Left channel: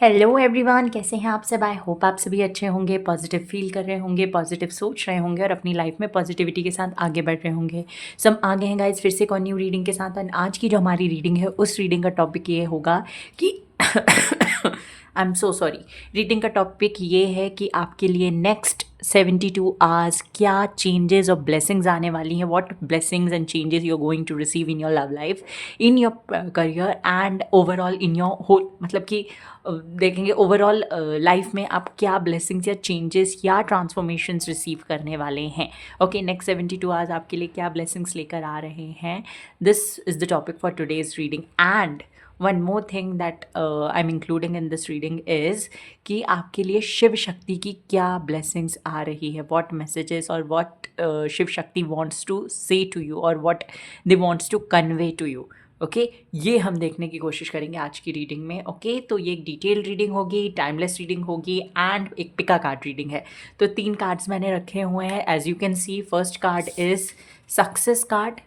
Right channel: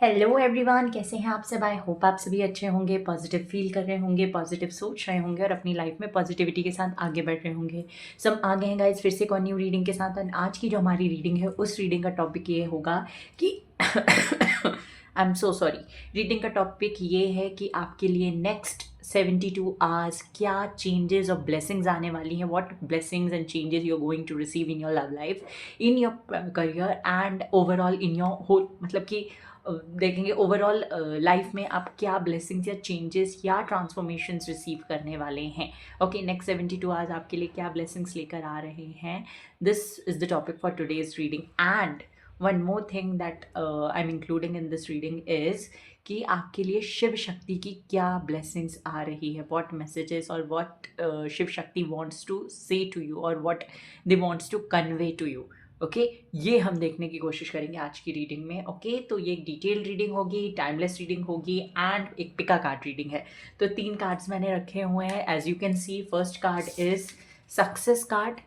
Hello everyone, कैसे हैं आप सब। आई होप आप सभी अच्छे होंगे, पॉजिटिव फील कर रहे होंगे, पॉजिटिव सोच रहे होंगे और अपनी लाइफ में पॉजिटिविटी के साथ आगे बढ़ रहे होंगे। सब आगे हैं गाइस फिर से एक और न्यू रीडिंग के साथ। और आज की जो हमारी रीडिंग है उस रीडिंग का टॉपिक ये होगा कि I am so sorry. Reading का टॉपिक ये है कि आपके लिए नेक्स्ट 72 आवर्स क्या चेंजेस और ब्लेसिंग्स आने वाली हैं। What blessings and changes you are going to receive in your love life, in your career and overall in your whole, मतलब कि देखेंगे ओवरऑल लाइफ में आप क्या ब्लेसिंग्स या चेंजेस या ट्रांसफॉर्मेशंस रिसीव करने वाले हैं। ओके, नेक्स्ट 72 आवर्स आपके लिए क्या ब्लेसिंग्स लेकर आ रहे हैं। This is the topic for today's reading. And one more thing that I am including in this reading is कि आपके लिए शिव शक्ति की क्या ब्लेसिंग्स आ रही है, व्हाट मैसेजेस और what Shiva Shakti wants to say to you और what they wants to convey to you. Okay, ये हम देखने की कोशिश करेंगे आज की रीडिंग में। ओके, तो ये एक डिटेल रीडिंग होगी, टाइमलेस रीडिंग होगी एंड एक पिका कार्ड रीडिंग है। तो 3 कार्ड्स मैंने रखे हुए हैं। As you can see, first card is success card.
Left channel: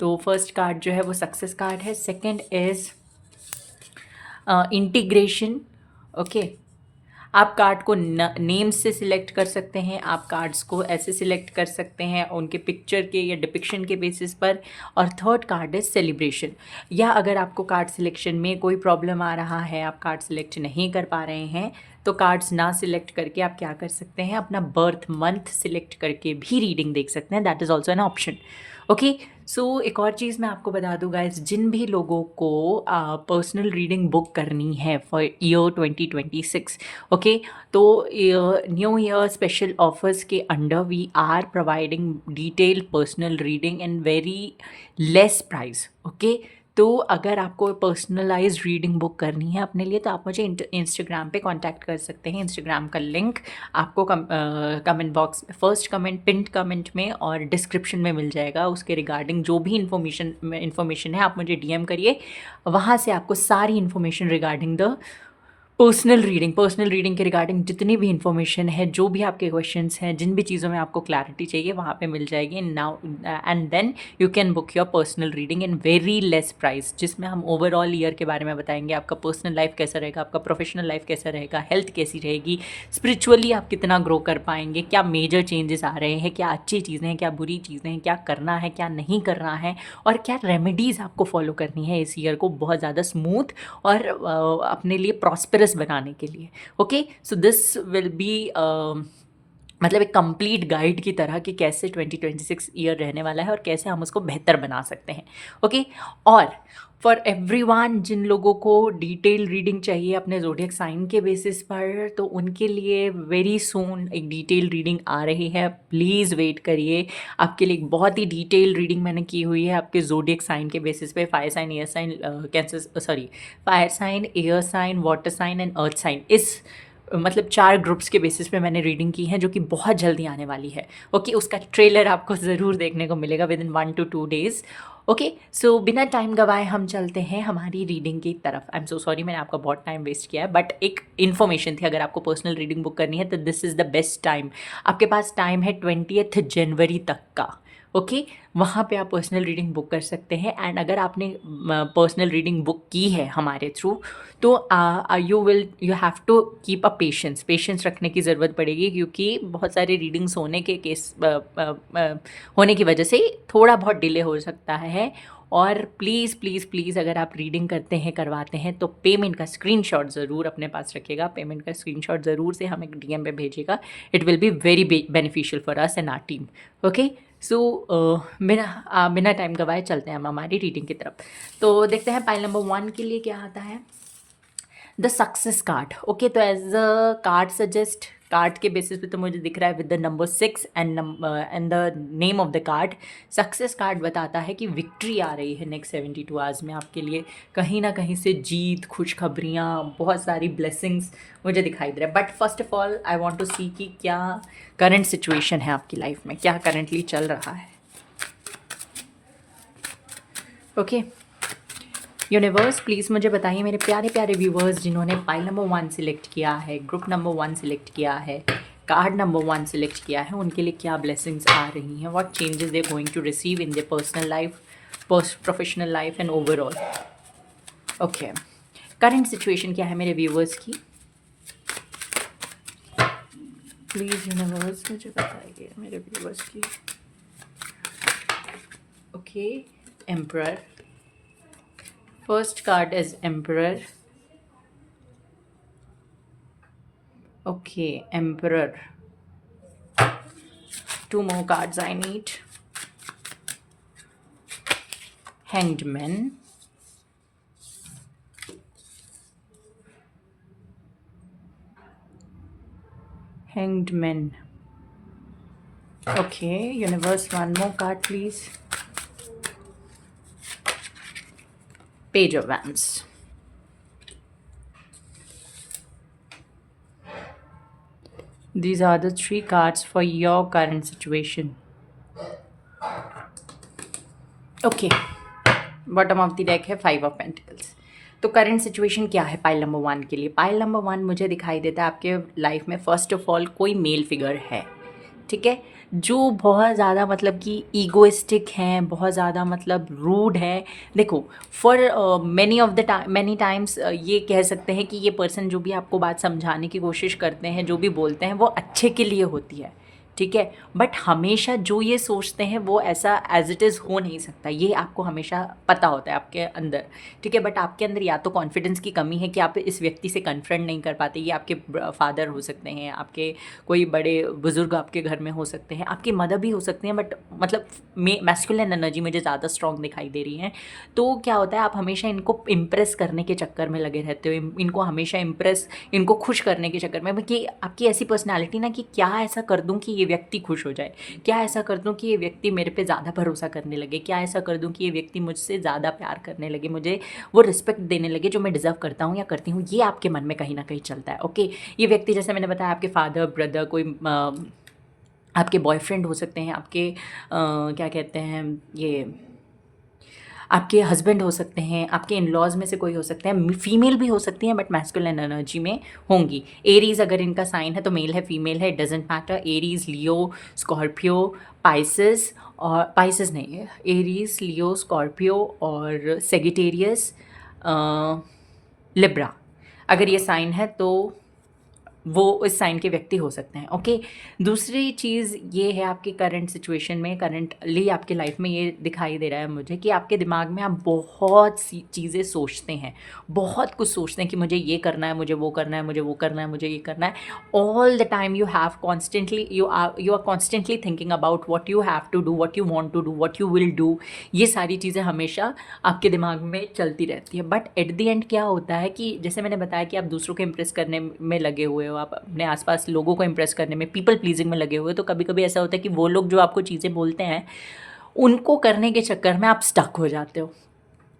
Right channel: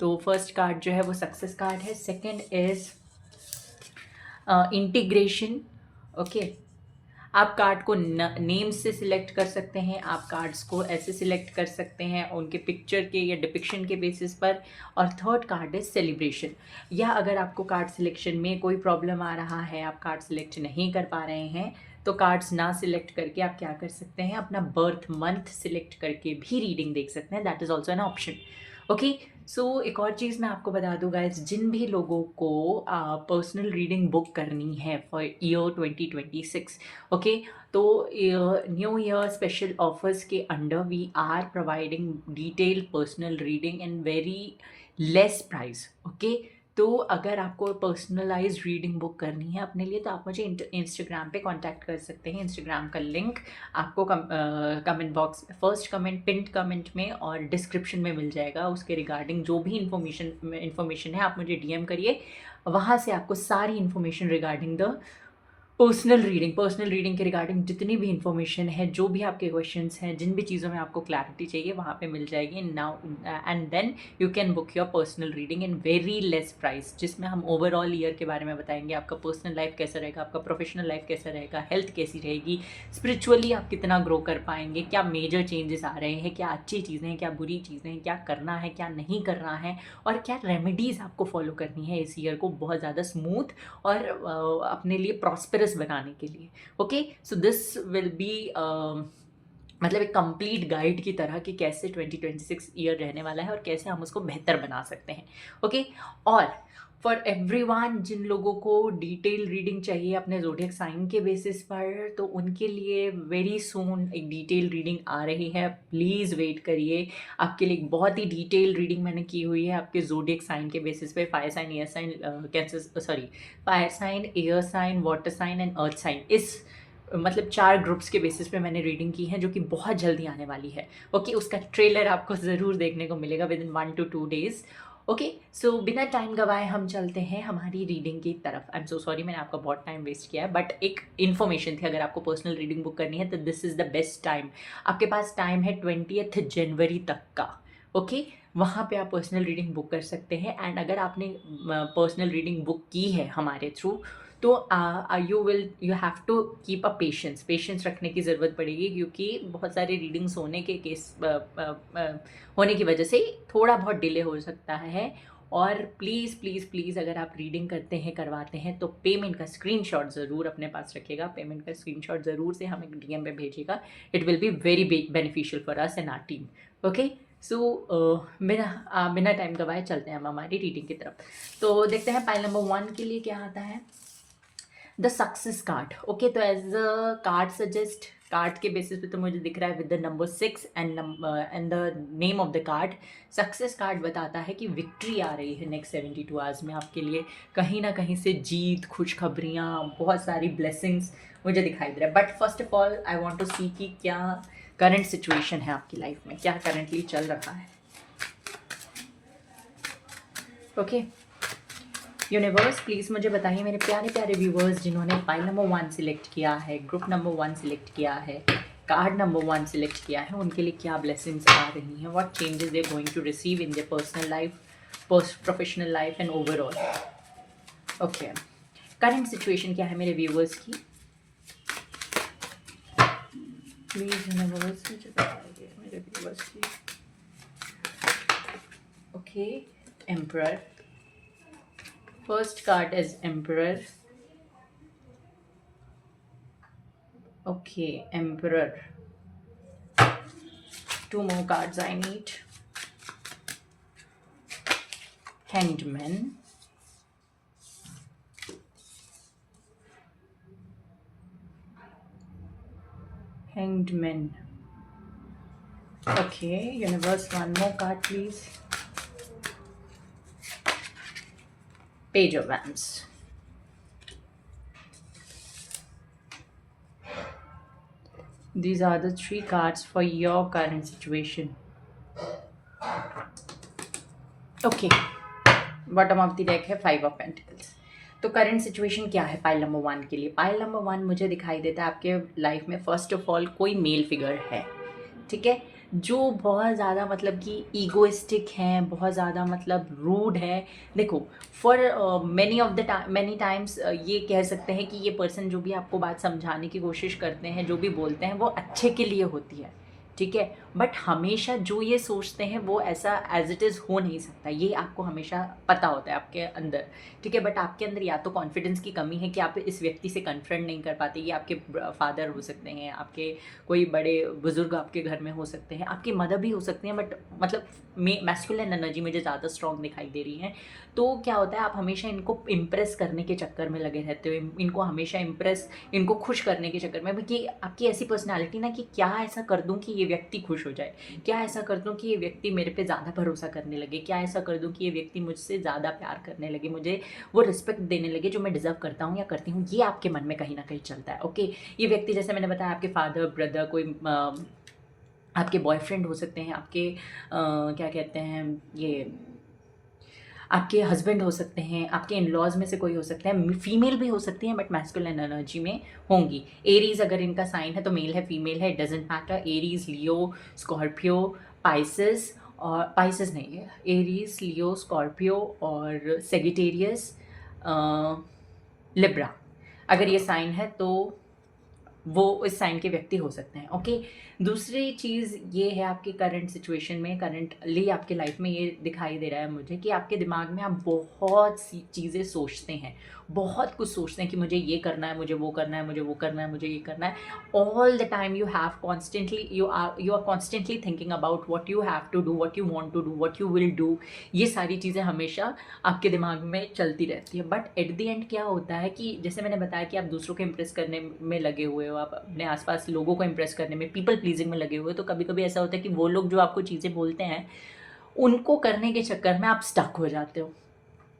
तो फर्स्ट कार्ड जो है वो सक्सेस कार्ड है। Second is integration. ओके, आप कार्ड को नेम से सिलेक्ट कर सकते हैं, आप कार्ड्स को ऐसे सिलेक्ट कर सकते हैं उनके पिक्चर के या डिपिक्शन के बेसिस पर। और थर्ड कार्ड है सेलिब्रेशन। या अगर आपको कार्ड सिलेक्शन में कोई प्रॉब्लम आ रहा है, आप कार्ड सिलेक्ट नहीं कर पा रहे हैं, तो कार्ड्स ना सिलेक्ट करके आप क्या कर सकते हैं, अपना बर्थ मंथ सिलेक्ट करके भी रीडिंग देख सकते हैं। That is also an option. Okay, so एक और चीज़ मैं आपको बता दूँ गाइस, जिन भी लोगों को पर्सनल रीडिंग बुक करनी है फॉर ईयर 2026, ओके, तो न्यू ईयर स्पेशल ऑफर्स के under we are providing detail personal reading and very less price. Okay, तो अगर आपको पर्सनलाइज्ड रीडिंग बुक करनी है अपने लिए, तो आप मुझे इंस्टाग्राम पे कांटेक्ट कर सकते हैं। इंस्टाग्राम का लिंक आपको कमेंट बॉक्स में, फर्स्ट कमेंट, पिंड कमेंट में और डिस्क्रिप्शन में मिल जाएगा। उसके रिगार्डिंग जो भी इन्फॉर्मेशन है आप मुझे डीएम करिए, वहाँ से आपको सारी information regarding the personal reading के रिगार्डिंग जितनी भी इन्फॉर्मेशन है, जो भी आपके क्वेश्चंस हैं, जिन भी चीज़ों में आपको क्लैरिटी चाहिए, वहाँ पे मिल जाएगी। Now and then you can book your personal reading in very less price, जिसमें हम ओवरऑल ईयर के बारे में बताएंगे। आपका पर्सनल लाइफ कैसा रहेगा, आपका प्रोफेशनल लाइफ कैसा रहेगा, हेल्थ कैसी रहेगी, स्पिरिचुअली आप कितना ग्रो कर पाएंगे, क्या मेजर चेंजेस आ रहे हैं, क्या अच्छी चीज़ें हैं, क्या बुरी चीज़ें हैं, क्या करना है, क्या नहीं करना है, और क्या रेमेडीज़ आपको फॉलो करनी है इस ईयर को बहुत ज़्यादा स्मूथ और अपने लिए प्रॉस्पेरस बनाने के लिए। Okay, so this will be मतलब एक कंप्लीट गाइड की तरह कि कैसे 2026 ईयर रहने वाला है और कैसे हम उसको बेहतर बना सकते हैं। ओके, और फॉर एवरीवन जिन लोगों को डिटेल रीडिंग चाहिए अपने ज़ोडिएक साइन के बेसिस पर, तो उनके लिए वेरी सून एक डिटेल रीडिंग आ रही है। प्लीज़ वेट करिए, आपके लिए एक बहुत ही डिटेल रीडिंग मैंने की हुई है आपके ज़ोडिएक साइन के बेसिस पे। Fire sign, air sign, cancer, sorry, fire sign, air sign, water sign and earth sign, इस मतलब 4 ग्रुप्स के बेसिस पे मैंने रीडिंग की है, जो कि बहुत जल्दी आने वाली है। ओके, उसका ट्रेलर आपको ज़रूर देखने को मिलेगा within 1 to 2 days। Okay, so बिना टाइम गवाए हम चलते हैं हमारी रीडिंग की तरफ। आई एम सो सॉरी, मैंने आपका बहुत टाइम वेस्ट किया है, बट एक इन्फॉर्मेशन थी। अगर आपको पर्सनल रीडिंग बुक करनी है तो this is the best time. आपके पास टाइम है 20 जनवरी तक का। ओके, वहाँ पे आप पर्सनल रीडिंग बुक कर सकते हैं। एंड अगर आपने पर्सनल रीडिंग बुक की है हमारे थ्रू, तो you have to keep a patience रखने की ज़रूरत पड़ेगी, क्योंकि बहुत सारे रीडिंग्स होने के केस होने की वजह से थोड़ा बहुत डिले हो सकता है। और प्लीज़ प्लीज़ प्लीज़, अगर आप रीडिंग करते हैं, करवाते हैं, तो पेमेंट का स्क्रीनशॉट ज़रूर अपने पास रखिएगा। पेमेंट का स्क्रीनशॉट ज़रूर से हमें डीएम पे भेजिएगा। It will be very beneficial for us and our team. Okay, so बिना टाइम गवाए चलते हैं हम हमारी रीडिंग की तरफ। तो देखते हैं पाइल नंबर 1 के लिए क्या आता है। The success card. ओके, तो as a card suggest, card के बेसिस पे तो मुझे दिख रहा है with the number 6 and the name of the card. Success card बताता है कि विक्ट्री आ रही है नेक्स्ट 72 आवर्स में आपके लिए। कहीं ना कहीं से जीत, खुशखबरियाँ, बहुत सारी ब्लेसिंग्स मुझे दिखाई दे रहा है। But first of all I want to see कि क्या करंट सिचुएशन है आपकी लाइफ में, क्या करंटली चल रहा है। ओके, यूनिवर्स प्लीज़ मुझे बताइए मेरे प्यारे प्यारे व्यूवर्स, जिन्होंने फाइल नंबर 1 सिलेक्ट किया है, ग्रुप नंबर 1 सिलेक्ट किया है, कार्ड नंबर 1 सिलेक्ट किया है, उनके लिए क्या ब्लेसिंग्स आ रही हैं, what changes they going to receive in their personal life, professional life and overall. Okay, current situation क्या है मेरे व्यूवर्स की, प्लीज यूनिवर्स मुझे बताइए मेरे व्यूवर्स की। Okay, emperor, first card is emperor. Okay, emperor, 2 more cards I need. Hanged Man, Hanged Man. Okay, universe, 1 more card please. Page of Wands. These are the 3 cards for your current situation. Okay, bottom of the deck है 5 of pentacles. तो current situation क्या है pile number 1 के लिए? Pile number 1 मुझे दिखाई देता है आपके लाइफ में फर्स्ट ऑफ ऑल कोई मेल फिगर है, ठीक है, जो बहुत ज़्यादा मतलब कि ईगोइस्टिक हैं, बहुत ज़्यादा मतलब रूड है। देखो, फॉर मैनी टाइम्स ये कह सकते हैं कि ये पर्सन जो भी आपको बात समझाने की कोशिश करते हैं, जो भी बोलते हैं, वो अच्छे के लिए होती है, ठीक है, बट हमेशा जो ये सोचते हैं वो ऐसा एज इट इज़ हो नहीं सकता, ये आपको हमेशा पता होता है आपके अंदर, ठीक है, बट आपके अंदर या तो कॉन्फिडेंस की कमी है कि आप इस व्यक्ति से कन्फ्रंट नहीं कर पाते। ये आपके फादर हो सकते हैं, आपके कोई बड़े बुजुर्ग आपके घर में हो सकते हैं, आपकी मदर भी हो सकते हैं, बट मतलब मैस्कुलिन एनर्जी मुझे ज़्यादा स्ट्रॉन्ग दिखाई दे रही है। तो क्या होता है, आप हमेशा इनको इम्प्रेस करने के चक्कर में लगे रहते हो, इनको हमेशा इनको खुश करने के चक्कर में, कि आपकी ऐसी पर्सनैलिटी ना कि क्या ऐसा कर दूँ कि ये व्यक्ति खुश हो जाए, क्या ऐसा कर दूं कि ये व्यक्ति मेरे पे ज़्यादा भरोसा करने लगे, क्या ऐसा कर दूं कि ये व्यक्ति मुझसे ज़्यादा प्यार करने लगे, मुझे वो रिस्पेक्ट देने लगे जो मैं डिज़र्व करता हूँ या करती हूँ। ये आपके मन में कहीं ना कहीं चलता है। ओके, ये व्यक्ति जैसे मैंने बताया आपके फादर, ब्रदर, कोई आपके बॉयफ्रेंड हो सकते हैं, आपके क्या कहते हैं, ये आपके हस्बैंड हो सकते हैं, आपके इन लॉज में से कोई हो सकते हैं, फीमेल भी हो सकती हैं बट मैस्कुलिन एनर्जी में होंगी। एरीज अगर इनका साइन है तो मेल है फीमेल है, doesn't matter. Aries, Leo, Scorpio, Pisces, और पाइसेस नहीं है, एरीज, लियो, स्कॉर्पियो और सेगिटेरियस, लिब्रा, अगर ये साइन है तो वो इस साइन के व्यक्ति हो सकते हैं। ओके, दूसरी चीज़ ये है आपकी करंट सिचुएशन में, करंटली आपके लाइफ में ये दिखाई दे रहा है मुझे कि आपके दिमाग में आप बहुत सी चीज़ें सोचते हैं, बहुत कुछ सोचते हैं कि मुझे ये करना है, मुझे वो करना है, मुझे वो करना है, मुझे ये करना है। All the time you have constantly you are constantly thinking about what you have to do, what you want to do, what you will do. ये सारी चीज़ें हमेशा आपके दिमाग में चलती रहती है। बट एट द एंड क्या होता है कि जैसे मैंने बताया कि आप दूसरों को इम्प्रेस करने में लगे हुए हो, आप अपने आसपास लोगों को इम्प्रेस करने में, पीपल प्लीजिंग में लगे हुए हो, तो कभी कभी ऐसा होता है कि वो लोग जो आपको चीज़ें बोलते हैं उनको करने के चक्कर में आप स्टक हो जाते हो।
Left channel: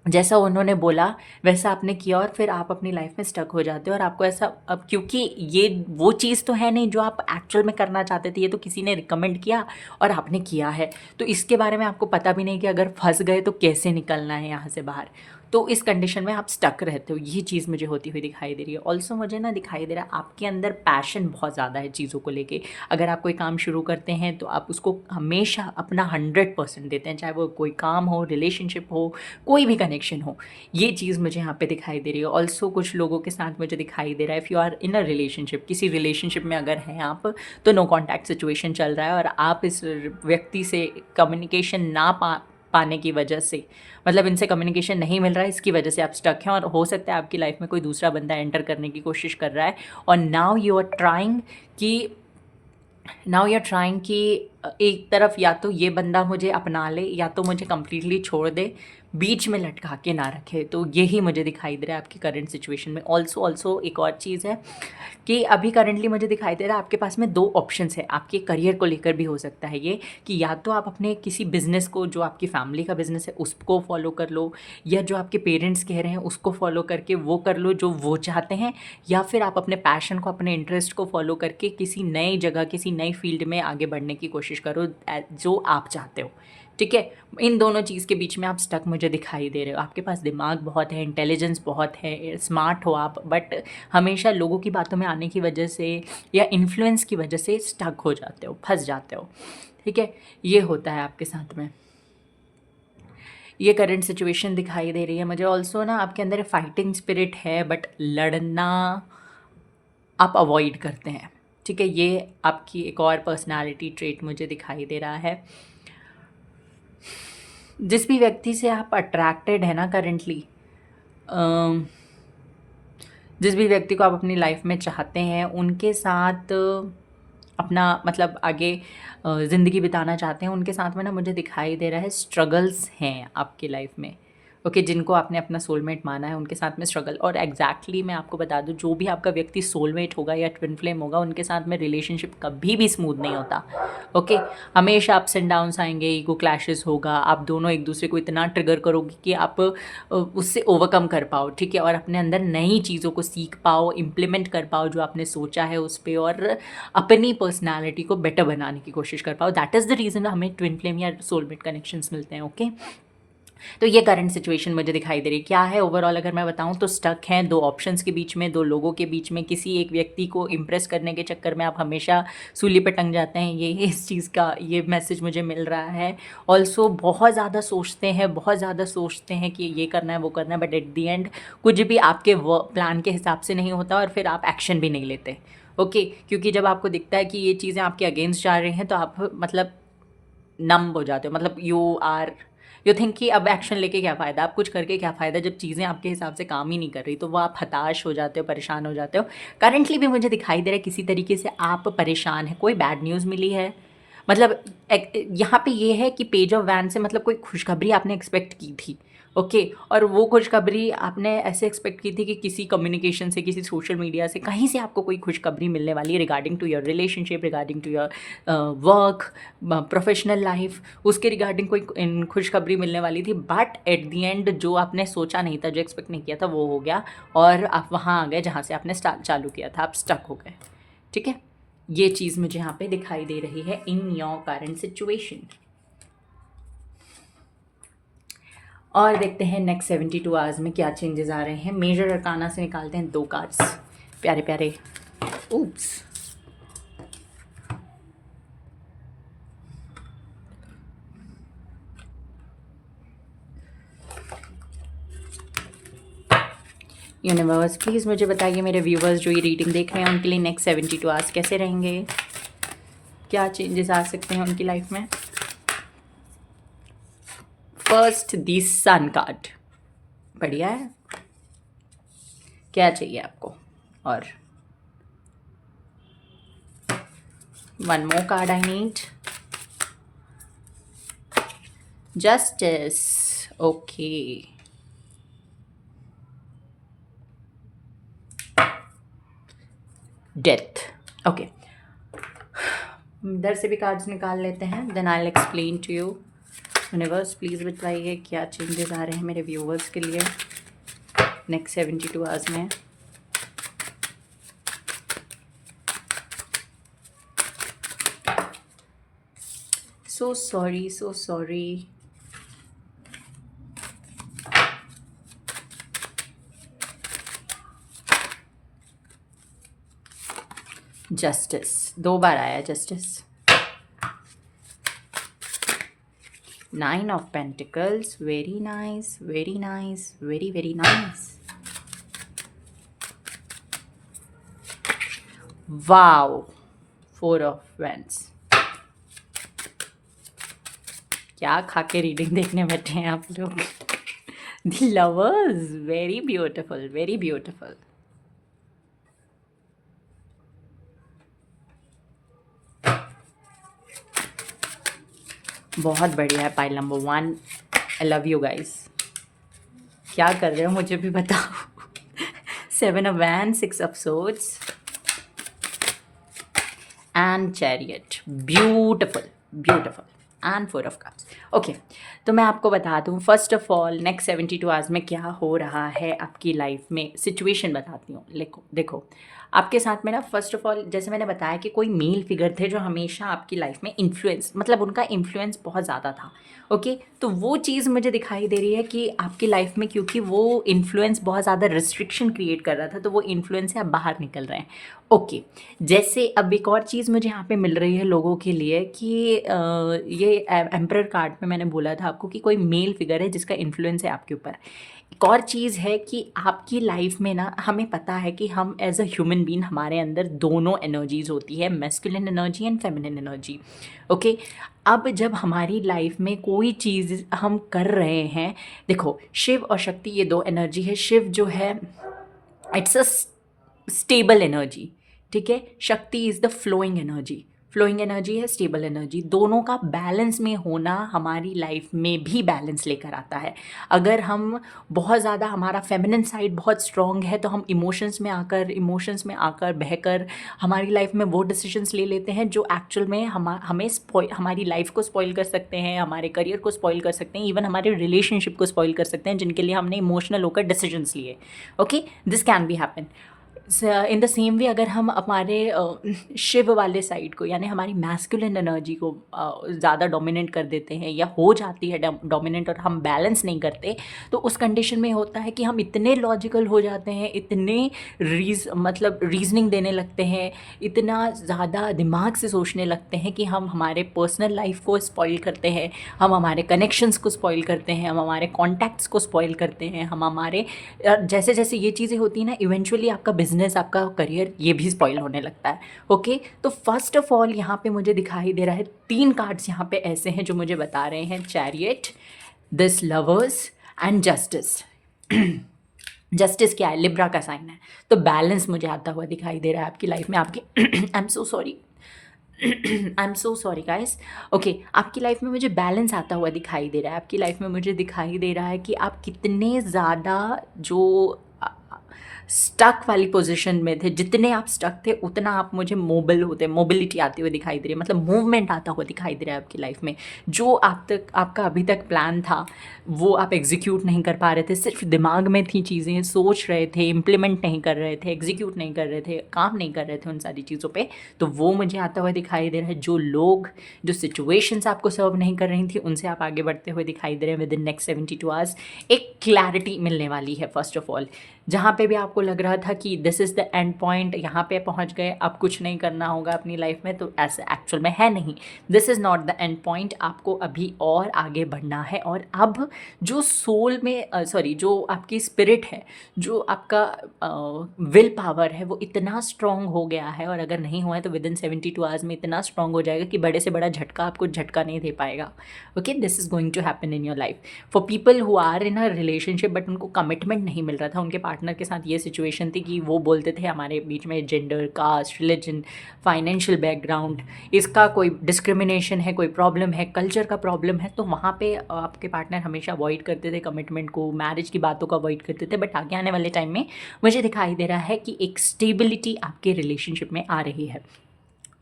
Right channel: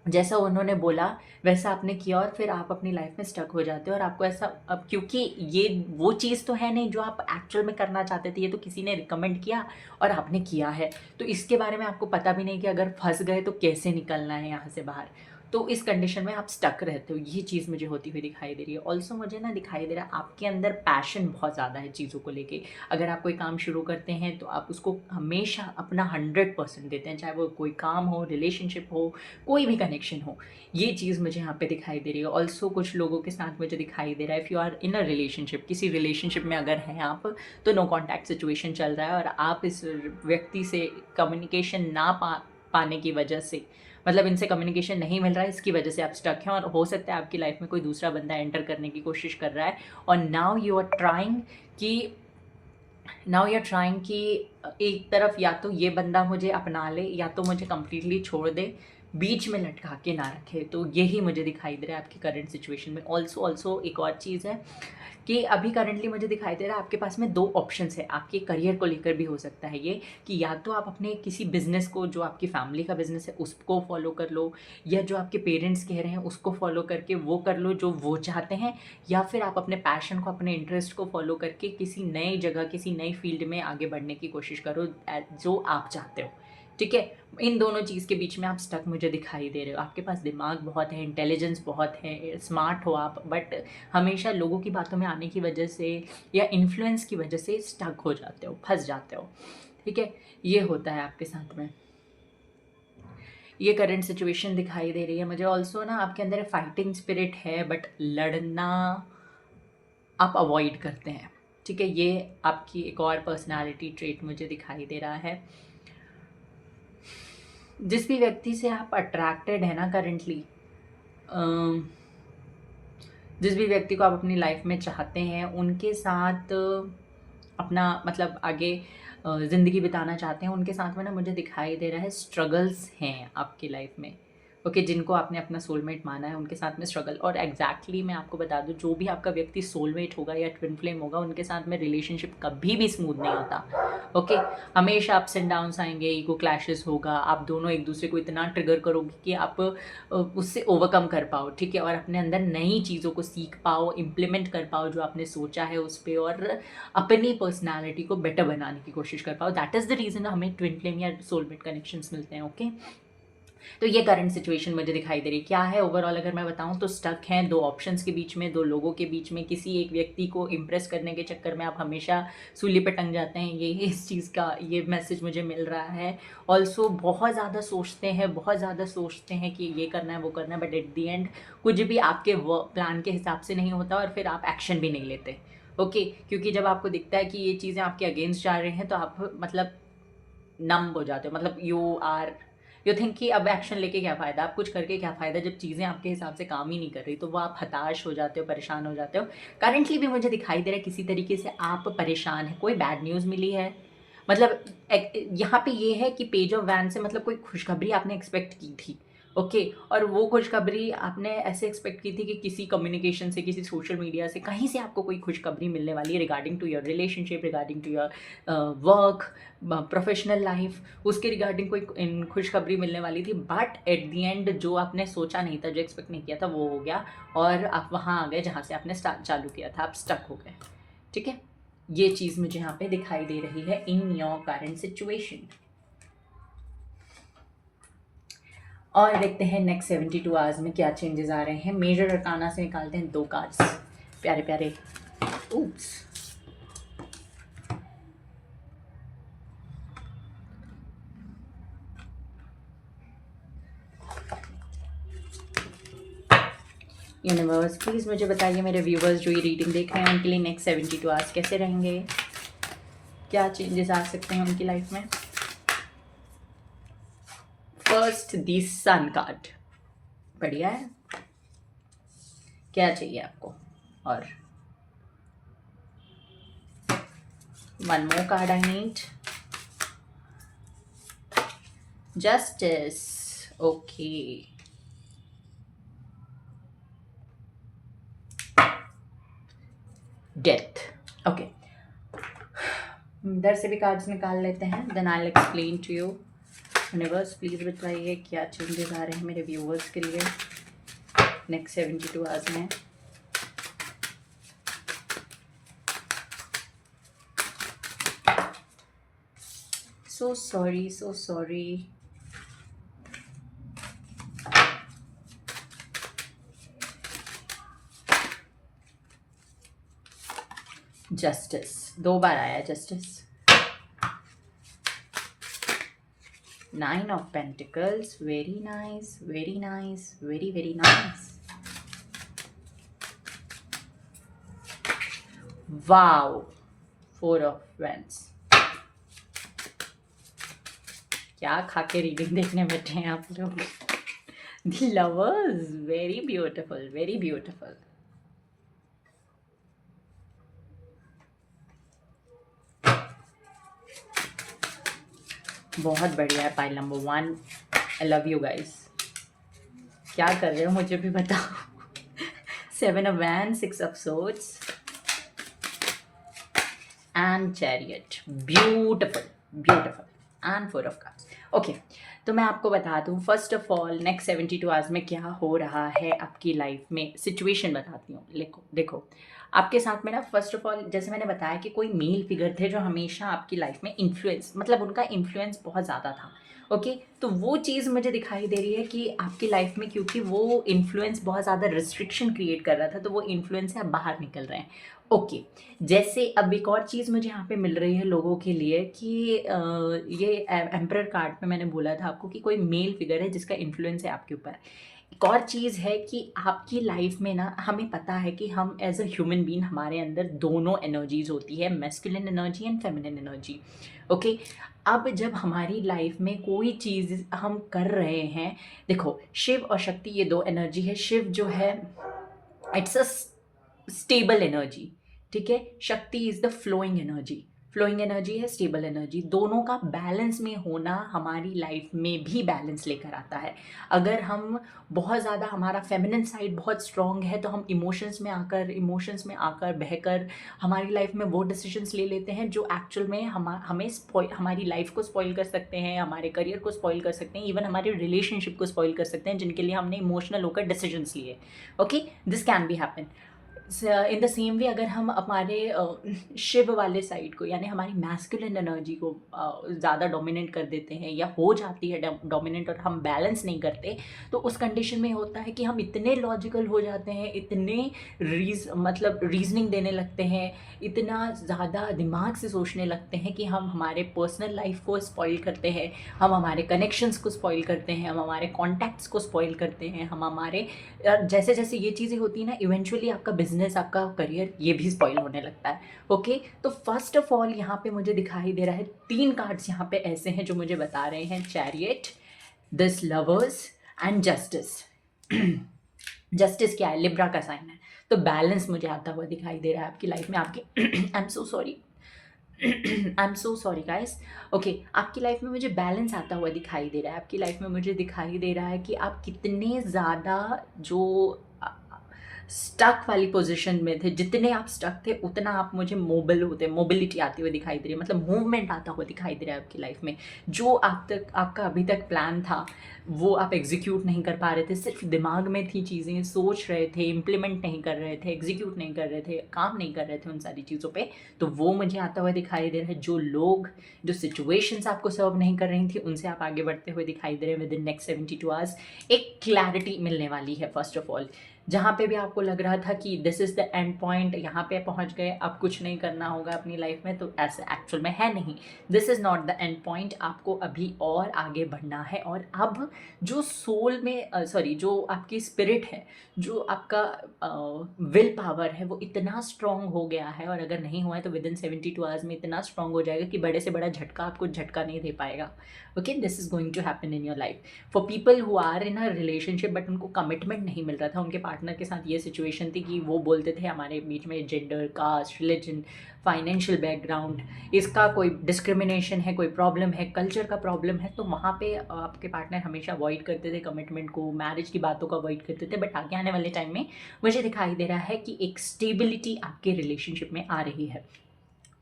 जैसा उन्होंने बोला वैसा आपने किया और फिर आप अपनी लाइफ में स्टक हो जाते हो, और आपको ऐसा, अब क्योंकि ये वो चीज़ तो है नहीं जो आप एक्चुअल में करना चाहते थे, ये तो किसी ने रिकमेंड किया और आपने किया है, तो इसके बारे में आपको पता भी नहीं कि अगर फंस गए तो कैसे निकलना है यहाँ से बाहर। तो इस कंडीशन में आप स्टक रहते हो, ये चीज़ मुझे होती हुई दिखाई दे रही है। ऑल्सो मुझे ना दिखाई दे रहा है आपके अंदर पैशन बहुत ज़्यादा है चीज़ों को लेके। अगर आप कोई काम शुरू करते हैं तो आप उसको हमेशा अपना 100% देते हैं, चाहे वो कोई काम हो, रिलेशनशिप हो, कोई भी कनेक्शन हो। ये चीज़ मुझे यहाँ पे दिखाई दे रही है। ऑल्सो कुछ लोगों के साथ मुझे दिखाई दे रहा है, if you are in a relationship, किसी रिलेशनशिप में अगर हैं आप, तो नो कॉन्टैक्ट सिचुएशन चल रहा है और आप इस व्यक्ति से कम्युनिकेशन ना पाने की वजह से, मतलब इनसे कम्युनिकेशन नहीं मिल रहा है, इसकी वजह से आप स्टक हैं, और हो सकता है आपकी लाइफ में कोई दूसरा बंदा एंटर करने की कोशिश कर रहा है, और नाउ यू आर ट्राइंग कि एक तरफ या तो ये बंदा मुझे अपना ले या तो मुझे कम्प्लीटली छोड़ दे, बीच में लटका के ना रखे। तो यही मुझे दिखाई दे रहा है आपकी करंट सिचुएशन में। ऑल्सो एक और चीज़ है कि अभी करंटली मुझे दिखाई दे रहा है आपके पास में 2 ऑप्शंस है, आपके करियर को लेकर भी हो सकता है ये, कि या तो आप अपने किसी बिज़नेस को, जो आपकी फैमिली का बिज़नेस है, उसको फॉलो कर लो, या जो आपके पेरेंट्स कह रहे हैं उसको फॉलो करके वो कर लो जो वो चाहते हैं, या फिर आप अपने पैशन को, अपने इंटरेस्ट को फॉलो करके किसी नई जगह, किसी नई फील्ड में आगे बढ़ने की कोशिश करो जो आप चाहते हो, ठीक है। इन दोनों चीज़ के बीच में आप स्टक मुझे दिखाई दे रहे हो। आपके पास दिमाग बहुत है, इंटेलिजेंस बहुत है, स्मार्ट हो आप, बट हमेशा लोगों की बातों में आने की वजह से या इन्फ्लुएंस की वजह से स्टक हो जाते हो, फंस जाते हो, ठीक है। ये होता है आपके साथ में। ये करंट सिचुएशन दिखाई दे रही है मुझे। ऑल्सो ना आपके अंदर फाइटिंग स्पिरिट है, बट लड़ना आप अवॉइड करते हैं, ठीक है। ये आपकी एक और पर्सनालिटी ट्रेट मुझे दिखाई दे रहा है। जिस भी व्यक्ति से आप अट्रैक्टेड है ना करेंटली, जिस भी व्यक्ति को आप अपनी लाइफ में चाहते हैं, उनके साथ अपना मतलब आगे ज़िंदगी बिताना चाहते हैं, उनके साथ में ना मुझे दिखाई दे रहा है स्ट्रगल्स हैं आपकी लाइफ में। ओके, जिनको आपने अपना सोलमेट माना है उनके साथ में स्ट्रगल। और एग्जैक्टली मैं आपको बता दूं, जो भी आपका व्यक्ति सोलमेट होगा या ट्विन फ्लेम होगा, उनके साथ में रिलेशनशिप कभी भी स्मूथ नहीं होता। ओके, हमेशा अप्स एंड डाउन्स आएंगे, ईगो क्लैशेस होगा, आप दोनों एक दूसरे को इतना ट्रिगर करोगे कि आप उससे ओवरकम कर पाओ, ठीक है, और अपने अंदर नई चीज़ों को सीख पाओ, इम्प्लीमेंट कर पाओ जो आपने सोचा है उस पर, और अपनी पर्सनैलिटी को बेटर बनाने की कोशिश कर पाओ। दैट इज़ द रीज़न हमें ट्विन फ्लेम या सोलमेट कनेक्शंस मिलते हैं। ओके, तो ये करंट सिचुएशन मुझे दिखाई दे रही है। क्या है ओवरऑल अगर मैं बताऊं तो स्टक हैं दो ऑप्शंस के बीच में, दो लोगों के बीच में। किसी एक व्यक्ति को इम्प्रेस करने के चक्कर में आप हमेशा सूली पे टंग जाते हैं, ये इस चीज़ का ये मैसेज मुझे मिल रहा है। ऑल्सो बहुत ज़्यादा सोचते हैं, बहुत ज़्यादा सोचते हैं कि ये करना है वो करना है, बट एट दी एंड कुछ भी आपके प्लान के हिसाब से नहीं होता, और फिर आप एक्शन भी नहीं लेते। ओके, क्योंकि जब आपको दिखता है कि ये चीज़ें आपके अगेंस्ट जा रही हैं, तो आप मतलब नम हो जाते हो, मतलब यू थिंक कि अब एक्शन लेके क्या फ़ायदा, आप कुछ करके क्या फ़ायदा, जब चीज़ें आपके हिसाब से काम ही नहीं कर रही, तो वो आप हताश हो जाते हो, परेशान हो जाते हो। करंटली भी मुझे दिखाई दे रहा है किसी तरीके से आप परेशान हैं, कोई बैड न्यूज़ मिली है। मतलब यहाँ पे ये है कि पेज ऑफ वैन से मतलब कोई खुशखबरी आपने एक्सपेक्ट की थी। ओके, और वो खुशखबरी आपने ऐसे एक्सपेक्ट की थी कि किसी कम्युनिकेशन से, किसी सोशल मीडिया से, कहीं से आपको कोई खुशखबरी मिलने वाली है regarding to your relationship, regarding to your work, professional life, उसके रिगार्डिंग कोई खुशखबरी मिलने वाली थी। बट एट दी एंड जो आपने सोचा नहीं था, जो एक्सपेक्ट नहीं किया था, वो हो गया, और आप वहाँ आ गए जहाँ से आपने स्टार्ट चालू किया था, आप स्टक हो गए, ठीक है। ये चीज़ मुझे यहाँ पे दिखाई दे रही है इन योर करंट सिचुएशन। और देखते हैं नेक्स्ट 72 आवर्स में क्या चेंजेस आ रहे हैं। मेजर अरकाना से निकालते हैं दो कार्ड्स, प्यारे प्यारे। ऊप्स, यूनिवर्स प्लीज़ मुझे बताइए मेरे व्यूवर्स जो ये रीडिंग देख रहे हैं उनके लिए नेक्स्ट 72 आवर्स कैसे रहेंगे, क्या चेंजेस आ सकते हैं उनकी लाइफ में। फर्स्ट दी सन कार्ड, बढ़िया है। क्या चाहिए आपको, और one more card I need, justice. Okay, death. Okay, इधर से भी कार्ड्स निकाल लेते हैं, then I will explain to you. Universe please बताइए क्या चेंजेस आ रहे हैं मेरे व्यूवर्स के लिए नेक्स्ट 72 आवर्स में। So sorry, so sorry. Justice, दो बार आया justice. Nine of pentacles, very nice, very nice, very very nice. Wow, four of wands. क्या खा के रीडिंग देखने बैठे हैं आप लोग। The lovers, very beautiful, very beautiful. बहुत बढ़िया है pile number 1। I love you guys. क्या कर रहे हो मुझे भी बताओ। 7 ऑफ वैन, 6 of swords and chariot, beautiful beautiful, and 4 of cups. Okay, तो मैं आपको बता दूं first of all next 72 hours में क्या हो रहा है आपकी लाइफ में। सिचुएशन बताती हूँ, देखो आपके साथ में ना, फर्स्ट ऑफ ऑल जैसे मैंने बताया कि कोई मेल फिगर थे जो हमेशा आपकी लाइफ में इन्फ्लुएंस, मतलब उनका इन्फ्लुएंस बहुत ज़्यादा था। ओके, तो वो चीज़ मुझे दिखाई दे रही है कि आपकी लाइफ में, क्योंकि वो इन्फ्लुएंस बहुत ज़्यादा रिस्ट्रिक्शन क्रिएट कर रहा था, तो वो इन्फ्लुएंस से आप बाहर निकल रहे हैं। ओके, जैसे अब एक और चीज़ मुझे यहाँ पे मिल रही है लोगों के लिए कि ये एम्परर कार्ड में मैंने बोला था आपको कि कोई मेल फिगर है जिसका इन्फ्लुएंस है आपके ऊपर। एक और चीज़ है कि आपकी लाइफ में ना, हमें पता है कि हम एज अ ह्यूमन बीइंग, हमारे अंदर दोनों एनर्जीज होती है, masculine energy and feminine energy. Okay, अब जब हमारी लाइफ में कोई चीज़ हम कर रहे हैं, देखो शिव और शक्ति ये दो एनर्जी है। शिव जो है, इट्स अ स्टेबल एनर्जी, ठीक है। Shakti is the flowing energy. Flowing energy है, स्टेबल एनर्जी। दोनों का बैलेंस में होना हमारी लाइफ में भी बैलेंस लेकर आता है। अगर हम बहुत ज़्यादा, हमारा फेमिनिन साइड बहुत स्ट्रॉन्ग है, तो हम इमोशंस में आकर बहकर हमारी लाइफ में वो डिसीजंस ले लेते हैं जो एक्चुअल में हमें हमारी लाइफ को स्पॉइल कर सकते हैं, हमारे करियर को स्पॉइल कर सकते हैं, इवन हमारे रिलेशनशिप को स्पॉइल कर सकते हैं, जिनके लिए हमने इमोशनल होकर डिसीजंस लिए। Okay, this can be happen. In the same way, अगर हम हमारे शिव वाले साइड को, यानी हमारी मैस्कुलिन एनर्जी को ज़्यादा डोमिनेट कर देते हैं, या हो जाती है डोमिनेट, और हम बैलेंस नहीं करते, तो उस कंडीशन में होता है कि हम इतने लॉजिकल हो जाते हैं, इतने रीजनिंग देने लगते हैं, इतना ज़्यादा दिमाग से सोचने लगते हैं कि हम हमारे पर्सनल लाइफ को स्पॉइल करते हैं, हम हमारे कनेक्शंस को स्पॉइल करते हैं, हम हमारे कॉन्टैक्ट्स को स्पॉइल करते हैं, हम हमारे जैसे जैसे ये चीज़ें होती हैं ना, इवेंचुअली आपका बिजनेस, आपका करियर, ये भी स्पॉइल होने लगता है। ओके, तो फर्स्ट ऑफ ऑल यहाँ पे मुझे दिखाई दे रहा है 3 कार्ड्स यहाँ पे ऐसे हैं जो मुझे बता रहे हैं, chariot, this lovers and justice. Justice क्या है? लिब्रा का साइन है, तो बैलेंस मुझे आता हुआ दिखाई दे रहा है आपकी लाइफ में। आपकी आई am so sorry, I am so sorry guys. Okay, आपकी लाइफ में मुझे बैलेंस आता हुआ दिखाई दे रहा है। आपकी लाइफ में मुझे दिखाई दे रहा है कि आप कितने ज़्यादा जो स्टक वाली पोजीशन में थे, जितने आप स्टक थे उतना आप मुझे मोबिलिटी आती हुई दिखाई दे रही है, मतलब मूवमेंट आता हुआ दिखाई दे रहा है आपकी लाइफ में। जो आपका अभी तक प्लान था, वो आप एग्जीक्यूट नहीं कर पा रहे थे, सिर्फ दिमाग में थी चीज़ें, सोच रहे थे, इम्प्लीमेंट नहीं कर रहे थे, एग्जीक्यूट नहीं कर रहे थे, काम नहीं कर रहे थे उन सारी चीज़ों पे, तो वो मुझे आता हुआ दिखाई दे रहा है। जो लोग, जो सिचुएशंस आपको सर्व नहीं कर रही थी, उनसे आप आगे बढ़ते हुए दिखाई दे रहे हैं। विद इन नेक्स्ट 72 आवर्स एक क्लैरिटी मिलने वाली है। फर्स्ट ऑफ ऑल, जहाँ पे भी आपको लग रहा था कि this is the end point, यहाँ पे पहुँच गए, अब कुछ नहीं करना होगा अपनी लाइफ में, तो ऐसा एक्चुअल में है नहीं। This is not the end point, आपको अभी और आगे बढ़ना है। और अब जो सोल में जो आपकी स्पिरिट है, जो आपका विल पावर है, वो इतना स्ट्रॉन्ग हो गया है, और अगर नहीं हुआ है तो विद इन 72 आवर्स में इतना स्ट्रॉन्ग हो जाएगा कि बड़े से बड़ा झटका आपको झटका नहीं दे पाएगा। Okay, this is going to happen in your life. For people who are in a relationship but उनको कमिटमेंट नहीं मिल रहा था, उनके पार्टनर के साथ ये सिचुएशन थी कि वो बोलते थे हमारे बीच में gender, caste, religion, financial background, इसका कोई डिस्क्रिमिनेशन है, कोई प्रॉब्लम है, कल्चर का प्रॉब्लम है, तो वहाँ पे आपके पार्टनर हमेशा अवॉइड करते थे कमिटमेंट को, मैरिज की बातों को अवॉइड करते थे। बट आगे आने वाले टाइम में मुझे दिखाई दे रहा है कि एक स्टेबिलिटी आपके रिलेशनशिप में आ रही है।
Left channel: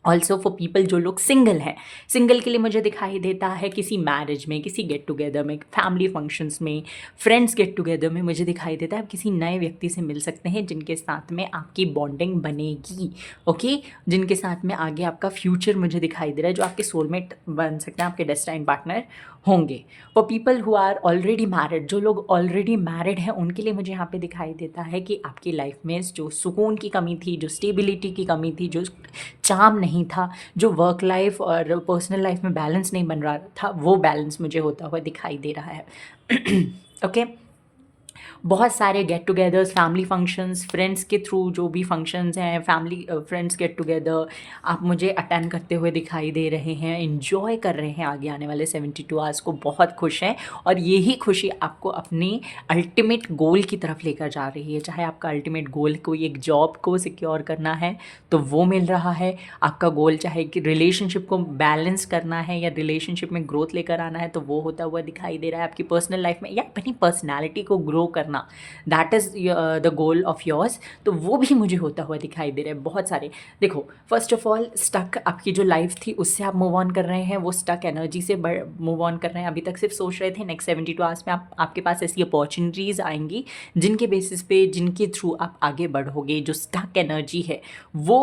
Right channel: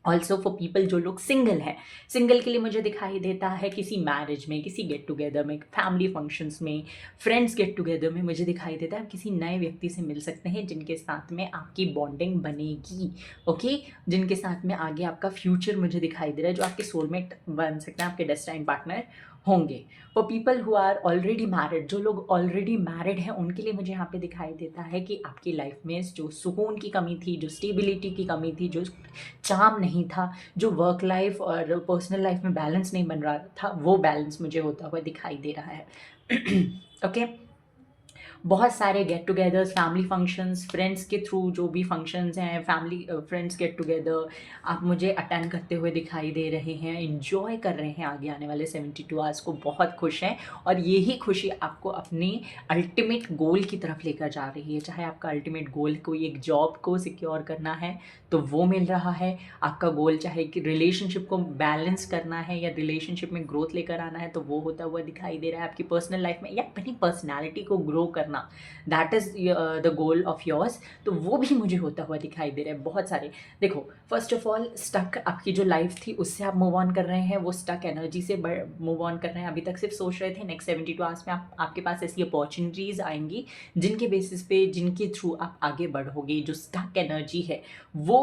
ऑल्सो फॉर पीपल जो लोग सिंगल हैं, सिंगल के लिए मुझे दिखाई देता है किसी मैरिज में, किसी गेट टुगेदर में, फैमिली फंक्शंस में, फ्रेंड्स गेट टुगेदर में, मुझे दिखाई देता है आप किसी नए व्यक्ति से मिल सकते हैं जिनके साथ में आपकी बॉन्डिंग बनेगी। ओके, जिनके साथ में आगे आपका फ्यूचर मुझे दिखाई दे रहा है, जो आपके सोलमेट बन सकते हैं, आपके डेस्टाइन पार्टनर होंगे। For people who are already married, जो लोग ऑलरेडी मैरिड हैं, उनके लिए मुझे यहाँ पे दिखाई देता है कि आपकी लाइफ में जो सुकून की कमी थी, जो स्टेबिलिटी की कमी थी, जो चार्म नहीं था, जो वर्क लाइफ और पर्सनल लाइफ में बैलेंस नहीं बन रहा था, वो बैलेंस मुझे होता हुआ दिखाई दे रहा है। ओके, बहुत सारे get togethers, family functions, friends के थ्रू जो भी फंक्शंस हैं, फैमिली फ्रेंड्स गेट टुगेदर, आप मुझे अटेंड करते हुए दिखाई दे रहे हैं, इन्जॉय कर रहे हैं आगे आने वाले 72 आवर्स को, बहुत खुश हैं। और यही खुशी आपको अपनी अल्टीमेट गोल की तरफ लेकर जा रही है। चाहे आपका अल्टीमेट गोल कोई एक जॉब को सिक्योर करना है तो वो मिल रहा है, आपका गोल चाहे कि रिलेशनशिप को बैलेंस करना है या रिलेशनशिप में ग्रोथ लेकर आना है तो वो होता हुआ दिखाई दे रहा है, आपकी पर्सनल लाइफ में या अपनी पर्सनैलिटी को ग्रो करना, that is the goal of yours, तो वो भी मुझे होता हुआ दिखाई दे रहा है। बहुत सारे, देखो फर्स्ट ऑफ ऑल स्टक आपकी जो लाइफ थी उससे आप मूव ऑन कर रहे हैं, वो स्टक एनर्जी से मूव ऑन कर रहे हैं। अभी तक सिर्फ सोच रहे थे, नेक्स्ट 72 आवर्स में आपके पास ऐसी अपॉर्चुनिटीज़ आएंगी जिनके बेसिस पे, जिनके थ्रू आप आगे बढ़ोगे। जो स्टक एनर्जी है वो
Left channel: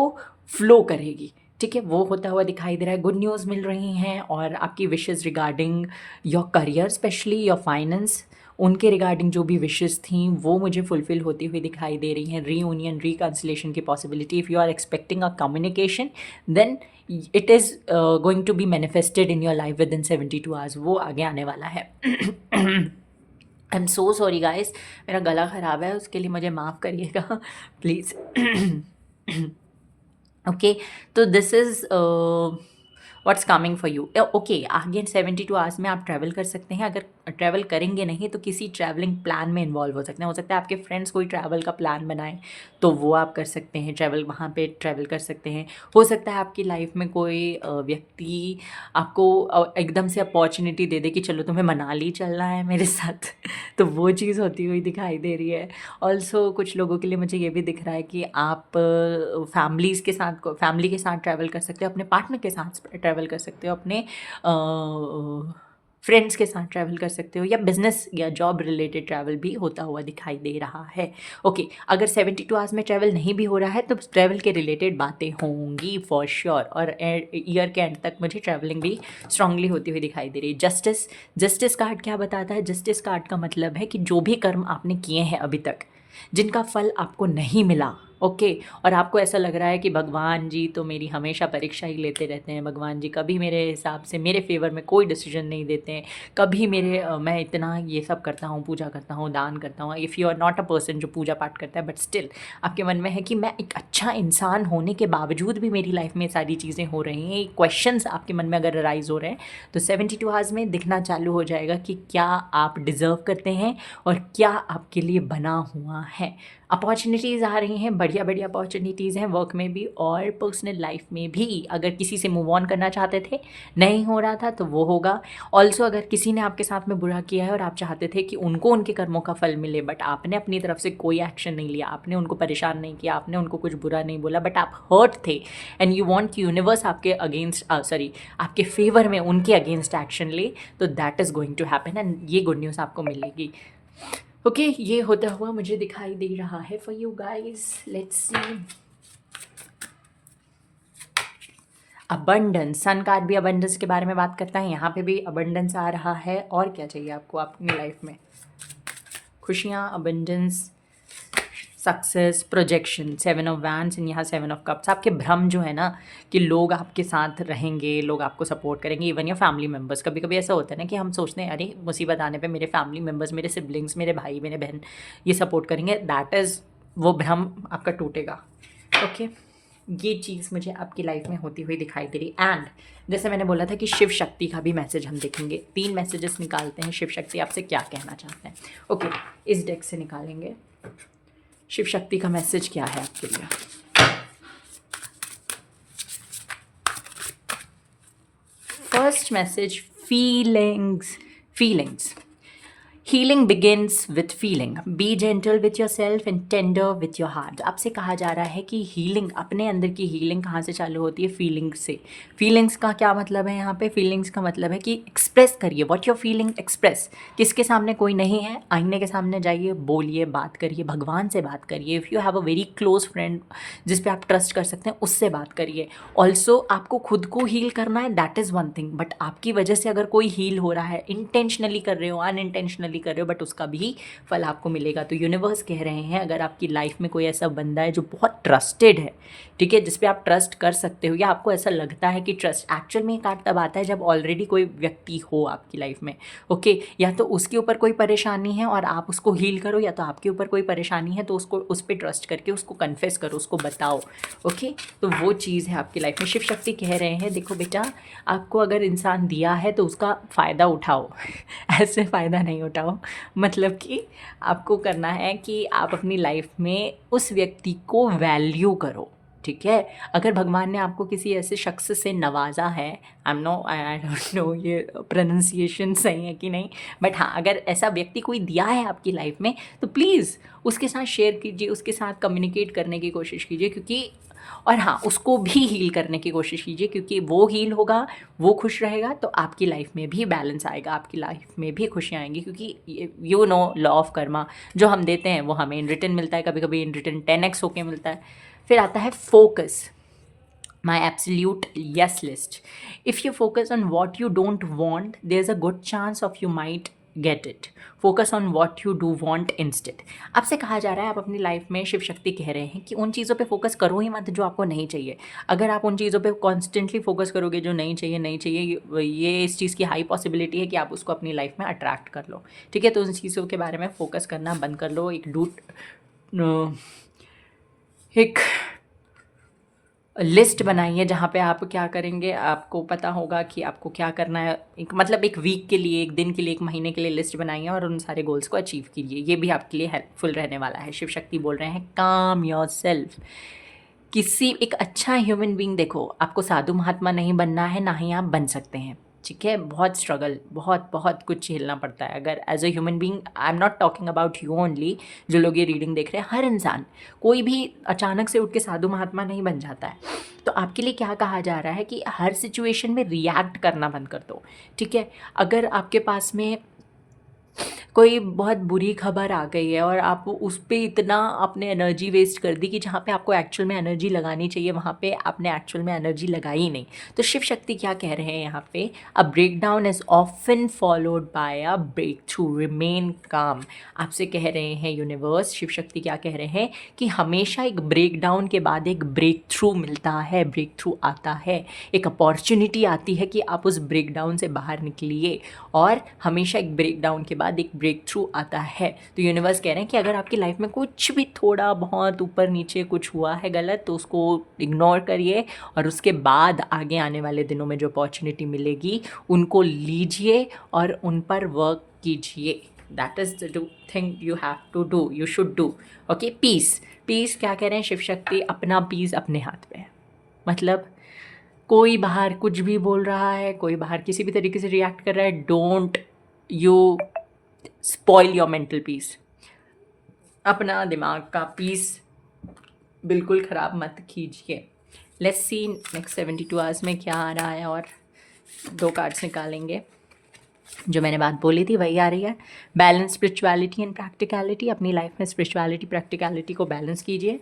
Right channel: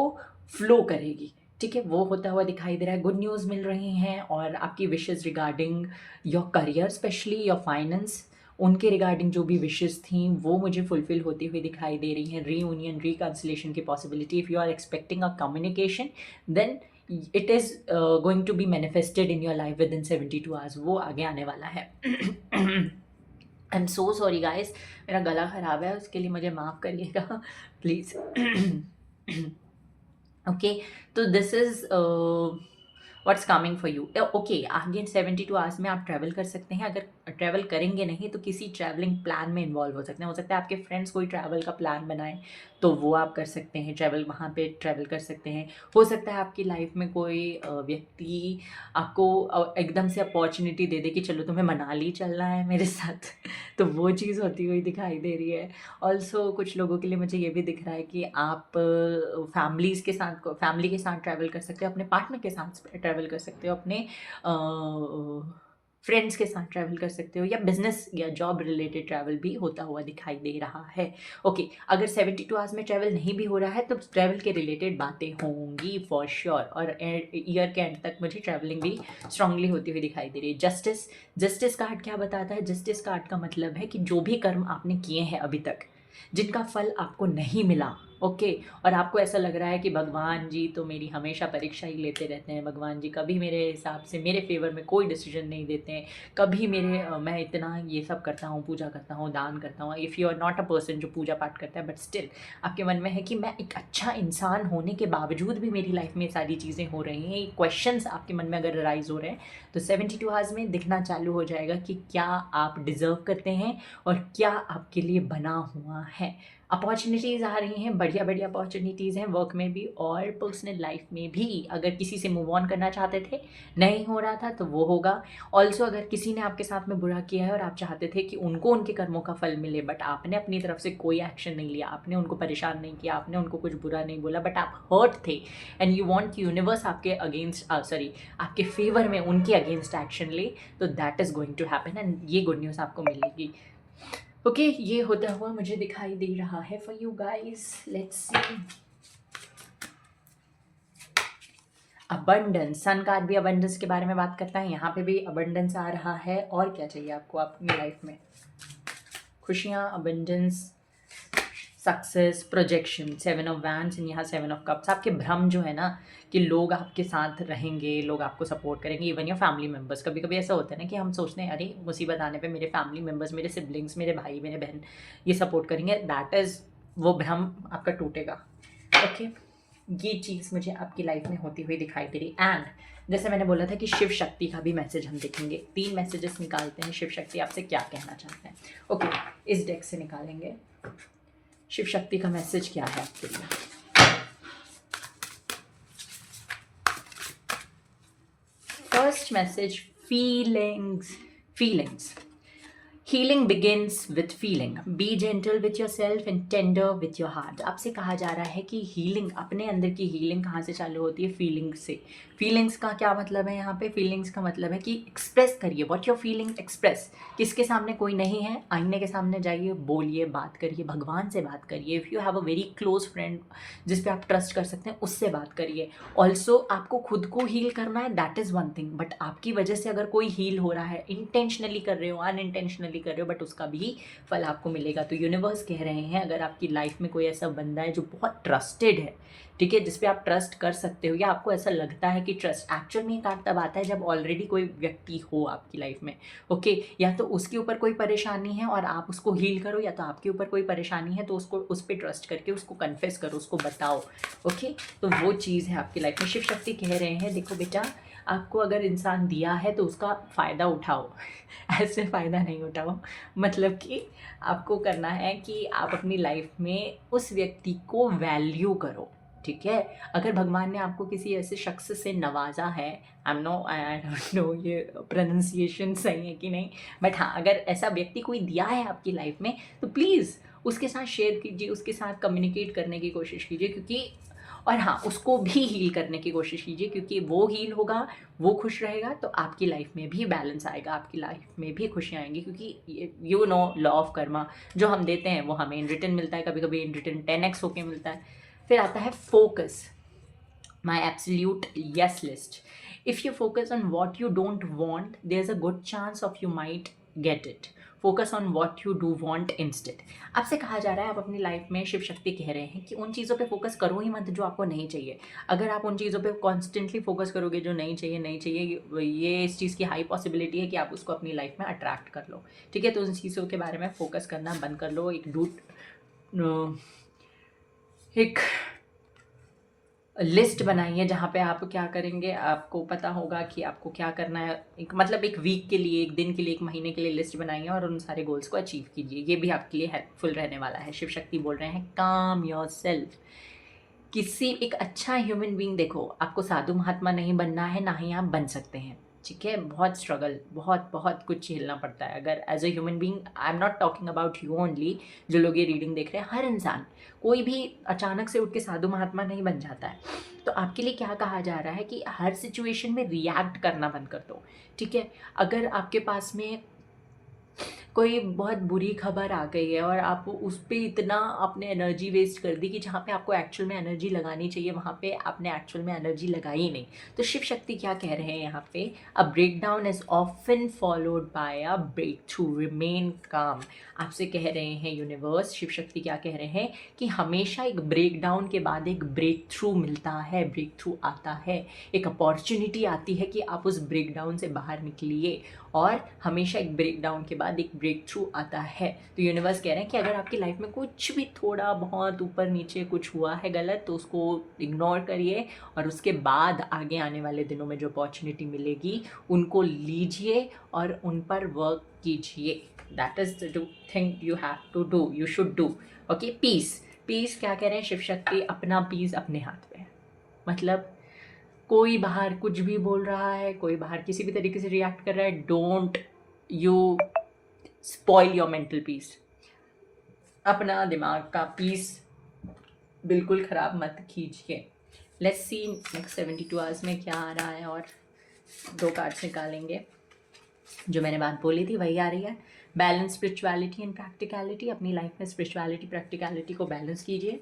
फ्लो करेगी, ठीक है, वो होता हुआ दिखाई दे रहा है। गुड न्यूज़ मिल रही हैं और आपकी wishes regarding your career specially your finance, उनके रिगार्डिंग जो भी विशेज़ थी वो मुझे फुलफ़िल होती हुई दिखाई दे रही हैं। रीयूनियन, रिकन्सिलेशन की possibility, if you are expecting a communication then it is going to be manifested in your life within 72 hours, वो आगे आने वाला है। I am so sorry guys, मेरा गला ख़राब है, उसके लिए मुझे माफ़ करिएगा प्लीज़। ओके, तो this is what's coming for you. Okay, आगे 72 आवर्स में आप ट्रैवल कर सकते हैं। अगर ट्रैवल करेंगे नहीं तो किसी ट्रैवलिंग प्लान में इन्वॉल्व हो सकते हैं। हो सकता है आपके फ्रेंड्स कोई ट्रैवल का प्लान बनाएं तो वो आप कर सकते हैं, ट्रैवल वहाँ पे ट्रैवल कर सकते हैं। हो सकता है आपकी लाइफ में कोई व्यक्ति आपको एकदम से अपॉर्चुनिटी दे दे कि चलो तुम्हें मनाली चलना है मेरे साथ तो वो चीज़ होती हुई दिखाई दे रही है। ऑल्सो कुछ लोगों के लिए मुझे ये भी दिख रहा है कि आप फैमिली के साथ ट्रैवल कर सकते हो, अपने पार्टनर के साथ ट्रैवल कर सकते हो, अपने फ्रेंड्स के साथ ट्रैवल कर सकते हो, या बिजनेस या जॉब रिलेटेड ट्रैवल भी होता हुआ दिखाई दे रहा है। ओके, अगर 72 आवर्स में ट्रैवल नहीं भी हो रहा है तो ट्रैवल के रिलेटेड बातें होंगी फॉर श्योर, और ईयर के एंड तक मुझे ट्रैवलिंग भी स्ट्रांगली होती हुई दिखाई दे रही है। जस्टिस कार्ड क्या बताता है? जस्टिस कार्ड का मतलब है कि जो भी कर्म आपने किए हैं अभी तक, जिनका फल आपको नहीं मिला, ओके, और आपको ऐसा लग रहा है कि भगवान जी तो मेरी हमेशा परीक्षा ही लेते रहते हैं, भगवान जी कभी मेरे हिसाब से मेरे फेवर में कोई डिसीजन नहीं देते हैं, कभी मैं इतना ये सब करता हूँ, पूजा करता हूँ, दान करता हूँ। If you are not a person जो पूजा पाठ करता है, बट स्टिल आपके मन में है कि मैं एक अच्छा इंसान होने के बावजूद भी मेरी लाइफ में सारी चीज़ें हो रही हैं, क्वेश्चंस आपके मन में अगर राइज हो रहे हैं तो 72 आवर्स में दिखना चालू हो जाएगा कि क्या आप डिज़र्व करते हैं और क्या आपके लिए बना हुआ है। अपॉर्चुनिटीज़ आ रही हैं, बढ़िया बढ़िया अपॉर्चुनिटीज़ हैं, वर्क में भी और पर्सनल लाइफ में भी। अगर किसी से मूव ऑन करना चाहते थे, नहीं हो रहा था, तो वो होगा। ऑल्सो अगर किसी ने आपके साथ में बुरा किया है और आप चाहते थे कि उनको उनके कर्मों का फल मिले, बट आपने अपनी तरफ से कोई एक्शन नहीं लिया, आपने उनको परेशान नहीं किया, आपने उनको कुछ बुरा नहीं बोला, बट आप हर्ट थे एंड यू वॉन्ट कि यूनिवर्स आपके अगेंस्ट आपके फेवर में उनके अगेंस्ट एक्शन ले, तो that is going to happen and ये गुड न्यूज़ आपको मिलेगी। ओके, ये होता हुआ मुझे दिखाई दे रहा है for you guys. Let's see. Abundance, sun card भी अबंडेंस के बारे में बात करता है, यहाँ पे भी अबंडेंस आ रहा है। और क्या चाहिए आपको अपनी लाइफ में? खुशियाँ, abundance, success, projection, 7 of wands and यहाँ 7 ऑफ कप्स। आपके भ्रम जो है ना कि लोग आपके साथ रहेंगे, लोग आपको सपोर्ट करेंगे, इवन योर फैमिली मेम्बर्स। कभी कभी ऐसा होता है ना कि हम सोचते हैं अरे मुसीबत आने पे मेरे फैमिली मेम्बर्स, मेरे सिबलिंग्स, मेरे भाई, मेरे बहन ये सपोर्ट करेंगे। दैट इज़, वो भ्रम आपका टूटेगा। ओके, ये चीज़ मुझे आपकी लाइफ में होती हुई दिखाई दे रही। एंड जैसे मैंने बोला था कि शिव शक्ति का भी मैसेज हम देखेंगे। 3 मैसेजेस निकालते हैं, शिव शक्ति आपसे क्या कहना चाहते हैं। ओके, इस डेक से निकालेंगे शिव शक्ति का मैसेज क्या है आपके लिए। First message, feelings. Healing begins with feeling, B gentle with your self and tender with your heart. आपसे कहा जा रहा है कि हीलिंग, अपने अंदर की हीलिंग कहाँ से चालू होती है? फीलिंग्स से। फीलिंग्स का क्या मतलब है यहाँ पे? फीलिंग्स का मतलब है कि एक्सप्रेस करिए, व्हाट योर फीलिंग एक्सप्रेस। किसके सामने? कोई नहीं है, आईने के सामने जाइए, बोलिए, बात करिए, भगवान से बात करिए। If you have a very close friend जिस पे आप ट्रस्ट कर सकते हैं, उससे बात करिए। ऑल्सो आपको खुद को हील करना है, that is one thing, but आपकी वजह से अगर कोई हील हो रहा है, इंटेंशनली कर रहे हो, अनइंटेंशनली कर रहे हो, बट उसका भी फल आपको मिलेगा। तो यूनिवर्स कह रहे हैं अगर आपकी लाइफ में कोई ऐसा बंदा है जो बहुत ट्रस्टेड है, ठीक है, जिस पे आप ट्रस्ट कर सकते हो, या आपको ऐसा लगता है कि ट्रस्ट, एक्चुअल में ये कार्ड तब आता है जब ऑलरेडी कोई व्यक्ति हो आपकी लाइफ में। ओके, या तो उसके ऊपर कोई परेशानी है और आप उसको हील करो, या तो आपके ऊपर कोई परेशानी है तो उसको, उस पर ट्रस्ट करके उसको कन्फेस करो, उसको बताओ। ओके, तो वो चीज़ है आपकी लाइफ में। शिव शक्ति कह रहे हैं देखो बेटा, आपको अगर इंसान दिया है तो उसका फ़ायदा उठाओ ऐसे फ़ायदा नहीं उठाओ। मतलब कि आपको करना है कि आप अपनी लाइफ में उस व्यक्ति को वैल्यू करो, ठीक है। अगर भगवान ने आपको किसी ऐसे शख्स से नवाजा है, आई डोंट नो ये प्रोनाउंसिएशन सही है कि नहीं, बट हाँ, अगर ऐसा व्यक्ति कोई दिया है आपकी लाइफ में तो प्लीज़ उसके साथ शेयर कीजिए, उसके साथ कम्युनिकेट करने की कोशिश कीजिए, क्योंकि, और हाँ, उसको भी हील करने की कोशिश कीजिए, क्योंकि वो हील होगा, वो खुश रहेगा, तो आपकी लाइफ में भी बैलेंस आएगा, आपकी लाइफ में भी खुशियाँ आएंगी। क्योंकि you know law of Karma, जो हम देते हैं वो हमें इन रिटर्न मिलता है, कभी कभी इन रिटर्न 10x होके मिलता है। फिर आता है focus. my absolute yes list. If you focus on what you don't want, there's a good chance of you might get it. Focus on what you do want instead. आपसे कहा जा रहा है, आप अपनी लाइफ में शिव शक्ति कह रहे हैं कि उन चीज़ों पे फोकस करो ही मत जो आपको नहीं चाहिए. अगर आप उन चीज़ों पे कॉन्स्टेंटली फोकस करोगे जो नहीं चाहिए नहीं चाहिए, ये इस चीज़ की हाई पॉसिबिलिटी है कि आप उसको अपनी लाइफ में अट्रैक्ट कर लो. ठीक है, तो उन चीज़ों के बारे में फोकस करना बंद कर लो. एक लिस्ट बनाइए जहाँ पे आप क्या करेंगे, आपको पता होगा कि आपको क्या करना है. एक मतलब एक वीक के लिए, एक दिन के लिए, एक महीने के लिए लिस्ट बनाइए और उन सारे गोल्स को अचीव कीजिए. ये भी आपके लिए हेल्पफुल रहने वाला है. शिव शक्ति बोल रहे हैं काम योर सेल्फ. किसी एक अच्छा ह्यूमन बीइंग, देखो आपको साधु महात्मा नहीं बनना है, ना ही आप बन सकते हैं. ठीक है, बहुत स्ट्रगल, बहुत बहुत कुछ झेलना पड़ता है. अगर as a human being, I am not talking about you only, जो लोग ये रीडिंग देख रहे हैं, हर इंसान, कोई भी अचानक से उठ के साधु महात्मा नहीं बन जाता है. तो आपके लिए क्या कहा जा रहा है कि हर सिचुएशन में रिएक्ट करना बंद कर दो. ठीक है, अगर आपके पास में कोई बहुत बुरी खबर आ गई है और आप उस पे इतना आपने एनर्जी वेस्ट कर दी कि जहाँ पे आपको एक्चुअल में एनर्जी लगानी चाहिए वहाँ पे आपने एक्चुअल में एनर्जी लगाई ही नहीं. तो शिव शक्ति क्या कह रहे हैं यहाँ पे, a breakdown is often followed by a breakthrough, remain काम. आपसे कह रहे हैं यूनिवर्स, शिव शक्ति क्या कह रहे हैं कि हमेशा एक ब्रेक डाउन के बाद एक ब्रेक थ्रू मिलता है, ब्रेक थ्रू आता है, एक अपॉर्चुनिटी आती है कि आप उस ब्रेक डाउन से बाहर निकलिए. और हमेशा एक ब्रेक डाउन के बाद एक ब्रेक थ्रू आता है. तो यूनिवर्स कह रहे हैं कि अगर आपकी लाइफ में कुछ भी थोड़ा बहुत ऊपर नीचे कुछ हुआ है गलत, तो उसको इग्नोर करिए और उसके बाद आगे आने वाले दिनों में जो अपॉर्चुनिटी मिलेगी उनको लीजिए और उन पर वर्क कीजिए. That is the thing you have to do, you should do. Okay, peace. Peace क्या कह रहे हैं शिव शक्ति, अपना पीस अपने हाथ में. मतलब कोई बाहर कुछ भी बोल रहा है, कोई बाहर किसी भी तरीके से रिएक्ट कर रहा है, don't you spoil your mental peace. अपना दिमाग का पीस बिल्कुल ख़राब मत कीजिए. लेट्स सी नेक्स्ट 72 आवर्स में क्या आ रहा है. और 2 कार्ड्स निकालेंगे. जो मैंने बात बोली थी वही आ रही है. Balance spirituality and practicality. अपनी लाइफ में स्पिरिचुअलिटी प्रैक्टिकलिटी को बैलेंस कीजिए.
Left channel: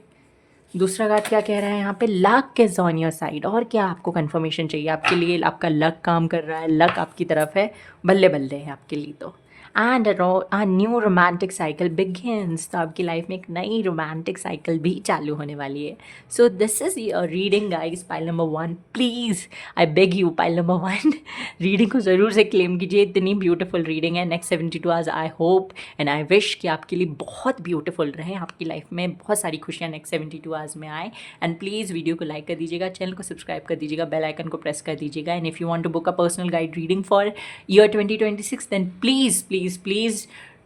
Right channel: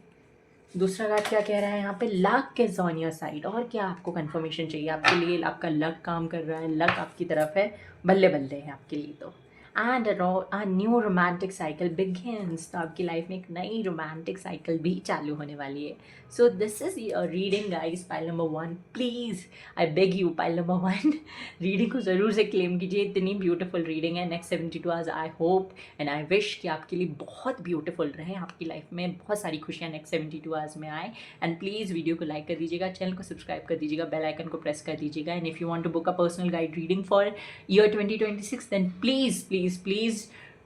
दूसरा कार्ड क्या कह रहा है यहाँ पे, luck is on your side. और क्या आपको कंफर्मेशन चाहिए, आपके लिए आपका लक काम कर रहा है, लक आपकी तरफ है, बल्ले बल्ले है आपके लिए. तो and a new romantic cycle begins. तो आपकी लाइफ में एक नई रोमांटिक साइकिल भी चालू होने वाली है. So this is your reading guys. Pile number 1, please I beg you, pile number 1 reading को ज़रूर से क्लेम कीजिए. इतनी ब्यूटीफुल रीडिंग है. Next 72 hours I hope and I wish कि आपके लिए बहुत ब्यूटीफुल रहे, आपकी लाइफ में बहुत सारी खुशियाँ नेक्स्ट 72 आवर्स में आए. एंड प्लीज़ वीडियो को लाइक कर दीजिएगा, चैनल को सब्सक्राइब कर दीजिएगा, बेल आइकन को प्रेस कर दीजिएगा. And if you want to book a personal guide reading for year 2026 then please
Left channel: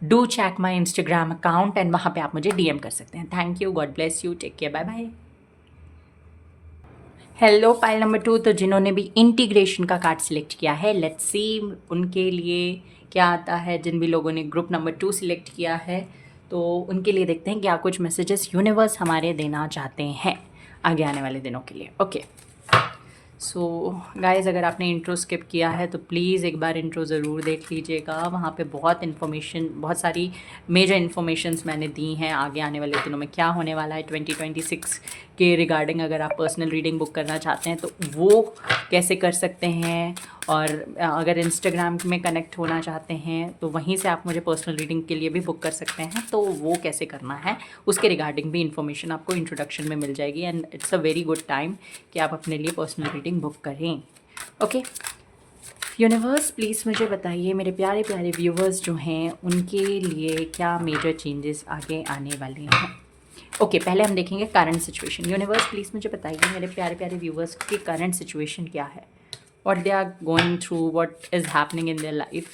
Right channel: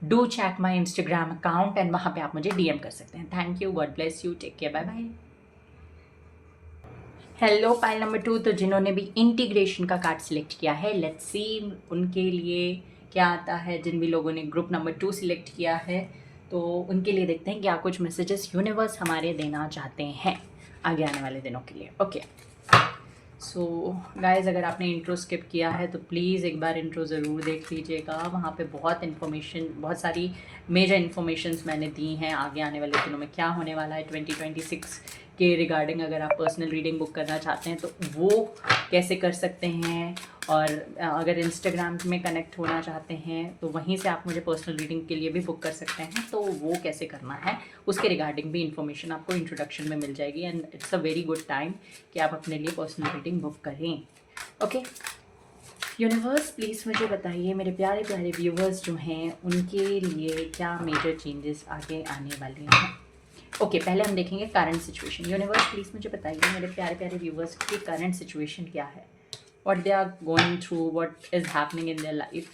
do check my Instagram account and वहाँ पे आप मुझे DM कर सकते हैं. Thank you, God bless you, take care, bye bye. Hello pile number 2. तो जिन्होंने भी इंटीग्रेशन का कार्ड सिलेक्ट किया है, लेट्स सी उनके लिए क्या आता है. जिन भी लोगों ने ग्रुप नंबर 2 सिलेक्ट किया है तो उनके लिए देखते हैं क्या कुछ मैसेजेस यूनिवर्स हमारे देना चाहते हैं आगे आने वाले दिनों के लिए. ओके, सो गाइज़, अगर आपने इंट्रो स्किप किया है तो प्लीज़ एक बार इंट्रो ज़रूर देख लीजिएगा. वहाँ पे बहुत इन्फॉर्मेशन, बहुत सारी मेजर इन्फॉर्मेशंस मैंने दी हैं आगे आने वाले दिनों में क्या होने वाला है 2026 के रिगार्डिंग. अगर आप पर्सनल रीडिंग बुक करना चाहते हैं तो वो कैसे कर सकते हैं. और अगर इंस्टाग्राम में कनेक्ट होना चाहते हैं तो वहीं से आप मुझे पर्सनल रीडिंग के लिए भी बुक कर सकते हैं. तो वो कैसे करना है उसके रिगार्डिंग भी इन्फॉर्मेशन आपको इंट्रोडक्शन में मिल जाएगी. And it's a very good time कि आप अपने लिए पर्सनल रीडिंग बुक करें. ओके, यूनिवर्स प्लीज़ मुझे बताइए, मेरे प्यारे प्यारे व्यूवर्स जो हैं उनके लिए क्या मेजर चेंजेस आगे आने वाले हैं. ओके, पहले हम देखेंगे करंट सिचुएशन. यूनिवर्स प्लीज़ मुझे बताइए मेरे प्यारे प्यारे व्यूवर्स की करंट सिचुएशन क्या है, what they are going through, what is happening in their life.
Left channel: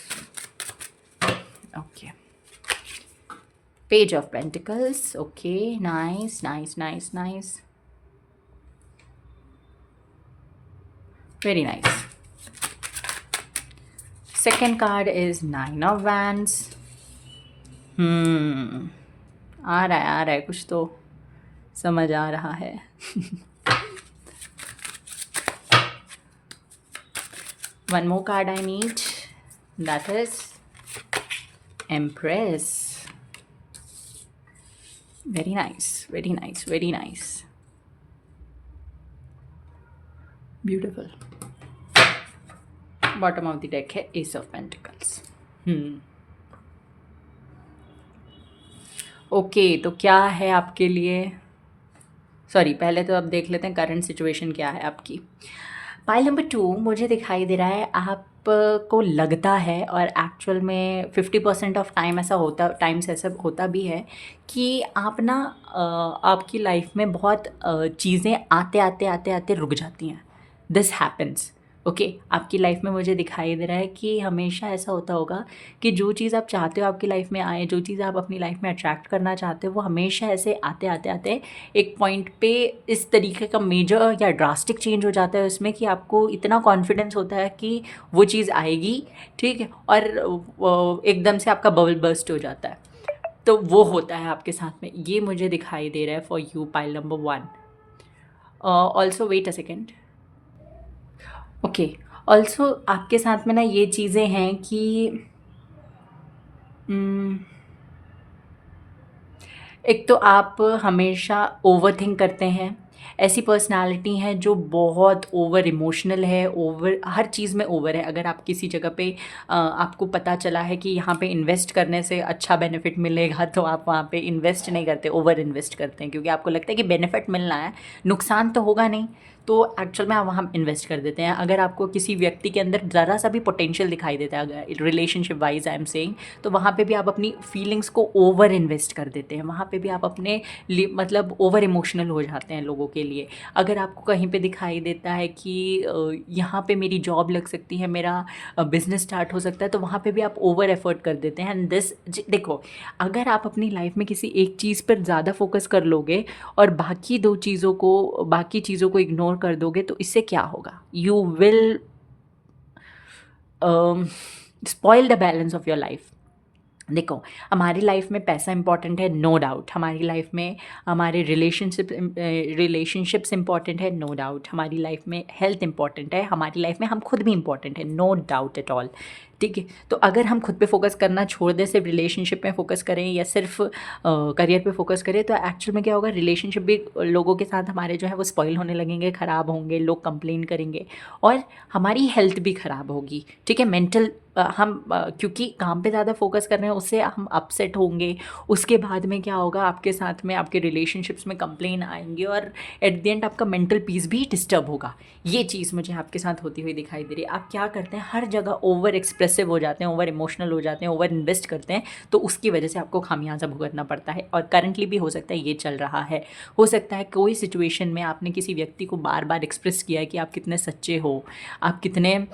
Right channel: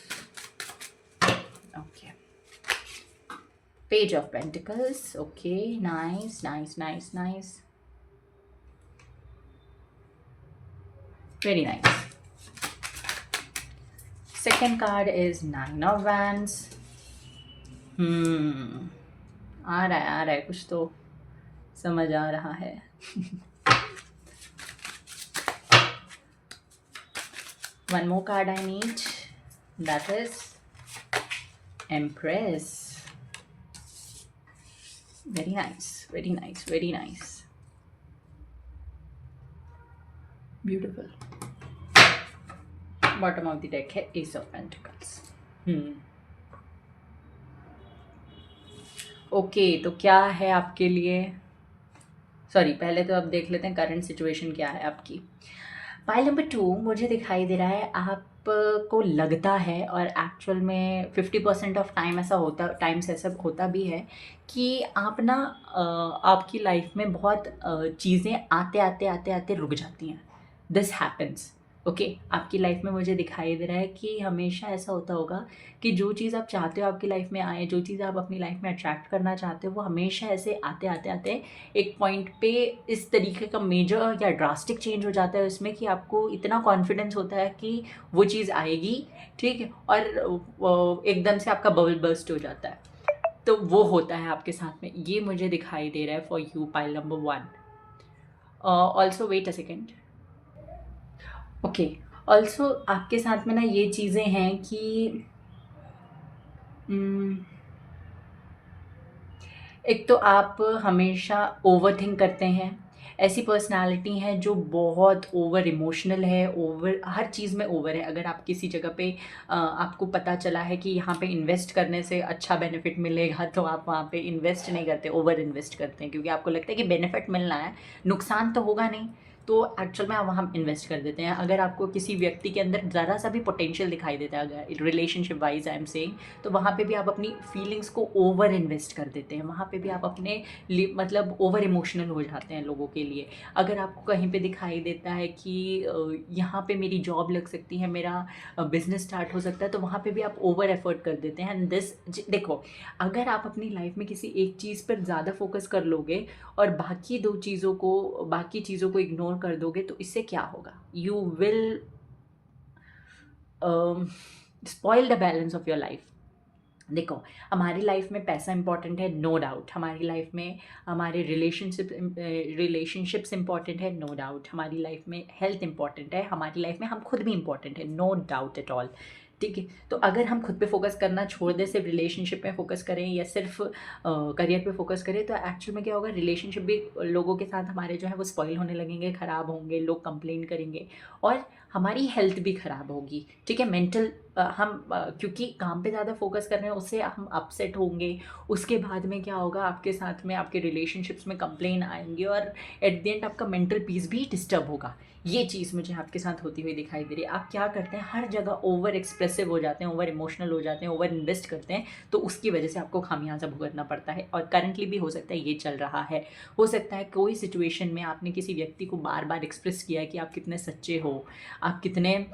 Okay, Page of Pentacles. Okay, nice, very nice. Second card is 9 of Wands. आ रहा है कुछ तो समझ आ रहा है. One more card I need, that is Empress. Very nice. Beautiful. Bottom of the deck है S of pentacles. Okay, तो क्या है आपके लिए, सॉरी पहले तो अब देख लेते हैं करंट सिचुएशन क्या है आपकी। पाइल नंबर 2 मुझे दिखाई दे रहा है आपको लगता है, और एक्चुअल में 50% ऑफ टाइम ऐसा होता, टाइम्स ऐसा होता भी है कि आप ना आपकी लाइफ में बहुत चीज़ें आते आते आते आते रुक जाती हैं। This happens. ओके, आपकी लाइफ में मुझे दिखाई दे रहा है कि हमेशा ऐसा होता होगा कि जो चीज़ आप चाहते हो आपकी लाइफ में आए, जो चीज़ आप अपनी लाइफ में अट्रैक्ट करना चाहते हो, वो हमेशा ऐसे आते आते आते एक पॉइंट पे इस तरीके का मेजर या ड्रास्टिक चेंज हो जाता है उसमें कि आपको इतना कॉन्फिडेंस होता है कि वो चीज़ आएगी, ठीक है, और एकदम से आपका बबल बर्स्ट हो जाता है। तो वो होता है आपके साथ में, ये मुझे दिखाई दे रहा है for you pile number 1। Also wait a second. Okay, also आपके साथ में ना ये चीज़ें हैं कि एक तो आप हमेशा ओवरथिंक करते हैं, ऐसी पर्सनैलिटी हैं जो बहुत ओवर इमोशनल है, ओवर हर चीज़ में ओवर है। अगर आप किसी जगह पे आपको पता चला है कि यहाँ पे इन्वेस्ट करने से अच्छा बेनिफिट मिलेगा, तो आप वहाँ पे इन्वेस्ट नहीं करते, ओवर इन्वेस्ट करते हैं, क्योंकि आपको लगता है कि बेनिफिट मिलना है, नुकसान तो होगा नहीं, तो एक्चुअल में आप वहाँ इन्वेस्ट कर देते हैं। अगर आपको किसी व्यक्ति के अंदर ज़रा सा भी पोटेंशियल दिखाई देता है, अगर relationship wise I am saying, तो वहाँ पे भी आप अपनी फीलिंग्स को ओवर इन्वेस्ट कर देते हैं, वहाँ पे भी आप अपने मतलब ओवर इमोशनल हो जाते हैं लोगों के लिए। अगर आपको कहीं पे दिखाई देता है कि यहाँ पे मेरी जॉब लग सकती है, मेरा बिजनेस स्टार्ट हो सकता है, तो वहाँ पे भी आप ओवर एफर्ट कर देते हैं। एंड दिस, देखो, अगर आप अपनी लाइफ में किसी एक चीज़ पर ज़्यादा फोकस कर लोगे और बाकी चीज़ों को इग्नोर कर दोगे, तो इससे क्या होगा, you will spoil the balance of your life. देखो, हमारी लाइफ में पैसा इंपॉर्टेंट है, नो डाउट। हमारी लाइफ में हमारे रिलेशनशिप्स इंपॉर्टेंट है, नो डाउट। हमारी लाइफ में हेल्थ इंपॉर्टेंट है, हमारी लाइफ में हम खुद भी इंपॉर्टेंट है, नो डाउट एट ऑल, ठीक है। तो अगर हम खुद पे फोकस करना छोड़ दें, सिर्फ रिलेशनशिप में फोकस करें या सिर्फ करियर पे फोकस करें, तो एक्चुअल में क्या होगा, रिलेशनशिप भी लोगों के साथ हमारे जो है वो स्पॉइल होने लगेंगे, ख़राब होंगे, लोग कंप्लेन करेंगे, और हमारी हेल्थ भी ख़राब होगी, ठीक है। मेंटल क्योंकि काम पे ज़्यादा फोकस कर रहे हैं, उससे हम अपसेट होंगे, उसके बाद में क्या होगा, आपके साथ में आपके रिलेशनशिप्स में कंप्लेन आएंगे, और एट द एंड आपका मेंटल पीस भी डिस्टर्ब होगा। ये चीज़ मुझे आपके साथ होती हुई दिखाई दे रही है। आप क्या करते हैं, हर जगह ओवर एक्सप्रेसिव हो जाते हैं, ओवर इमोशनल हो जाते हैं, ओवर इन्वेस्ट करते हैं, तो उसकी वजह से आपको खामियाजा भुगतना पड़ता है। और करंटली भी हो सकता है ये चल रहा है, हो सकता है कोई सिचुएशन में आपने किसी व्यक्ति को बार बार एक्सप्रेस किया है कि आप कितने सच्चे हो, आप कितने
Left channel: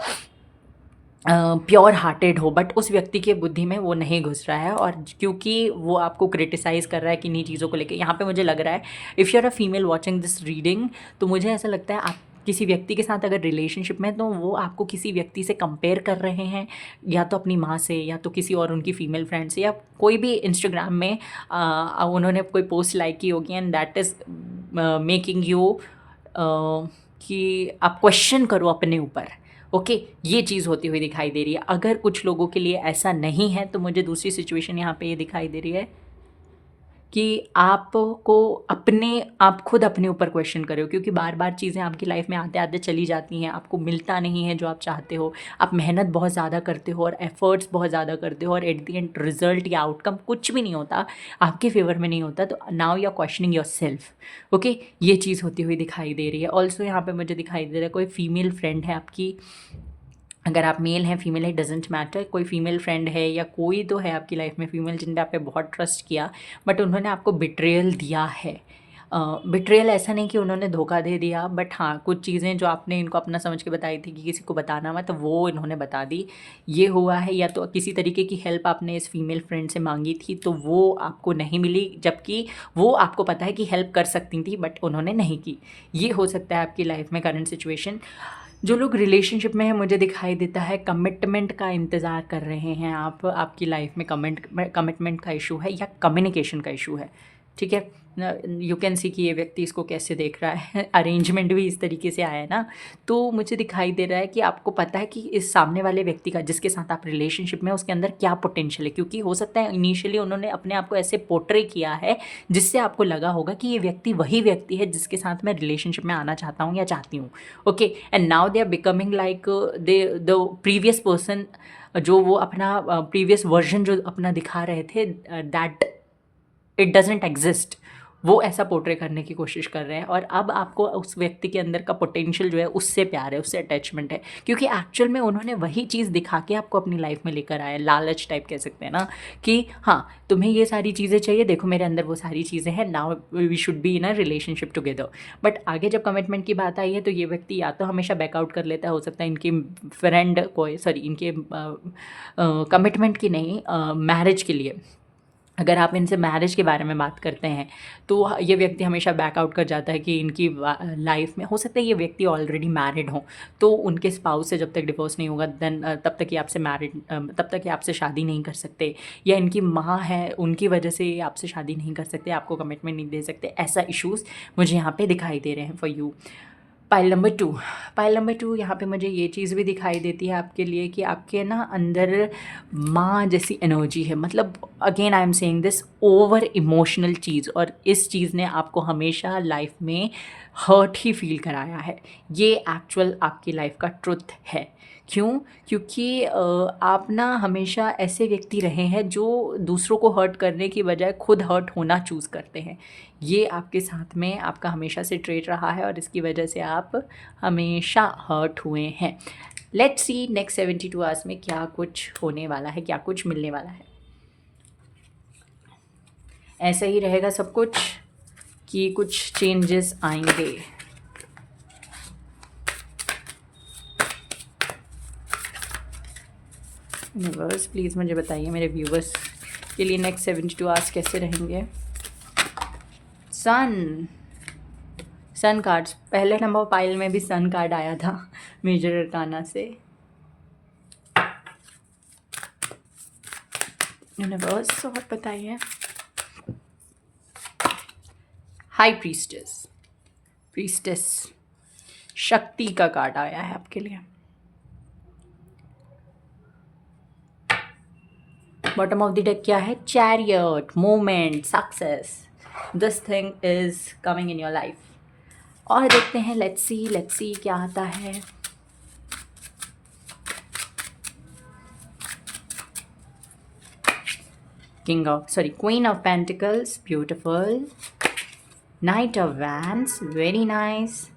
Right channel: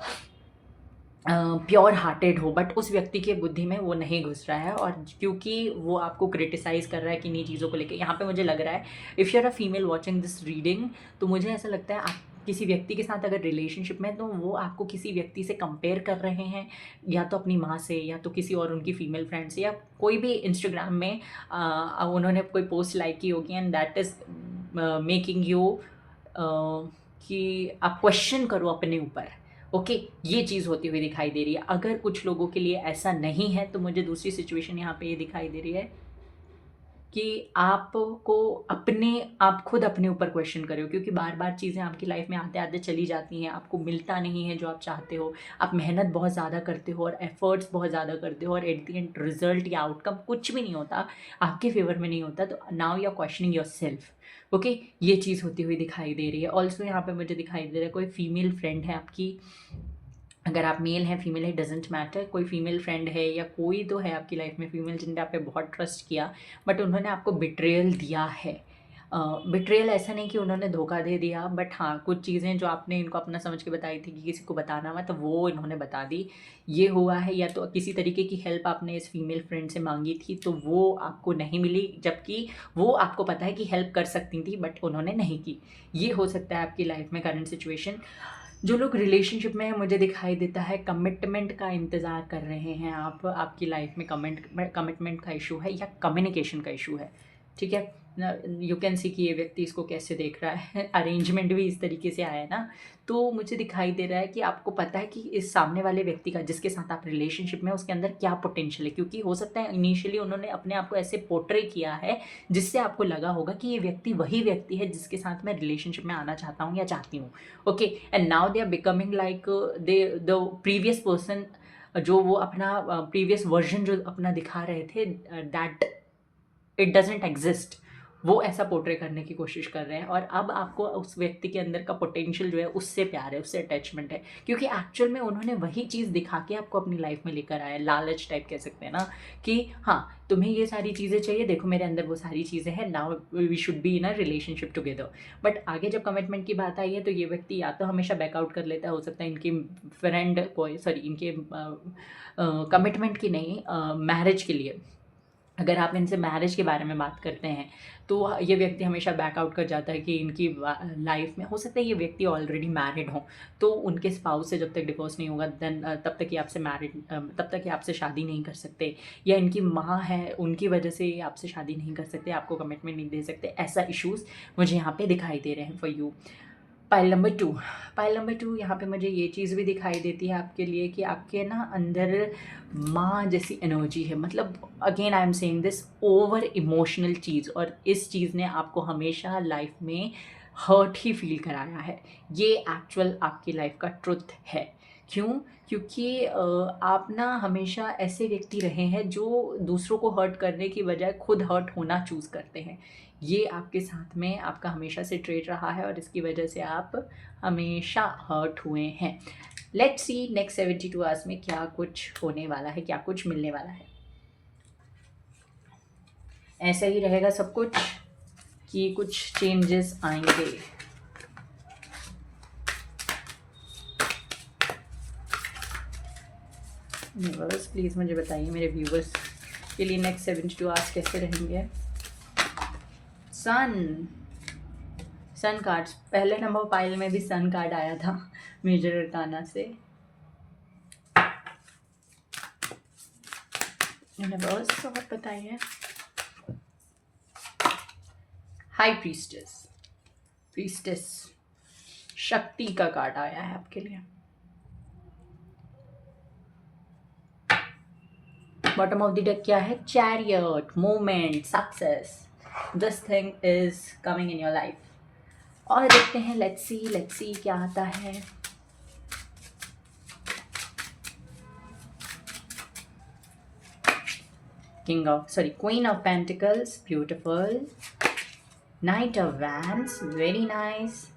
प्योर हार्टेड हो, बट उस व्यक्ति के बुद्धि में वो नहीं घुस रहा है, और क्योंकि वो आपको क्रिटिसाइज़ कर रहा है किन्हीं चीज़ों को लेके। यहाँ पे मुझे लग रहा है, if you are a female watching this reading, तो मुझे ऐसा लगता है आप किसी व्यक्ति के साथ अगर रिलेशनशिप में, तो वो आपको किसी व्यक्ति से कंपेयर कर रहे हैं, या तो अपनी माँ से, या तो किसी और उनकी फीमेल फ्रेंड से, या कोई भी इंस्टाग्राम में उन्होंने कोई पोस्ट लाइक की होगी, and that is making you कि आप क्वेश्चन करो अपने ऊपर। ओके, ये चीज़ होती हुई दिखाई दे रही है। अगर कुछ लोगों के लिए ऐसा नहीं है, तो मुझे दूसरी सिचुएशन यहाँ पे ये दिखाई दे रही है कि आपको आप खुद अपने ऊपर क्वेश्चन करो, क्योंकि बार बार चीज़ें आपकी लाइफ में आते आते चली जाती हैं, आपको मिलता नहीं है जो आप चाहते हो, आप मेहनत बहुत ज़्यादा करते हो और एफर्ट्स बहुत ज़्यादा करते हो, और एट द एंड रिजल्ट या आउटकम कुछ भी नहीं होता, आपके फेवर में नहीं होता, तो now you are questioning yourself. Okay, ये चीज़ होती हुई दिखाई दे रही है। ऑल्सो यहाँ पे मुझे दिखाई दे रहा है कोई फीमेल फ्रेंड है आपकी, अगर आप मेल हैं फीमेल है डजेंट मैटर, कोई फीमेल फ्रेंड है या कोई तो है आपकी लाइफ में फीमेल जिनने आप पे बहुत ट्रस्ट किया, बट उन्होंने आपको बिट्रेयल दिया है। बिट्रेयल ऐसा नहीं कि उन्होंने धोखा दे दिया, बट हाँ, कुछ चीज़ें जो आपने इनको अपना समझ के बताई थी कि किसी को बताना मत, तो वो इन्होंने बता दी, ये हुआ है। या तो किसी तरीके की हेल्प आपने इस फीमेल फ्रेंड से मांगी थी, तो वो आपको नहीं मिली, जबकि वो आपको पता है कि हेल्प कर सकती थी, बट उन्होंने नहीं की। ये हो सकता है आपकी लाइफ में करंट सिचुएशन। जो लोग रिलेशनशिप में हैं, मुझे दिखाई देता है कमिटमेंट का इंतज़ार कर रहे हैं आप, आपकी लाइफ में कमिटमेंट का इशू है या कम्युनिकेशन का इशू है, ठीक है। यू कैन सी कि ये व्यक्ति इसको कैसे देख रहा है। अरेंजमेंट भी इस तरीके से आया है ना, तो मुझे दिखाई दे रहा है कि आपको पता है कि इस सामने वाले व्यक्ति का जिसके साथ आप रिलेशनशिप में, उसके अंदर क्या पोटेंशियल है, क्योंकि हो सकता है इनिशियली उन्होंने अपने आप को ऐसे पोर्ट्रे किया है जिससे आपको लगा होगा कि ये व्यक्ति वही व्यक्ति है जिसके साथ मैं रिलेशनशिप में आना चाहता हूँ या चाहती हूँ। Okay, and now they are becoming like the previous person, जो वो अपना प्रीवियस वर्जन जो अपना दिखा रहे थे, दैट इट डजेंट एग्जिस्ट, वो ऐसा पोर्ट्रे करने की कोशिश कर रहे हैं। और अब आपको उस व्यक्ति के अंदर का पोटेंशियल जो है उससे प्यार है, उससे अटैचमेंट है, क्योंकि एक्चुअल में उन्होंने वही चीज़ दिखा के आपको अपनी लाइफ में लेकर आया। लालच टाइप कह सकते हैं ना, कि हाँ तुम्हें ये सारी चीज़ें चाहिए, देखो मेरे अंदर वो सारी चीज़ें हैं, now we should be in a relationship together. But आगे जब कमिटमेंट की बात आई है तो ये व्यक्ति या तो हमेशा बैकआउट कर लेता है, हो सकता है इनकी फ्रेंड को, सॉरी इनके कमिटमेंट की नहीं, मैरिज के लिए अगर आप इनसे मैरिज के बारे में बात करते हैं तो ये व्यक्ति हमेशा बैकआउट कर जाता है कि इनकी लाइफ में, हो सकता है ये व्यक्ति ऑलरेडी मैरिड हो, तो उनके स्पाउस से जब तक डिवोर्स नहीं होगा देन तब तक ये आपसे तब तक ये आपसे शादी नहीं कर सकते, या इनकी माँ है उनकी वजह से ये आपसे शादी नहीं कर सकते, आपको कमिटमेंट नहीं दे सकते। ऐसा इश्यूज़ मुझे यहाँ पे दिखाई दे रहे हैं फॉर यू। पाइल नंबर 2 यहाँ पे मुझे ये चीज़ भी दिखाई देती है आपके लिए कि आपके ना अंदर माँ जैसी एनर्जी है। मतलब again I am saying this, over emotional चीज़, और इस चीज़ ने आपको हमेशा लाइफ में हर्ट ही फील कराया है। ये एक्चुअल आपकी लाइफ का ट्रुथ है। क्यों? क्योंकि आप ना हमेशा ऐसे व्यक्ति रहे हैं जो दूसरों को हर्ट करने की बजाय खुद हर्ट होना चूज़ करते हैं। ये आपके साथ में आपका हमेशा से ट्रेट रहा है और इसकी वजह से आप हमेशा हर्ट हुए हैं। लेट्स सी नेक्स्ट 72 आवर्स में क्या कुछ होने वाला है, क्या कुछ मिलने वाला है। ऐसा ही रहेगा सब कुछ कि कुछ चेंजेस आएंगे? व्यूवर्स प्लीज़ मुझे बताइए, मेरे व्यूवर्स के लिए नेक्स्ट 72 आवर्स कैसे रहेंगे। सन कार्ड्स, पहले नंबर पाइल में भी सन कार्ड आया था मेजर अरकाना से। यूनिवर्स और बताइए। हाई प्रीस्टेस, शक्ति का कार्ड आया है आपके लिए। बॉटम ऑफ द डेक क्या है? Chariot, movement, success, this thing is coming in your life. और देखते हैं, लेट्स सी क्या आता है। Queen of pentacles, beautiful. Knight of wands, very nice.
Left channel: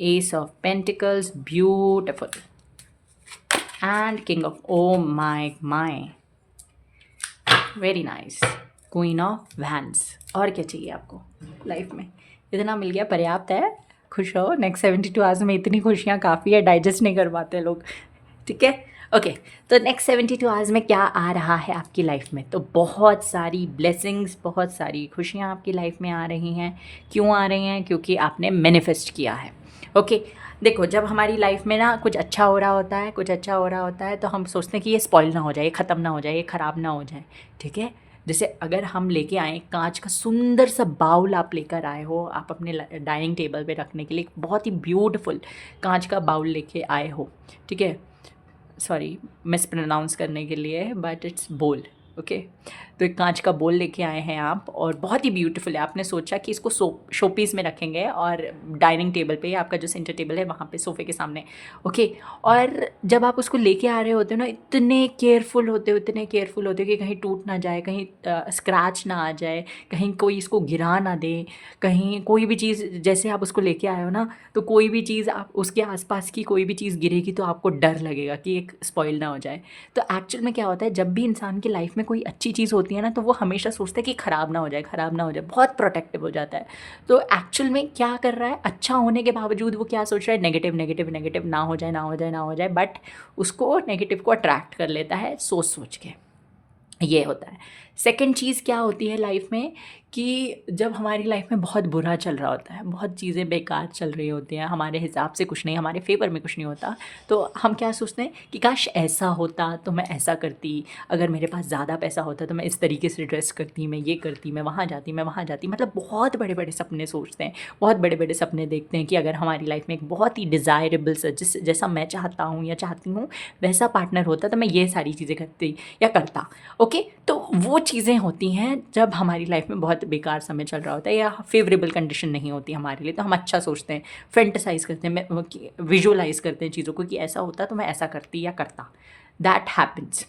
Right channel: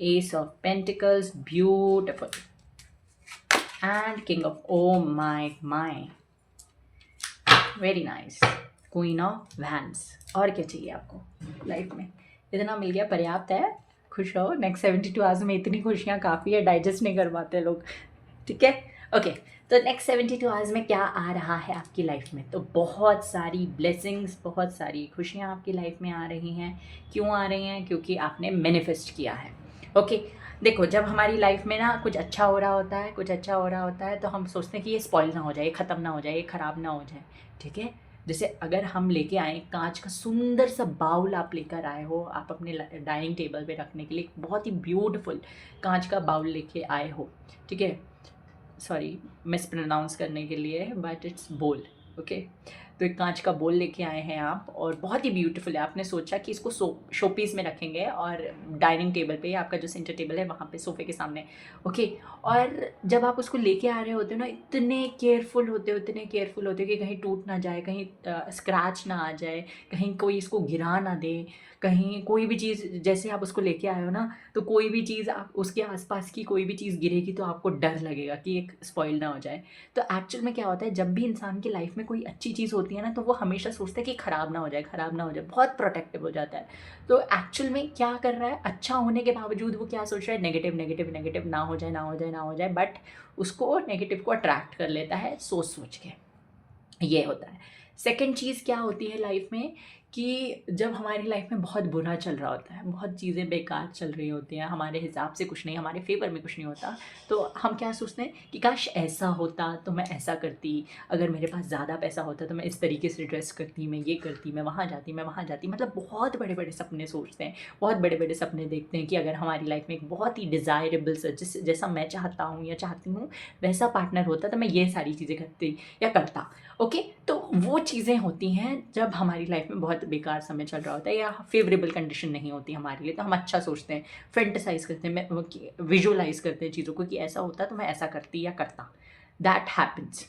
Ace of pentacles, beautiful. And king of, oh my, very nice. Queen of wands. और क्या चाहिए आपको लाइफ में? इतना मिल गया, पर्याप्त है। खुश रहो। नेक्स्ट 72 आवर्स में इतनी खुशियाँ काफ़ी है, डाइजेस्ट नहीं कर पाते लोग। ठीक है, ओके। तो नेक्स्ट 72 आवर्स में क्या आ रहा है आपकी लाइफ में? तो बहुत सारी ब्लेसिंग्स, बहुत सारी खुशियाँ आपकी लाइफ में आ रही हैं। क्यों आ रही हैं? क्योंकि आपने मैनिफेस्ट किया है। ओके, देखो जब हमारी लाइफ में ना कुछ अच्छा हो रहा होता है तो हम सोचते हैं कि ये स्पॉइल ना हो जाए, ये ख़त्म ना हो जाए, ये ख़राब ना हो जाए। ठीक है, जैसे अगर हम लेके आए कांच का सुंदर सा बाउल, आप लेकर आए हो, आप अपने डाइनिंग टेबल पे रखने के लिए बहुत ही ब्यूटीफुल कांच का बाउल लेके आए हो। ठीक है, सॉरी मिस प्रोनाउंस करने के लिए, बट इट्स बोल। ओके, तो एक कांच का बोल लेके आए हैं आप, और बहुत ही ब्यूटीफुल है। आपने सोचा कि इसको शो पीस में रखेंगे और डाइनिंग टेबल पे, आपका जो सेंटर टेबल है वहाँ पे सोफे के सामने। ओके, और जब आप उसको लेके आ रहे होते हो ना, इतने केयरफुल होते हो कि कहीं टूट ना जाए, कहीं स्क्रैच ना आ जाए, कहीं कोई इसको गिरा ना दे, कहीं कोई भी चीज़, जैसे आप उसको लेके आए हो ना, तो कोई भी चीज़ आप उसके आसपास की कोई भी चीज़ गिरेगी तो आपको डर लगेगा कि एक स्पॉइल ना हो जाए। तो एक्चुअल में क्या होता है, जब भी इंसान की लाइफ में कोई अच्छी चीज़ होती है ना, तो वो हमेशा सोचता है कि ख़राब ना हो जाए, बहुत प्रोटेक्टिव हो जाता है। तो एक्चुअल में क्या कर रहा है, अच्छा होने के बावजूद वो क्या सोच रहा है, नेगेटिव, ना हो जाए, बट उसको नेगेटिव को अट्रैक्ट कर लेता है सोच के। ये होता है। सेकंड चीज़ क्या होती है लाइफ में कि जब हमारी लाइफ में बहुत बुरा चल रहा होता है, बहुत चीज़ें बेकार चल रही होती हैं, हमारे हिसाब से कुछ नहीं, हमारे फ़ेवर में कुछ नहीं होता, तो हम क्या सोचते हैं कि काश ऐसा होता तो मैं ऐसा करती, अगर मेरे पास ज़्यादा पैसा होता तो मैं इस तरीके से ड्रेस करती, मैं ये करती, मैं वहाँ जाती, मैं वहाँ जाती। मतलब बहुत बड़े-बड़े सपने सोचते हैं, बहुत बड़े-बड़े सपने देखते हैं कि अगर हमारी लाइफ में एक बहुत ही डिज़ायरेबल सा जैसा मैं चाहता हूँ या चाहती हूँ, वैसा पार्टनर होता तो मैं ये सारी चीज़ें करती या करता। ओके, तो वो चीज़ें होती हैं जब हमारी लाइफ में बहुत बेकार समय चल रहा होता है या फेवरेबल कंडीशन नहीं होती हमारे लिए, तो हम अच्छा सोचते हैं, फैंटेसाइज करते हैं, विजुअलाइज करते हैं चीज़ों को कि ऐसा होता तो मैं ऐसा करती या करता। That happens.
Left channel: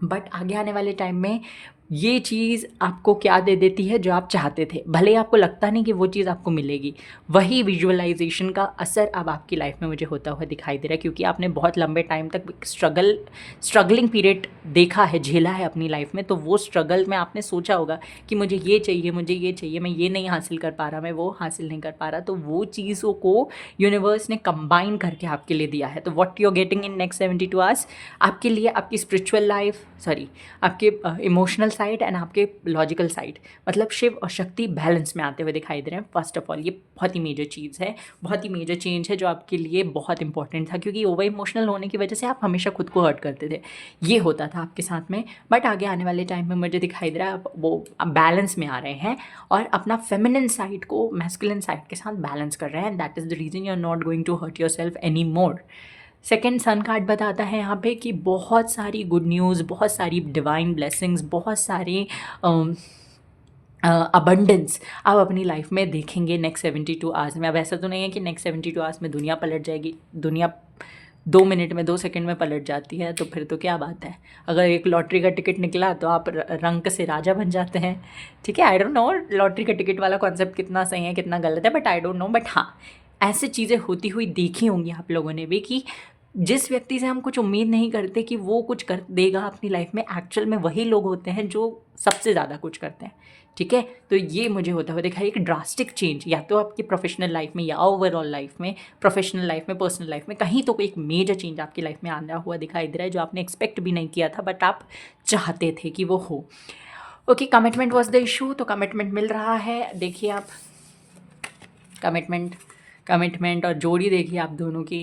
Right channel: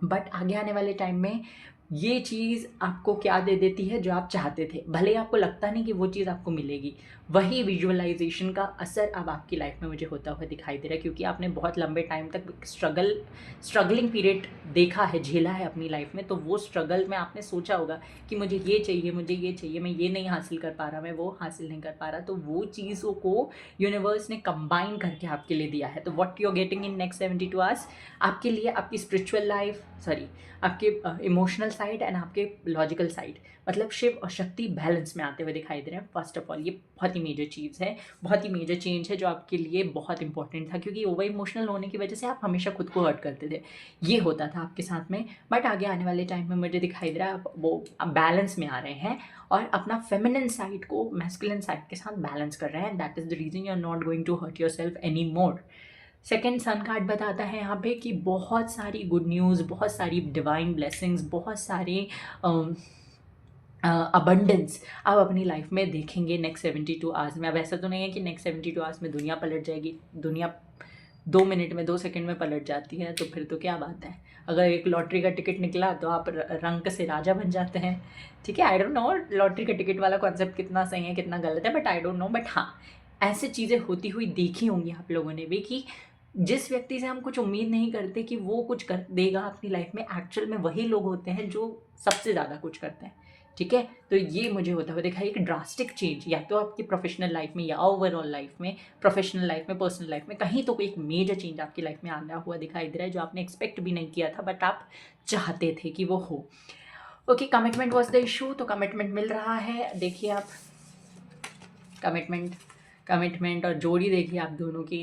बट आगे आने वाले टाइम में ये चीज़ आपको क्या दे देती है जो आप चाहते थे, भले ही आपको लगता नहीं कि वो चीज़ आपको मिलेगी। वही विजुअलाइजेशन का असर अब आपकी लाइफ में मुझे होता हुआ दिखाई दे रहा है, क्योंकि आपने बहुत लंबे टाइम तक स्ट्रगलिंग पीरियड देखा है, झेला है अपनी लाइफ में। तो वो स्ट्रगल में आपने सोचा होगा कि मुझे ये चाहिए, मुझे ये चाहिए, मैं ये नहीं हासिल कर पा रहा, मैं वो हासिल नहीं कर पा रहा। तो वो चीज़ों को यूनिवर्स ने कंबाइन करके आपके लिए दिया है। तो what you are getting in next 72 hours आपके लिए आपकी स्पिरिचुअल लाइफ, सॉरी, आपके इमोशनल साइड एंड आपके लॉजिकल साइड, मतलब शिव और शक्ति बैलेंस में आते हुए दिखाई दे रहे हैं। फर्स्ट ऑफ ऑल ये बहुत ही मेजर चीज़ है, बहुत ही मेजर चेंज है जो आपके लिए बहुत इंपॉर्टेंट था, क्योंकि ओवर इमोशनल होने की वजह से आप हमेशा खुद को हर्ट करते थे। ये होता था आपके साथ में। बट आगे आने वाले टाइम में मुझे दिखाई दे रहा है आप वो बैलेंस में आ रहे हैं और अपना फेमिनिन साइड को मैस्कुलिन साइड के साथ बैलेंस कर रहे हैं। That is the reason you are not going to hurt yourself any more. Second sun card बताता है यहाँ पे कि बहुत सारी गुड न्यूज़, बहुत सारी डिवाइन ब्लेसिंग्स, बहुत सारी अबंडेंस आप अपनी लाइफ में देखेंगे नेक्स्ट 72 आवर्स में। अब ऐसा तो नहीं है कि नेक्स्ट 72 आवर्स में दुनिया पलट जाएगी। दुनिया 2 मिनट में 2 सेकंड में पलट जाती है, तो फिर तो क्या बात है। अगर एक लॉटरी का टिकट निकला तो आप रंक से राजा बन जाते हैं। ठीक है, आई डोंट नो लॉटरी का टिकट वाला कॉन्सेप्ट कितना सही है कितना गलत है, but I don't know. But हाँ, ऐसे चीज़ें होती हुई देखी होंगी आप लोगों ने भी कि जिस व्यक्ति से हम कुछ उम्मीद नहीं करते कि वो कुछ कर देगा अपनी लाइफ में, एक्चुअल में वही लोग होते हैं जो सबसे ज़्यादा कुछ करते हैं। ठीक है, तो ये मुझे होता हुआ देखा एक ड्रास्टिक चेंज, या तो आपकी प्रोफेशनल लाइफ में या ओवरऑल लाइफ में, प्रोफेशनल लाइफ में, पर्सनल लाइफ में, कहीं तो एक मेजर चेंज आपकी लाइफ में आना हुआ दिखाई दे रहा है जो आपने एक्सपेक्ट भी नहीं किया था, बट आप चाहते थे कि वो हो। Okay, commitment was the issue, तो कमिटमेंट मिल रहा है। देखिए आप कमिटमेंट कमिटमेंट और जोड़ी देखिए आप दोनों की।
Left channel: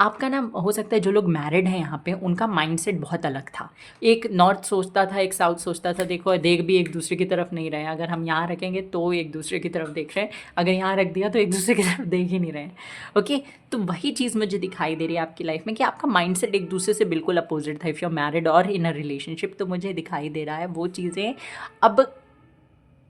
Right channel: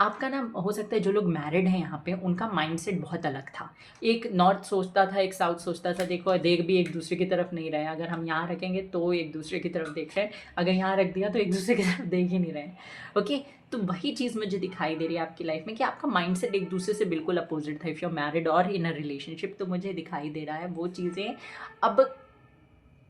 आपका ना हो सकता है जो लोग मैरिड हैं यहाँ पे उनका माइंडसेट बहुत अलग था। एक नॉर्थ सोचता था, एक साउथ सोचता था। देखो देख भी एक दूसरे की तरफ नहीं रहे हैं। अगर हम यहाँ रखेंगे तो एक दूसरे की तरफ देख रहे हैं, अगर यहाँ रख दिया तो एक दूसरे की तरफ देख ही नहीं रहे हैं। ओके, तो वही चीज़ मुझे दिखाई दे रही है आपकी लाइफ में कि आपका माइंडसेट एक दूसरे से बिल्कुल अपोजिट था। इफ़ यू आर मैरिड और इन अ रिलेशनशिप, तो मुझे दिखाई दे रहा है वो चीज़ें अब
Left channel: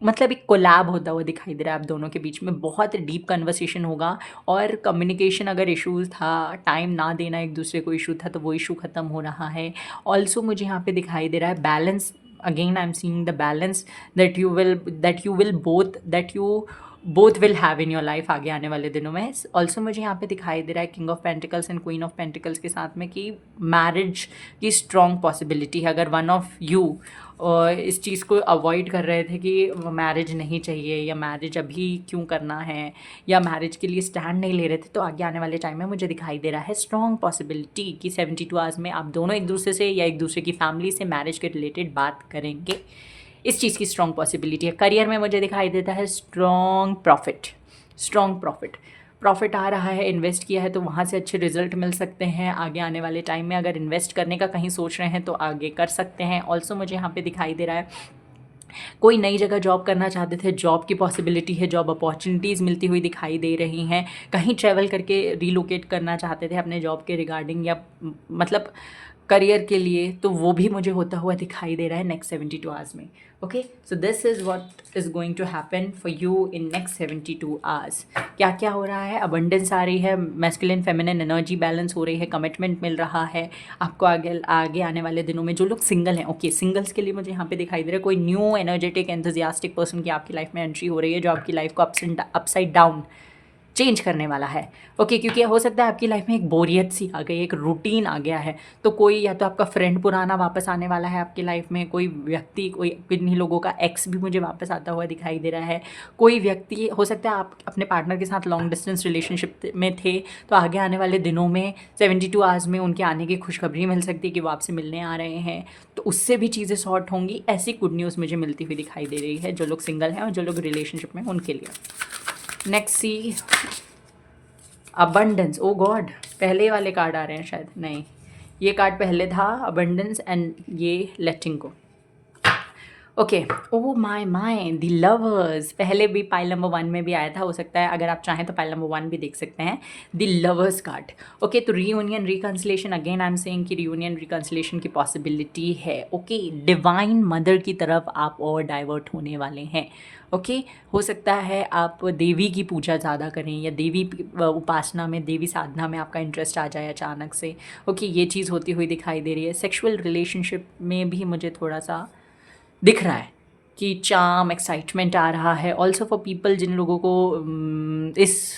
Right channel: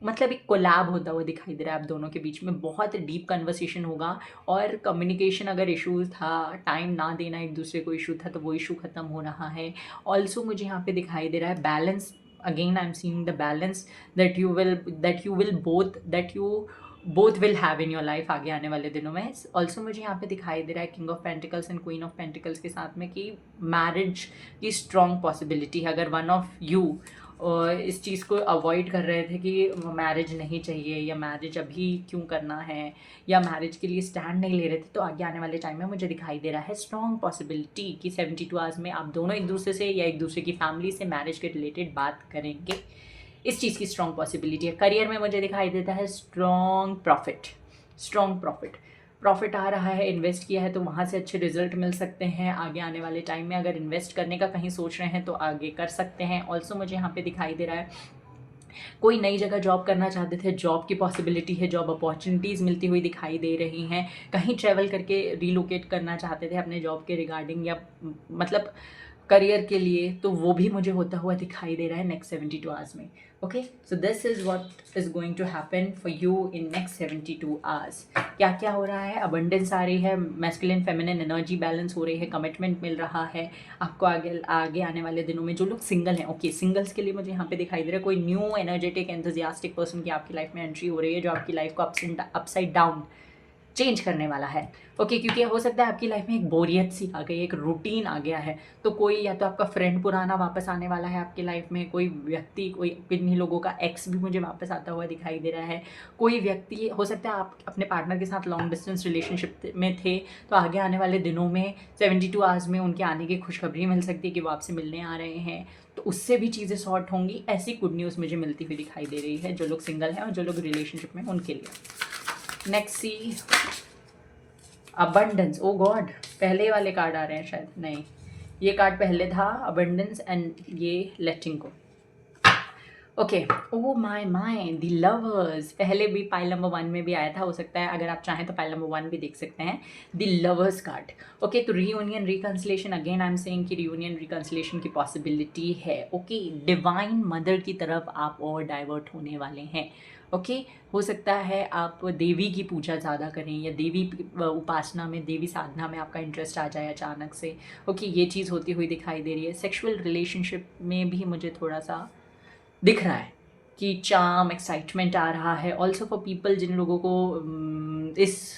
मतलब एक कोलैब होता हुआ दिखाई दे रहा है आप दोनों के बीच में। बहुत डीप कन्वर्सेशन होगा और कम्युनिकेशन अगर इश्यूज़ था, टाइम ना देना एक दूसरे को इशू था, तो वो इशू ख़त्म हो रहा है। ऑल्सो मुझे यहाँ पे दिखाई दे रहा है balance. Again I am seeing the balance that you both will have in your life आगे आने वाले दिनों में। ऑल्सो मुझे यहाँ पे दिखाई दे रहा है king of pentacles and queen of pentacles के साथ में कि मैरिज की स्ट्रॉन्ग पॉसिबिलिटी है। अगर वन ऑफ यू इस चीज़ को अवॉइड कर रहे थे कि मैरिज नहीं चाहिए या मैरिज अभी क्यों करना है या मैरिज के लिए स्टैंड नहीं ले रहे थे, तो आगे आने वाले टाइम में मुझे दिखाई दे रहा है स्ट्रॉन्ग पॉसिबिलिटी कि 72 आवर्स में आप दोनों एक दूसरे से या एक दूसरे की फैमिली से मैरिज के रिलेटेड बात करेंगे। इस चीज़ की स्ट्रॉन्ग पॉसिबिलिटी है। करियर में मुझे दिखाई देता है स्ट्रॉन्ग प्रॉफिट आ रहा है। इन्वेस्ट किया है तो वहाँ से अच्छे रिजल्ट मिल सकते हैं आगे आने वाले टाइम में। अगर इन्वेस्ट करने का कहीं सोच रहे हैं तो आगे कर सकते हैं। ऑल्सो मुझे यहाँ पे दिखाई दे रहा है कोई नई जगह जॉब करना चाहते थे, जॉब की पॉसिबिलिटी है, जॉब अपॉर्चुनिटीज़ मिलती हुई दिखाई दे रही हैं। कहीं ट्रैवल करके रिलोकेट करना चाहते थे अपने जॉब के रिगार्डिंग या मतलब करियर के लिए, तो वो भी मुझे होता हुआ दिखाई दे रहा है नेक्स्ट 72 आवर्स में। Okay, so this is what is going to happen for you in next 72 hours. क्या क्या हो रहा है? अबंडेंस आ रही है, मैस्कुलिन फेमिनिन एनर्जी बैलेंस हो रही है, कमिटमेंट मिल रहा है आपको आगे आने वाले दिनों में। जो लोग सिंगल हैं, ओके, सिंगल्स के लिए मुझे यहाँ पे दिखाई दे रहा है कोई न्यू एनर्जेटिक एंथुजियास्टिक पर्सन की आपकी लाइफ में एंट्री हो रही है जो आपकी लाइफ को अपसाइड डाउन चेंज करने वाला है। ओके, क्योंकि हो सकता है आपकी लाइफ में एक बोरियत सी आ गई, एक रूटीन आ गया है, तो कोई या तो आपका फ्रेंड पुराना वापस आने वाला है आपकी लाइफ में, कोई व्यक्ति, कोई किन्हीं लोगों का एक्स भी मुझे वापस आता हुआ दिखाई दे रहा है, कोई व्यक्ति, हो सकता है आप अपने पार्टनर के साथ लॉन्ग डिस्टेंस रिलेशनशिप में थे, तो आगे आने वाले दिनों में 72 आवर्स में उनके आने की खुशखबरी मिल सकती है कि वो आपसे मिलने आ रहे हैं, तो उससे भी चीज़ें सॉर्ट होंगी। ऐसी गुड न्यूज़ मुझे मिलती हुई दिखाई दे रही है जो लोग सिंगल हैं और जो लोग रिलेशनशिप में उनके लिए। नेक्स्ट सी अबंडेंस। ओ गॉड, पहले वाले कार्ड आ रहे हैं शायद, नहीं ये कार्ड पहले था, अबंडेंस, एंड ये letting go. Okay, oh my my, the lovers, पहले भी पाइल नंबर 1 में भी आया था, हो सकता है अगर आप चाहें तो पाइल नंबर 1 भी देख सकते हैं, द लवर्स कार्ड। ओके, तो reunion reconciliation, again I am saying कि रीयूनियन रिकन्सिलेशन की पॉसिबिलिटी है। ओके, डिवाइन मदर की तरफ आप और डाइवर्ट होने वाले हैं। ओके, हो सकता है आप देवी की पूजा ज़्यादा करें, या देवी उपासना में, देवी साधना में आपका इंटरेस्ट आ जाए अचानक से। ओके, ये चीज़ होती हुई दिखाई दे रही है। सेक्सुअल रिलेशनशिप में भी मुझे थोड़ा सा दिख रहा है कि चार्म, एक्साइटमेंट आ रहा है। ऑल्सो फॉर पीपल जिन लोगों को इस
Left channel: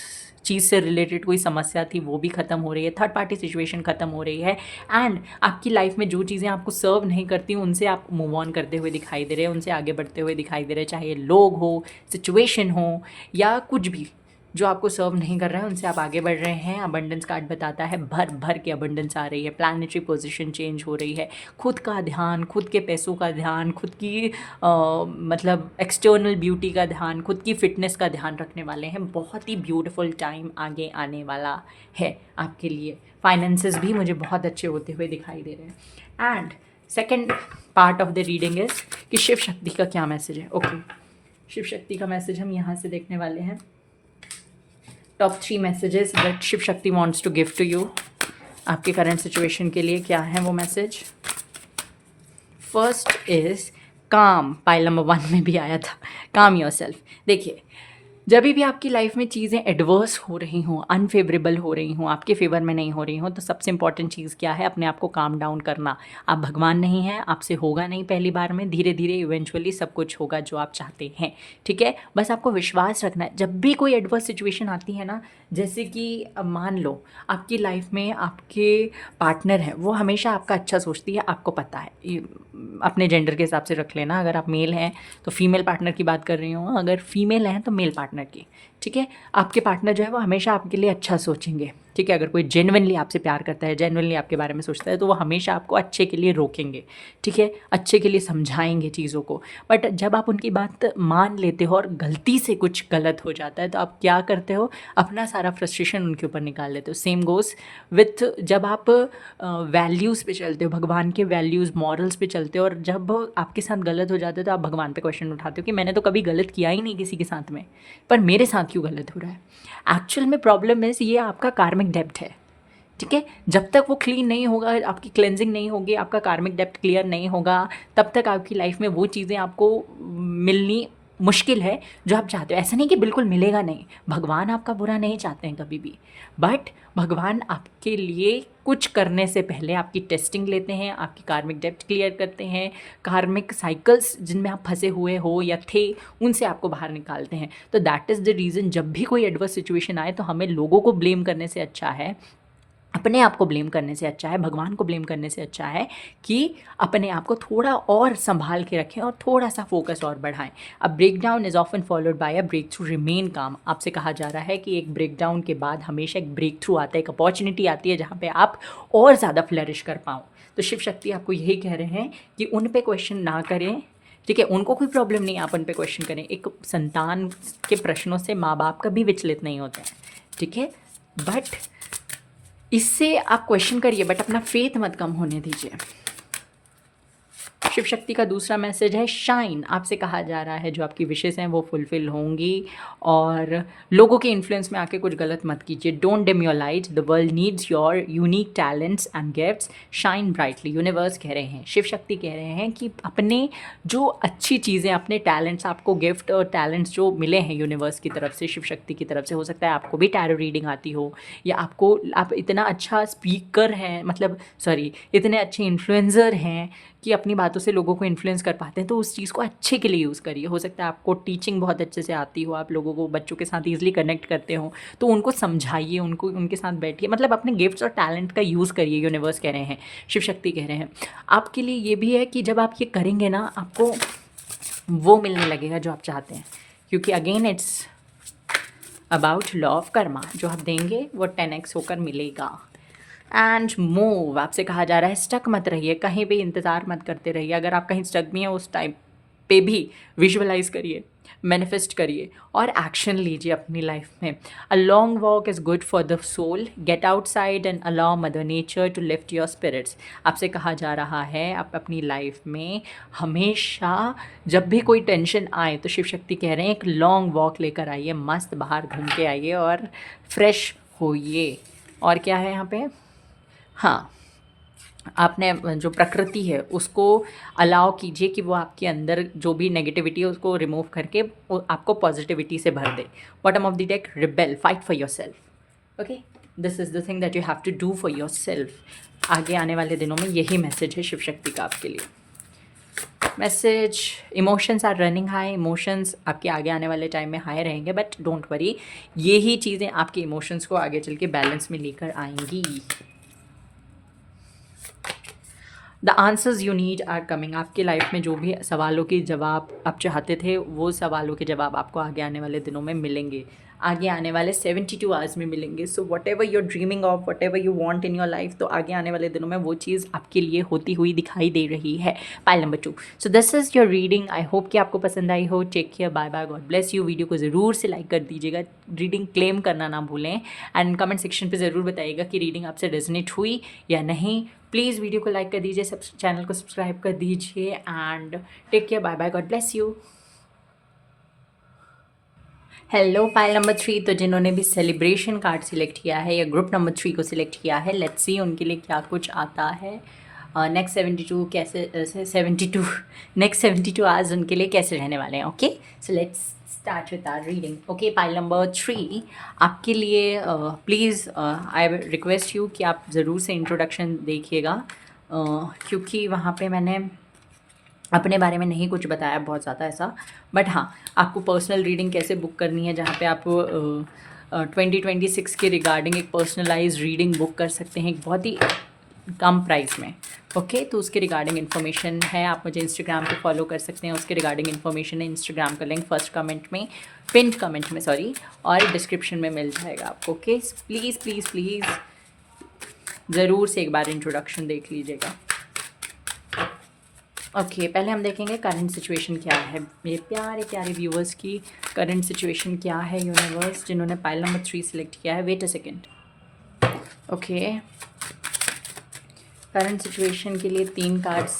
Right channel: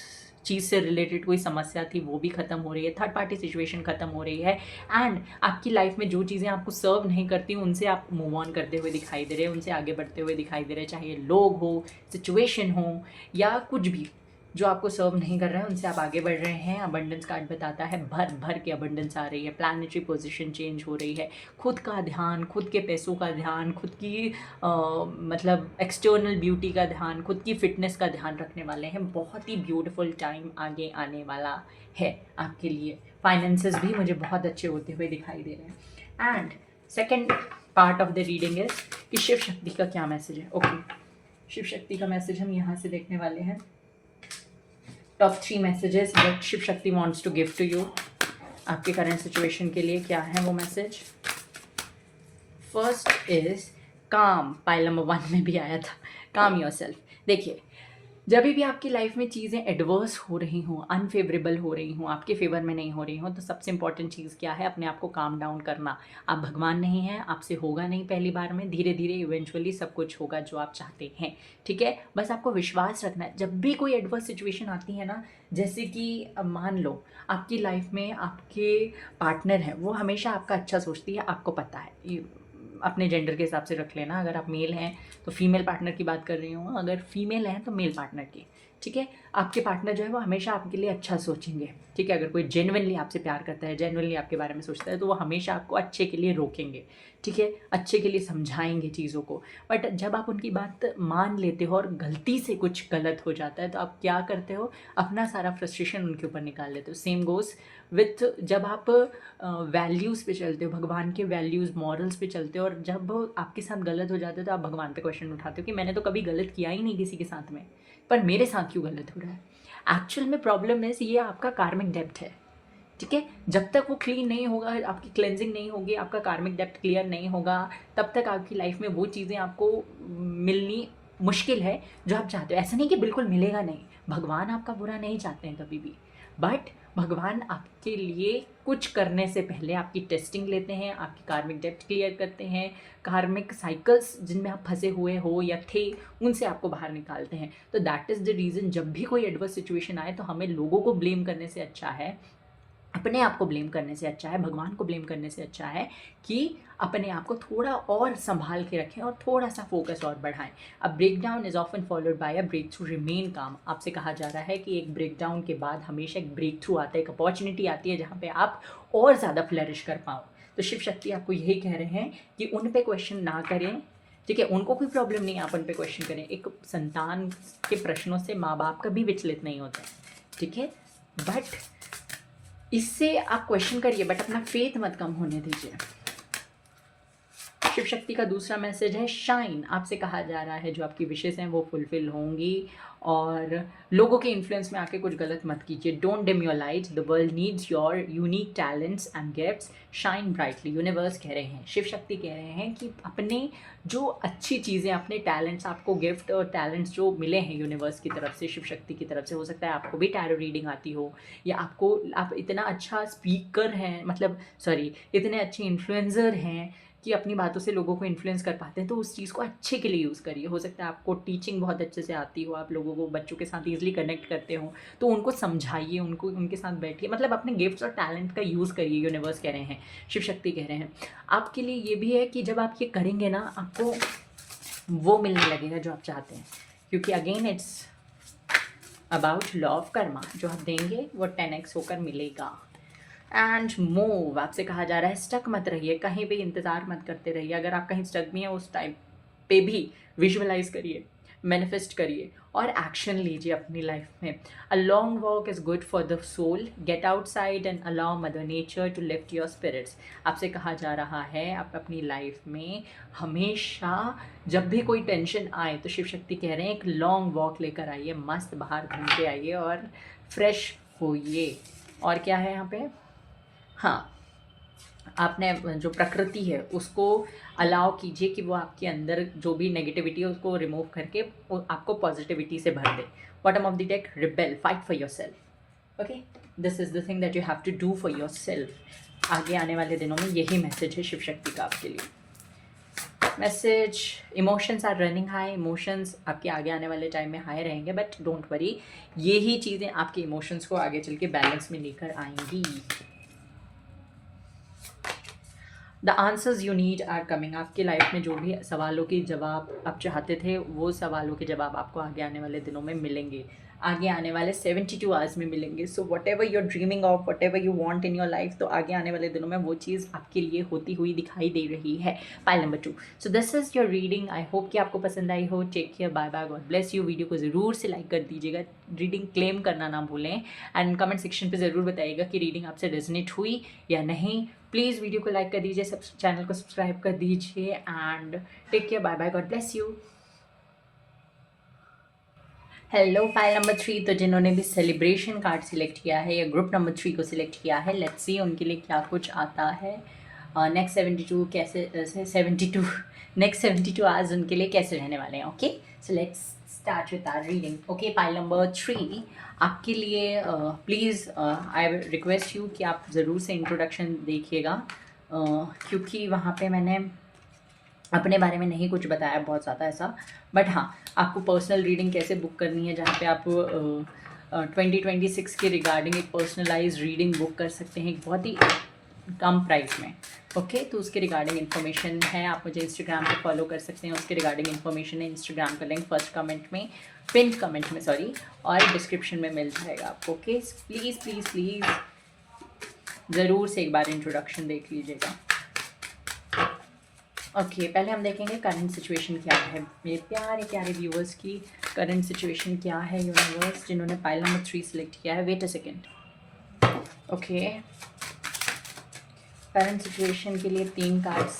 चीज़ से रिलेटेड कोई समस्या थी वो भी ख़त्म हो रही है, थर्ड पार्टी सिचुएशन ख़त्म हो रही है, एंड आपकी लाइफ में जो चीज़ें आपको सर्व नहीं करती उनसे आप मूव ऑन करते हुए दिखाई दे रहे हैं, उनसे आगे बढ़ते हुए दिखाई दे रहे हैं, चाहे लोग हो, सिचुएशन हो, या कुछ भी जो आपको सर्व नहीं कर रहा है उनसे आप आगे बढ़ रहे हैं। अबंडेंस कार्ड बताता है भर भर के अबंडेंस आ रही है, प्लानिटरी पोजीशन चेंज हो रही है, खुद का ध्यान, खुद के पैसों का ध्यान, खुद की मतलब एक्सटर्नल ब्यूटी का ध्यान, खुद की फिटनेस का ध्यान रखने वाले हैं। बहुत ही ब्यूटीफुल टाइम आगे आने वाला है आपके लिए। फाइनेंसेस भी मुझे बहुत अच्छे होते हुए दिखाई दे रहे हैं। And second part of the reading is कि शिव शक्ति का क्या मैसेज है। ओके, शिव शक्ति का मैसेज हम यहाँ से देखने वाले हैं। Top 3 messages that Shiv Shakti wants to give to you. आपके करंट सिचुएशन के लिए क्या है वो message. First is calm, pile number 1 में भी आया था, काम योरसेल्फ। देखिए, जब भी आपकी लाइफ में चीज़ें एडवर्स हो रही हों, अनफेवरेबल हो रही हों, आपके फेवर में नहीं हो रही हों, तो सबसे इंपॉर्टेंट चीज़ क्या है, अपने आप को काम डाउन करना। आप भगवान नहीं हैं, आपसे होगा नहीं पहली बार में, धीरे धीरे इवेंचुअली सब कुछ होगा जो आप चाहते हैं। ठीक है, बस आपको विश्वास रखना है। जब भी कोई एडवर्स सिचुएशन आती है ना, जैसे कि मान लो आपकी लाइफ में आपके पार्टनर हैं, वो हमेशा आपका अच्छा सोचती है, आपको पता है। अपने जेंडर के हिसाब से रख लेना, अगर आप मेल हैं तो फीमेल पार्टनर की बात कर रही हूँ, अगर फीमेल हैं तो मेल पार्टनर की। ठीक है, आपके पार्टनर जो है वो हमेशा आपके लिए अच्छा सोचेंगे। ठीक है, अगर कोई जेन्युइनली आपसे प्यार करता है, जेन्युइनली आपके बारे में सोचता है, तो वो हमेशा आपको अच्छे के लिए रोकेंगे। ठीक है, अच्छे के लिए समझाएंगे चीज़ों को। बट जब आप उनकी बात मान लेते हो और गलती से कुछ गलत हो जाता है, तो आप क्या करते हो, अपना सारा फ्रस्ट्रेशन उनके ऊपर निकाल लेते हो। सेम गोज़ विथ जब आप वैल्यूज़ पे चलते हो, भगवान के वैल्यूज़, मॉरल्स पे चलते हो, और जब आपके साथ गलत हो जाता है तो आप भगवान पे क्वेश्चन उठाते हो कि मैंने तो कभी गलत किया ही नहीं किसी के साथ में, पर मेरे साथ क्यों गलत हो रहा है। एक्चुअल में प्रॉब्लम इज़ ये आपका कार्मिक डेप्थ है। ठीक है, जब तक वो क्लीन नहीं होगा, आपकी क्लेंजिंग नहीं होगी, आपका कार्मिक डेप्थ क्लियर नहीं होगा, तब तक आपकी लाइफ में वो चीज़ें आपको मिलनी मुश्किल है जो आप चाहते हो। ऐसा नहीं कि बिल्कुल मिलेगा नहीं, भगवान आपका बुरा नहीं चाहते हैं कभी भी, बट भगवान आपके लिए कुछ करने से पहले आपकी टेस्टिंग लेते हैं, आपकी कार्मिक डेप्थ क्लियर करते हैं, कार्मिक साइकिल्स जिनमें आप फंसे हुए हो या थे उनसे आपको बाहर निकालते हैं। तो दैट इज़ द रीज़न, जब भी कोई एडवर्स सिचुएशन आए तो हमें लोगों को ब्लेम करने से अच्छा है, अपने आप को ब्लेम करने से अच्छा है, भगवान को ब्लेम करने से अच्छा है कि अपने आप को थोड़ा और संभाल के रखें और थोड़ा सा फोकस और बढ़ाएं। A breakdown is often followed by a breakthrough, remain काम। आपसे कहा जा रहा है कि एक ब्रेक डाउन के बाद हमेशा एक ब्रेक थ्रू आता है, एक अपॉर्चुनिटी आती है जहाँ पे आप और ज़्यादा फ्लरिश कर पाओ। तो शिव शक्ति आपको यही कह रहे हैं कि उन पे क्वेश्चन ना करें। ठीक है, उनको कोई प्रॉब्लम नहीं, आप उन पे क्वेश्चन करें। एक संतान के प्रश्नों से माँ बाप कभी विचलित नहीं होते हैं। ठीक है, बट इससे आप क्वेश्चन करिए, बट अपना फेथ मत कम होने दीजिए। शिव शक्ति का दूसरा मैसेज है शाइन। आपसे कहा जा रहा है जो आपकी विशेष हैं वो फुलफिल होंगी, और लोगों के इन्फ्लुएंस में आके कुछ गलत मत कीजिए। Don't dim your light, the world needs your unique talents and gifts, shine brightly. Universe कह रहे हैं, शिव शक्ति कह रहे हैं कि अपने जो अच्छी चीज़ें, अपने टैलेंट्स, आपको गिफ्ट और टैलेंट्स जो मिले हैं यूनिवर्स की तरफ से, शिव शक्ति की तरफ से, हो सकता है आपको भी टैरो रीडिंग आती हो, या आप इतना अच्छा स्पीकर हैं, मतलब सॉरी, इतने अच्छे इन्फ्लुएंसर हैं कि अपनी बातों से लोगों को इन्फ्लुएंस कर पाते हैं, तो उस चीज़ को अच्छे के लिए यूज़ करिए। हो सकता है आपको टीचिंग बहुत अच्छे से आती हो, आप लोगों को बच्चों के साथ ईज़िली कनेक्ट करते हो, तो उनको समझाइए, उनको उनके साथ बैठिए, मतलब अपने गिफ्ट्स और टैलेंट का यूज़ करिए। यूनिवर्स कह रहे हैं, शिव शक्ति कह रहे हैं आपके लिए ये भी है कि जब आप ये करेंगे ना, आपको वो मिलने लगेगा जो आप चाहते हैं, क्योंकि again it's about law of Karma. जो आप देंगे वो 10x होकर मिलेगा। एंड मूव, आपसे कहा जा रहा है स्टक मत रहिए, कहीं भी इंतज़ार मत करते रहिए। अगर आप कहीं स्टक भी हैं उस टाइम पे भी विजुअलाइज करिए, मैनिफेस्ट करिए और एक्शन लीजिए अपनी लाइफ में। A long walk is good for the soul, get outside and allow mother nature to lift your spirits. आपसे कहा जा रहा है आप अपनी लाइफ में हमेशा जब भी कोई टेंशन आए तो शिव शक्ति कह रहे हैं एक लॉन्ग वॉक लेकर आइए, मस्त बाहर घूम के आइए और फ्रेश होइए। और क्या है यहाँ पे, हाँ, आपने जो प्रकृति है उसको अलाउ कीजिए कि वो आपके अंदर जो भी नेगेटिविटी है उसको रिमूव करके वो आपको पॉजिटिविटी से भर दे। Bottom of the deck, rebel, fight for yourself. Okay, this is the thing that you have to do for yourself. आगे आने वाले दिनों में यही मैसेज है शिव शक्ति का आपके लिए। Message, emotions are running high, emotions आपके आगे आने वाले टाइम में हाई रहेंगे, बट डोंट वरी, यही चीज़ें आपके इमोशंस को आगे चल के बैलेंस में लेकर आएंगी। The answers you need are coming. आपकी लाइफ में जो भी सवालों के जवाब आप चाहते थे वो सवालों के जवाब आपको आगे आने वाले दिनों में मिलेंगे, आगे आने वाले 72 आवर्स में मिलेंगे। So whatever you're dreaming of, whatever you want in your life, तो आगे आने वाले दिनों में वो चीज़ आपके लिए होती हुई दिखाई दे रही है। Pile number 2। So this is your reading. I hope कि आपको पसंद आई हो। Take care, bye bye, God bless you. Video को ज़रूर से लाइक कर दीजिएगा, रीडिंग क्लेम करना ना भूलें, एंड कमेंट सेक्शन पर ज़रूर बताइएगा कि रीडिंग आपसे रेजोनेट हुई या नहीं। प्लीज़ वीडियो को लाइक कर दीजिए, सब चैनल को सब्सक्राइब कर दीजिए, and take care, bye bye, God bless you. Hello, file number 3। तो जिन्होंने भी सेलिब्रेशन कार्ड सिलेक्ट किया है या ग्रुप नंबर 3 को सिलेक्ट किया है, लेट्स सी उनके लिए क्या कुछ आता है। नेक्स्ट 72 कैसे 72 नेक्स्ट 72 आवर्स उनके लिए कैसे रहने वाले हैं। Okay, so let's start with our reading. Okay, file number 3 आपके लिए प्लीज़ आई रिक्वेस्ट यू कि आप ज़रूर से इंट्रोडक्शन देखिएगा, क्योंकि वहाँ पे मैंने अपने बारे में नहीं कुछ बताया बहुत ज़्यादा ऐसा, बट हाँ, आपको पर्सनल रीडिंग कैसे बुक करनी है, जहाँ पे आप 2026 के रिगार्डिंग एक पर्सनलाइज रीडिंग बुक कर सकते हैं एक बहुत ही कम प्राइस में। ओके, तो उसके रिगार्डिंग इन्फॉर्मेशन है, आप मुझे इंस्टाग्राम पे फॉलो कर सकते हैं, उसके रिगार्डिंग इन्फॉर्मेशन है, इंस्टाग्राम का लिंक फर्स्ट कमेंट में, पिंड कमेंट में सॉरी, और डिस्क्रिप्शन में मिल जाएगा आपको। ओके, प्लीज़ प्लीज़ प्लीज़ ज़रूर से एक बार इंट्रोडक्शन देख लीजिएगा। ओके, पहले हम देखेंगे करंट सिचुएशन क्या है मेरे प्यारे प्यारे व्यूअर्स की। करंट सिचुएशन क्या है यूनिवर्स, जिन्होंने पाइल नंबर 3 सिलेक्ट किया है। Wait a second. Okay, current situation के लिए 3 कार्ड्स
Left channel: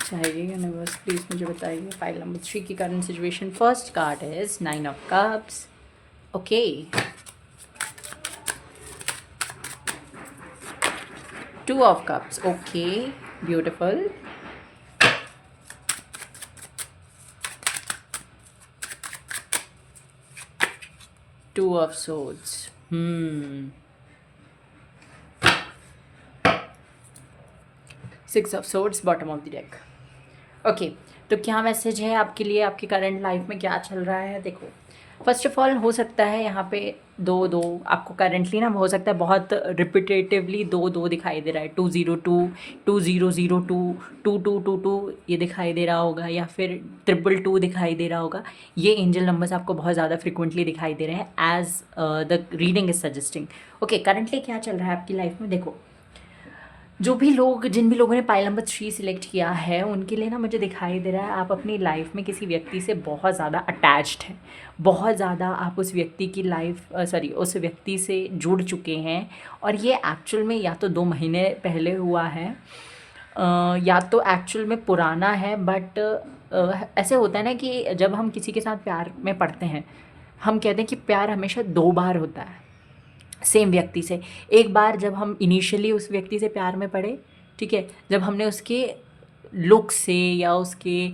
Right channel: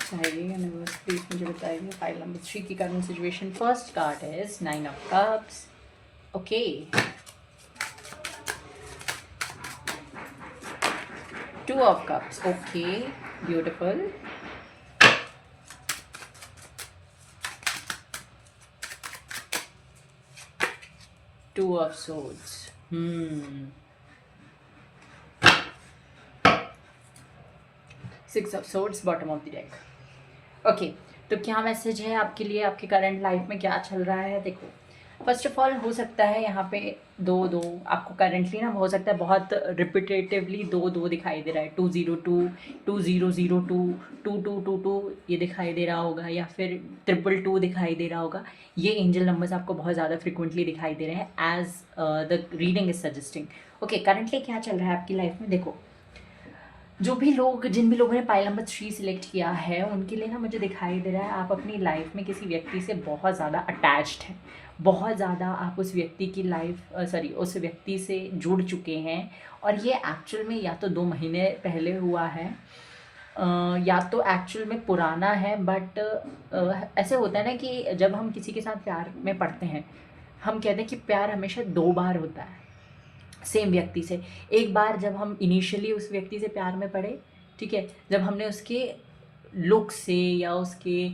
चाहिए यूनिवर्स, प्लीज़ मुझे बताइए पाइल नंबर 3 की current situation. First card is 9 of cups. Okay, 2 of cups. Okay, beautiful. 2 of swords. 6 of swords, bottom of the deck. Okay, तो क्या message है आपके लिए, आपकी करंट लाइफ में क्या चल रहा है। देखो, फर्स्ट ऑफ ऑल हो सकता है यहाँ पे 2 आपको करंटली ना हो सकता है बहुत रिपीटेटिवली 2 दिखाई दे रहा है। 202, 2002, 2222 ये दिखाई दे रहा होगा, या फिर 222 दिखाई दे रहा होगा। ये एंजल नंबर्स आपको बहुत ज़्यादा फ्रिक्वेंटली दिखाई दे रहे हैं as the reading is suggesting. Okay, currently क्या चल रहा है आपकी लाइफ में। देखो, जो भी लोग, जिन भी लोगों ने पाइल नंबर 3 सिलेक्ट किया है, उनके लिए ना मुझे दिखाई दे रहा है आप अपनी लाइफ में किसी व्यक्ति से बहुत ज़्यादा अटैच्ड हैं, बहुत ज़्यादा आप उस व्यक्ति की लाइफ उस व्यक्ति से जुड़ चुके हैं। और ये एक्चुअल में या तो 2 महीने पहले हुआ है, या तो एक्चुअल में पुराना है, बट ऐसे होता है ना कि जब हम किसी के साथ प्यार में पड़ते हैं, हम कहते हैं कि प्यार हमेशा 2 बार होता है सेम व्यक्ति से। एक बार जब हम इनिशियली उस व्यक्ति से प्यार में पड़े, ठीक है, जब हमने उसके लुक से या उसके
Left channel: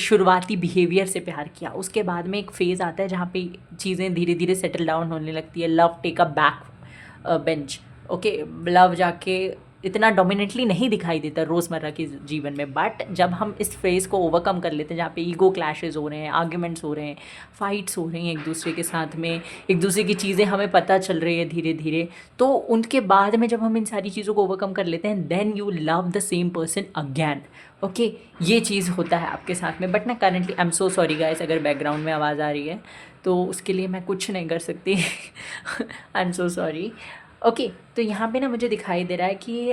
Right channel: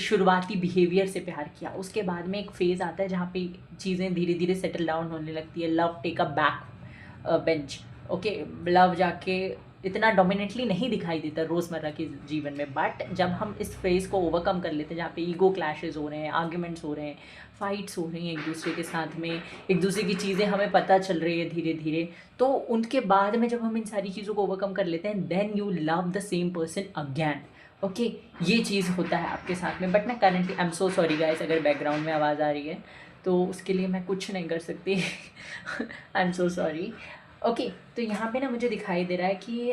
शुरुआती बिहेवियर से प्यार किया, उसके बाद में एक फ़ेज़ आता है जहाँ पे चीज़ें धीरे धीरे सेटल डाउन होने लगती है। Love take a back bench. Okay, love जाके इतना डोमिनेटली नहीं दिखाई देता रोज़मर्रा के जीवन में, बट जब हम इस फेज़ को ओवरकम कर लेते हैं जहाँ पे ईगो क्लैशेस हो रहे हैं, आर्ग्यूमेंट्स हो रहे हैं, फाइट्स हो रही हैं एक दूसरे के साथ में, एक दूसरे की चीज़ें हमें पता चल रही है धीरे धीरे, तो उनके बाद में जब हम इन सारी चीज़ों को ओवरकम कर लेते हैं, then you love the same person again. Okay, ये चीज़ होता है आपके साथ में। बट ना currently I am so sorry guys, अगर बैकग्राउंड में आवाज़ आ रही है तो उसके लिए मैं कुछ नहीं कर सकती। आई एम सो सॉरी। ओके, तो यहाँ पे ना मुझे दिखाई दे रहा है कि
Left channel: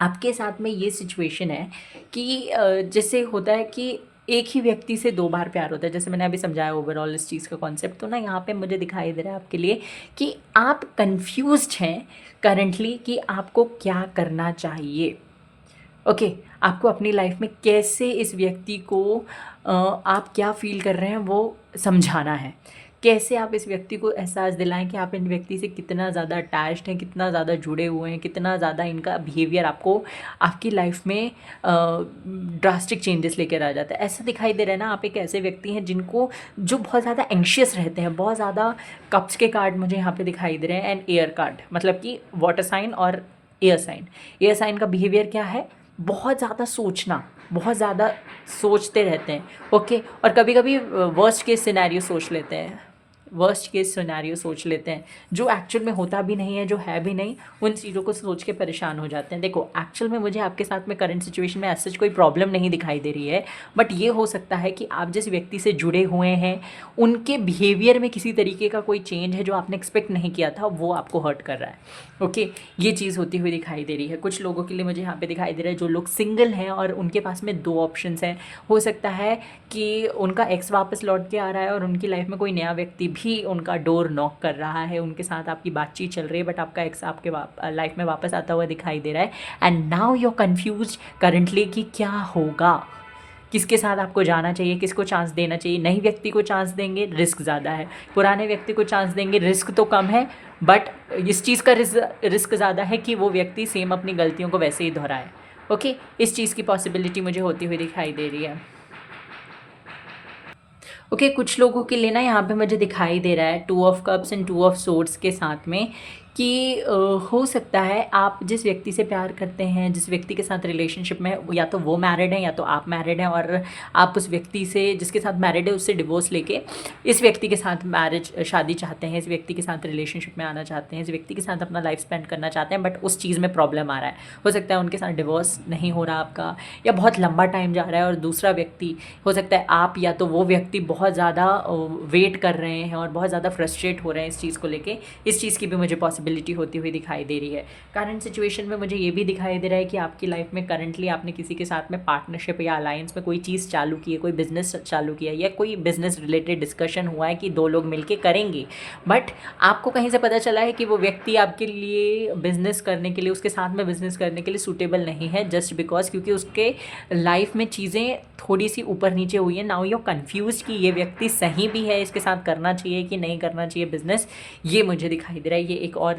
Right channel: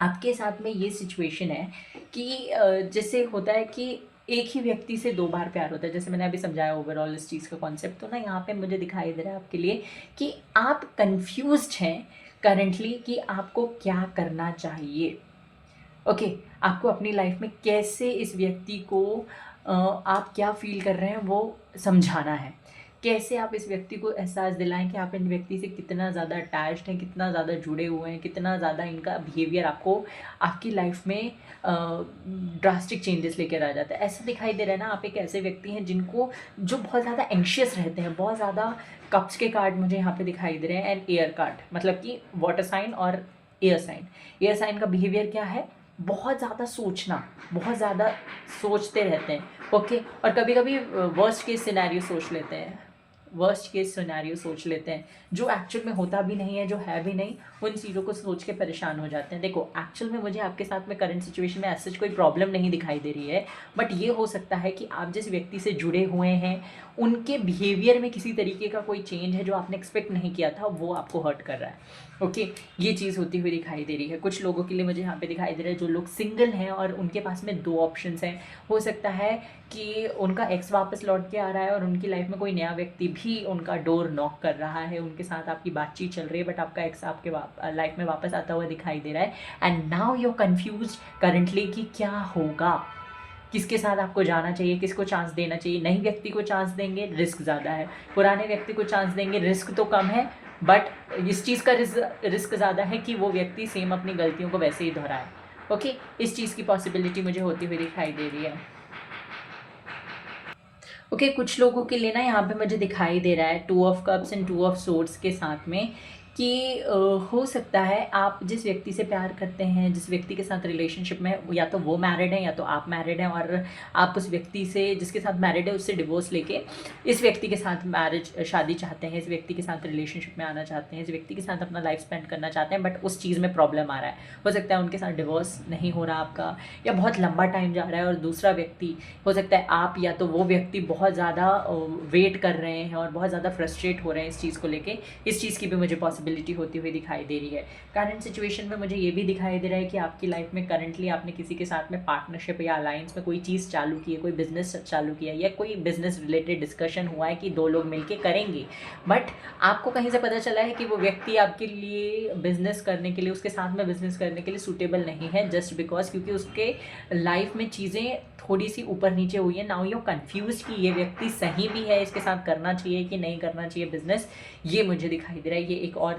आपके साथ में ये सिचुएशन है कि जैसे होता है कि एक ही व्यक्ति से दो बार प्यार होता है, जैसे मैंने अभी समझाया ओवरऑल इस चीज़ का कॉन्सेप्ट। तो ना यहाँ पे मुझे दिखाई दे रहा है आपके लिए कि आप कंफ्यूज्ड हैं करंटली कि आपको क्या करना चाहिए। ओके, आपको अपनी लाइफ में कैसे इस व्यक्ति को आप क्या फ़ील कर रहे हैं वो समझाना है। कैसे आप इस व्यक्ति को एहसास दिलाएँ कि आप इन व्यक्ति से कितना ज़्यादा अटैच्ड हैं, कितना ज़्यादा जुड़े हुए हैं, कितना ज़्यादा इनका बिहेवियर आपको आपकी लाइफ में ड्रास्टिक चेंजेस लेकर आ जाता है। ऐसा दिखाई दे रहा है ना, आप एक ऐसे व्यक्ति हैं जिनको जो बहुत ज़्यादा एंग्शियस रहते हैं, बहुत ज़्यादा कप्स के कार्ड मुझे यहाँ पे दिखाई दे रहे हैं एंड एयर कार्ड, मतलब कि वाटर साइन और एयर साइन। एयर साइन का बिहेवियर क्या है? बहुत ज़्यादा सोचना, बहुत ज़्यादा सोचते रहते हैं। ओके, और कभी कभी वर्स्ट केस सिनेरियो सोच लेते हैं, वर्स्ट केस सिनेरियो सोच लेते हैं जो एक्चुअल में होता भी नहीं है, जो है भी नहीं, उन चीज़ों को सोच के परेशान हो जाते हैं। देखो, एक्चुअल में मुझे आपके साथ में करंट सिचुएशन में ऐसा कोई प्रॉब्लम नहीं दिखाई दे रही है, बट ये हो सकता है कि आप जिस व्यक्ति से जुड़े हुए हैं उनके बिहेवियर में किसी तरीके का कोई चेंज है जो आपने एक्सपेक्ट नहीं किया था, वो आपको हर्ट कर रहा है। ओके, ये चीज़ होती हुई दिखाई दे रही है कुछ लोगों के लिए। मुझे यहाँ पे दिखाई दे रहा है जो लोग सिंगल हैं और उनके पास में दो ऑप्शंस हैं। हो सकता है कि उनका एक्स वापस लौट के आ रहा है और उनकी लाइफ में कोई नया व्यक्ति भी उनका डोर नॉक कर रहा है, उनके साथ आपकी बातचीत चल रही है, बट आपका एक्स आपके लाइफ में वापस आता हुआ दिखाई दे रहा है। And now you are confuse currently कि क्या होगा, किसके साथ आपको जाना चाहिए, किसको चांस देना चाहिए। नई व्यक्ति को चांस देंगे, रिस्क ज़्यादा है। पुराने व्यक्ति को चांस देंगे, रिस्क तो कम है, बट इस चीज़ का रिस्क ज़्यादा है कि वो व्यक्ति सेम अपनी गलतियों को वैसे ही दोहराए। ओके, इस चीज़ की पॉसिबिलिटी मुझे होती हुई दिखाई दे रही है। ओके, कुछ लोगों के लिए ना यहाँ पे मुझे दिखाई दे रहा है 2 of cups and 2 of swords के साथ में कि हो सकता है आप जिस व्यक्ति से प्यार करते हैं, जिस व्यक्ति के साथ रिलेशनशिप में, या तो वो मैरिड है या तो आप मैरिड हैं, और आप उस व्यक्ति से जिसके साथ मैरिड है उससे डिवोर्स लेके इस व्यक्ति के साथ शादी चाहते हैं, इस व्यक्ति के साथ रिलेशनशिप में आना चाहते हैं, इस व्यक्ति के साथ अपना लाइफ स्पेंड करना चाहते हैं, बट उस चीज़ में प्रॉब्लम आ रहा है। हो सकता है उनके साथ डिवोर्स नहीं हो रहा आपका, या बहुत लंबा टाइम जा रहा है, और दूसरा व्यक्ति, हो सकता है आप या तो वो व्यक्ति बहुत ज़्यादा वेट कर रहे हैं और बहुत ज़्यादा फ्रस्ट्रेट हो रहे हैं इस चीज़ को लेके। इस चीज़ की भी मुझे पॉसिबिलिटी होती हुई दिखाई दे रही है। करंट सिचुएशन में मुझे ये भी दिखाई दे रहा है कि आपकी लाइफ में करंटली आपने किसी के साथ में पार्टनरशिप या अलायंस में कोई चीज़ चालू की है, कोई बिजनेस चालू किया है, या कोई बिजनेस रिलेटेड डिस्कशन हुआ है कि दो लोग मिलके करेंगे, बट आपको कहीं से पता चला है कि वो व्यक्ति आपके लिए बिजनेस करने के लिए, उसके साथ में बिजनेस करने के लिए सूटेबल नहीं है, जस्ट बिकॉज क्योंकि उसके लाइफ में चीज़ें थोड़ी सी ऊपर नीचे हुई है। नाउ यू कंफ्यूज कि ये व्यक्ति सही भी है, इसके साथ करना चाहिए कि नहीं करना चाहिए बिजनेस, ये मुझे दिखाई दे रहा है। ये एक और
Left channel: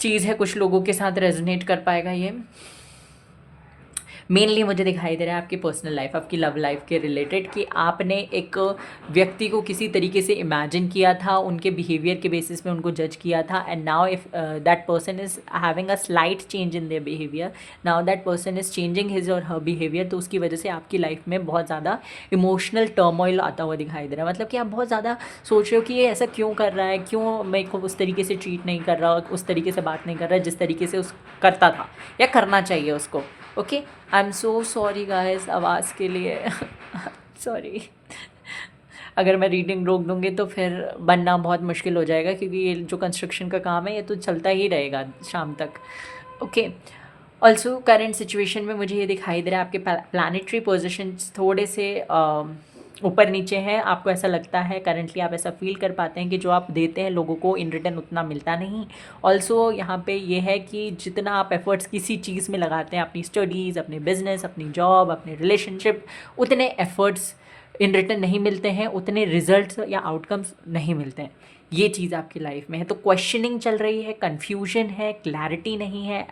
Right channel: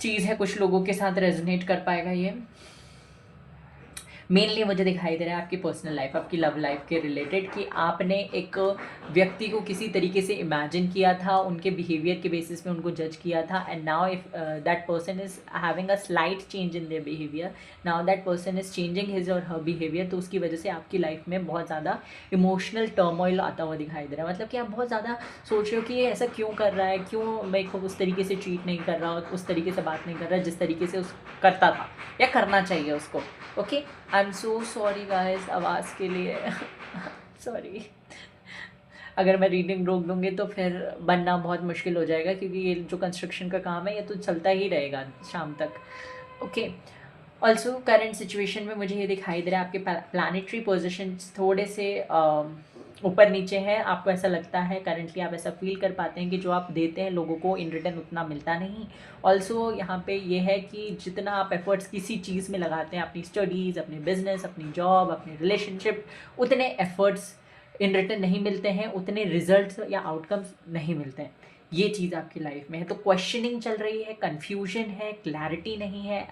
चीज़ है, कुछ लोगों के साथ रेजोनेट कर पाएगा ये। मेनली मुझे दिखाई दे रहा है आपकी पर्सनल लाइफ, आपकी लव लाइफ के रिलेटेड, कि आपने एक व्यक्ति को किसी तरीके से इमेजिन किया था, उनके बिहेवियर के बेसिस में उनको जज किया था, and now if that person is having a slight change in their behaviour, now that person is changing his और हर बिहेवियर, तो उसकी वजह से आपकी लाइफ में बहुत ज़्यादा इमोशनल टर्मोइल आता हुआ दिखाई दे रहा है। मतलब कि आप बहुत ज़्यादा सोच रहे हो कि ये ऐसा क्यों कर रहा है, क्यों मेरे को उस तरीके से ट्रीट नहीं कर रहा, उस तरीके से बात नहीं कर रहा जिस तरीके से उस करता था या करना चाहिए उसको। Okay, I am so sorry guys आवाज़ के लिए। सॉरी, अगर मैं रीडिंग रोक दूँगी तो फिर बनना बहुत मुश्किल हो जाएगा, क्योंकि ये जो कंस्ट्रक्शन का काम है ये तो चलता ही रहेगा शाम तक। ओके, ऑल्सो करंट सिचुएशन में मुझे ये दिखाई दे रहा है आपके प्लानिटरी पोजिशंस थोड़े से ऊपर नीचे हैं। आपको ऐसा लगता है करंटली, आप ऐसा फील कर पाते हैं कि जो आप देते हैं लोगों को इन रिटर्न उतना मिलता नहीं। ऑल्सो यहाँ पे ये है कि जितना आप एफर्ट्स किसी चीज़ में लगाते हैं, अपनी स्टडीज़, अपने बिजनेस, अपनी जॉब, अपनी रिलेशनशिप, उतने एफर्ट्स इन रिटर्न नहीं मिलते हैं, उतने रिजल्ट्स या आउटकम्स नहीं मिलते हैं। ये चीज़ आपकी लाइफ में है। तो क्वेश्चनिंग चल रही है, कन्फ्यूजन है, क्लैरिटी नहीं है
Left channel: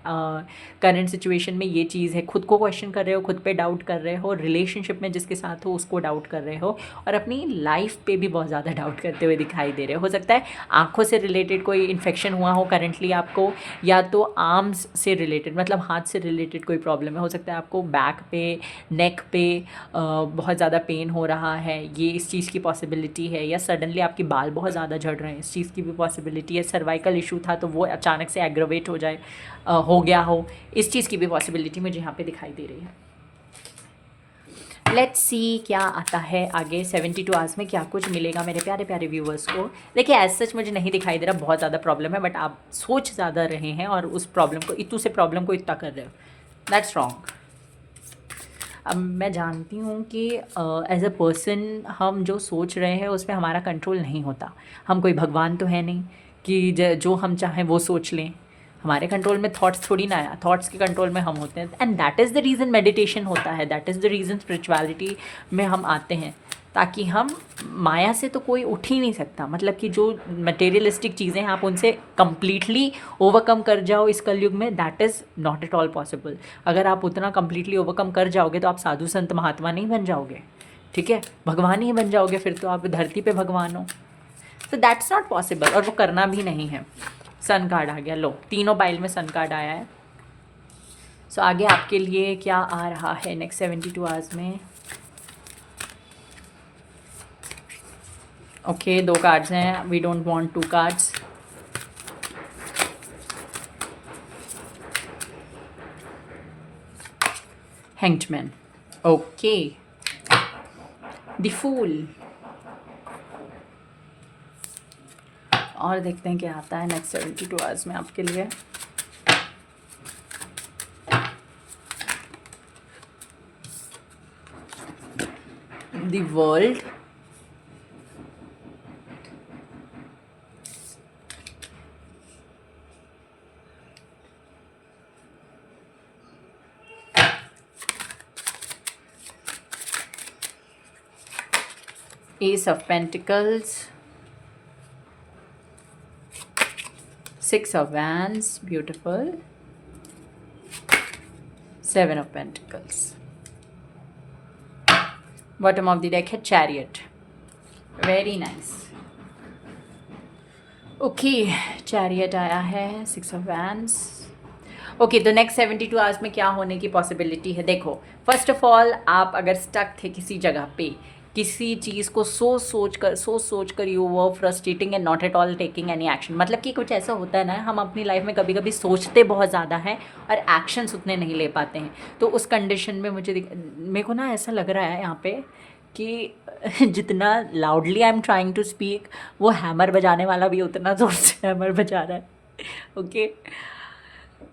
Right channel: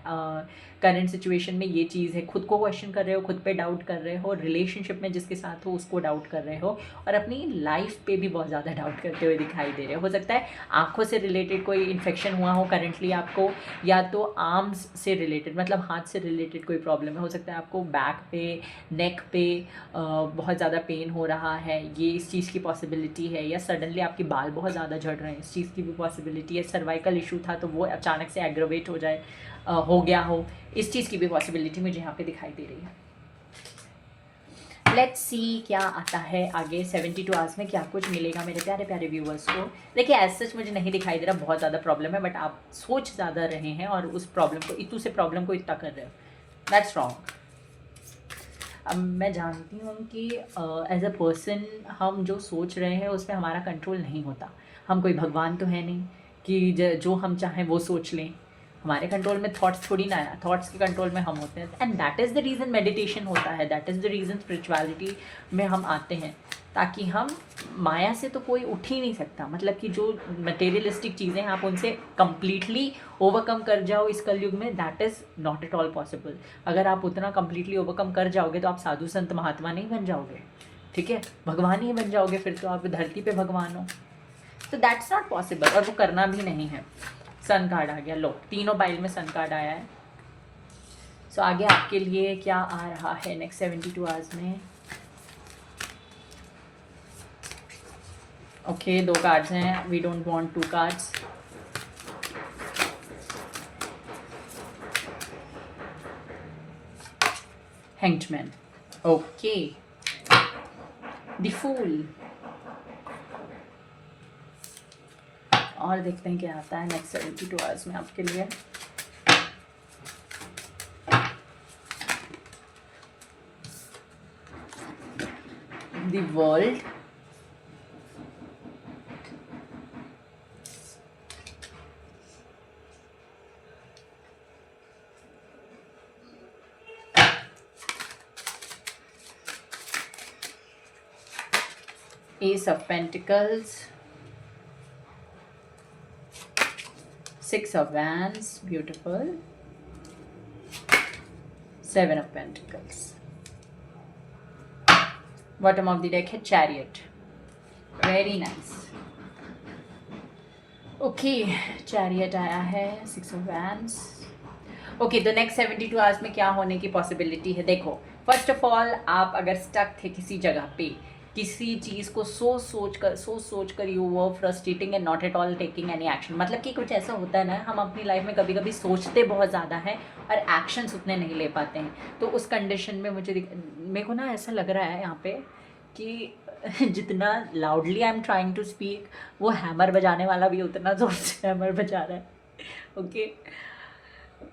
करंट सिचुएशन में, ये चीज़ है। खुद को क्वेश्चन कर रहे हो, खुद पे डाउट कर रहे हो, रिलेशनशिप में जिसके साथ हो उसको डाउट कर रहे हो, और अपनी लाइफ पे भी बहुत ज़्यादा डाउट करते हुए दिखाई दे रहे हो सकता है आँखों से रिलेटेड कोई इन्फेक्शन हुआ हो करंटली आपको, या तो आर्म्स से रिलेटेड मतलब हाथ से रिलेटेड कोई प्रॉब्लम है। हो सकता है आपको बैक पे, नेक पे बहुत ज़्यादा पेन हो रहा है, ये इस चीज़ की पॉसिबिलिटी है। या सडनली आपके बाल बहुत ज़्यादा झड़ रहे हैं, इस चीज़ की भी पॉसिबिलिटी है। सर्वाइकल इशू था तो वो अचानक से एग्रोवेट हो जाए, हो गया हो, इस चीज़ की भी पॉसिबिलिटी मुझे यहाँ पे दिखाई दे रही है। लेट्स सी क्या आता है आगे 72 आवर्स में, क्या कुछ मिलेगा मेरे प्यारे प्यारे व्यूवर्स को। देखिए एज सच मुझे नहीं दिखाई दे रहा बहुत ज़्यादा प्रॉब्लम है, बट आप सोच ज़्यादा रहे हैं और उस प्रॉब्लम को इतू से प्रॉब्लम को इतना कर रहे हो, दैट्स रॉन्ग। अब मैं जानती हूँ कि एज अ पर्सन हम जो सोच रहे हैं उस पर हमारा कंट्रोल नहीं होता। हम कोई भगवान तो है नहीं कि जो हम चाहें वो सोच लें। हमारे कंट्रोल में थॉट्स थोड़ी ना है, थॉट्स के कंट्रोल में हम होते हैं। And that is the reason meditation होता है, that is the reason spirituality में हम आते हैं, ताकि हम माया से तो कोई उठ ही नहीं सकता। मतलब कि जो मटेरियलिस्टिक चीज़ें हैं आप उनसे कंप्लीटली ओवरकम कर जाओ इस कलयुग में, that is not at all possible. अगर आप उतना कंप्लीटली ओवरकम कर जाओगे तो आप साधु संत महात्मा नहीं बन जाओगे, ठीक है, भगवान ही बन जाओगे, फिर तो आप धरती पे भगवान हो। तो दैट्स नॉट पॉसिबल और वो करना भी नहीं है। सन कार्ड आ गया, लो तीनों बाइल में सन कार्ड आया है। सो आगे आपके लिए क्या आ रहा है नेक्स्ट 72 आवर्स में। ओके, दो कार्ड्स हैं, we don't want two cards. Hanged man, okay, the fool. और देखते हैं क्या आता है नेक्स्ट 72 आवर्स में आपके लिए। The world, Ace of Pentacles, Six of Wands, beautiful, Seven of Pentacles. Bottom of the deck है Chariot, very nice. Okay, Chariot आया है, Six of Wands. ओके, तो नेक्स्ट 72 आवर्स में क्या होने की पॉसिबिलिटी है। देखो, फर्स्ट ऑफ ऑल आप अगर स्टक थे किसी जगह पे, किसी चीज़ को सोच कर you were frustrating and not at all taking any action. मतलब कि कुछ ऐसा होता है ना, हम अपनी लाइफ में कभी कभी सोचते बहुत ज़्यादा हैं और एक्शंस उतने नहीं ले पाते हैं। तो उस कंडीशन में मेरे को ना ऐसा लग रहा है यहाँ पे कि जितना loudly I am trying to speak, वो हैमर बजाने वाला भी उतना ज़ोर से हैमर बजा रहा है। ओके,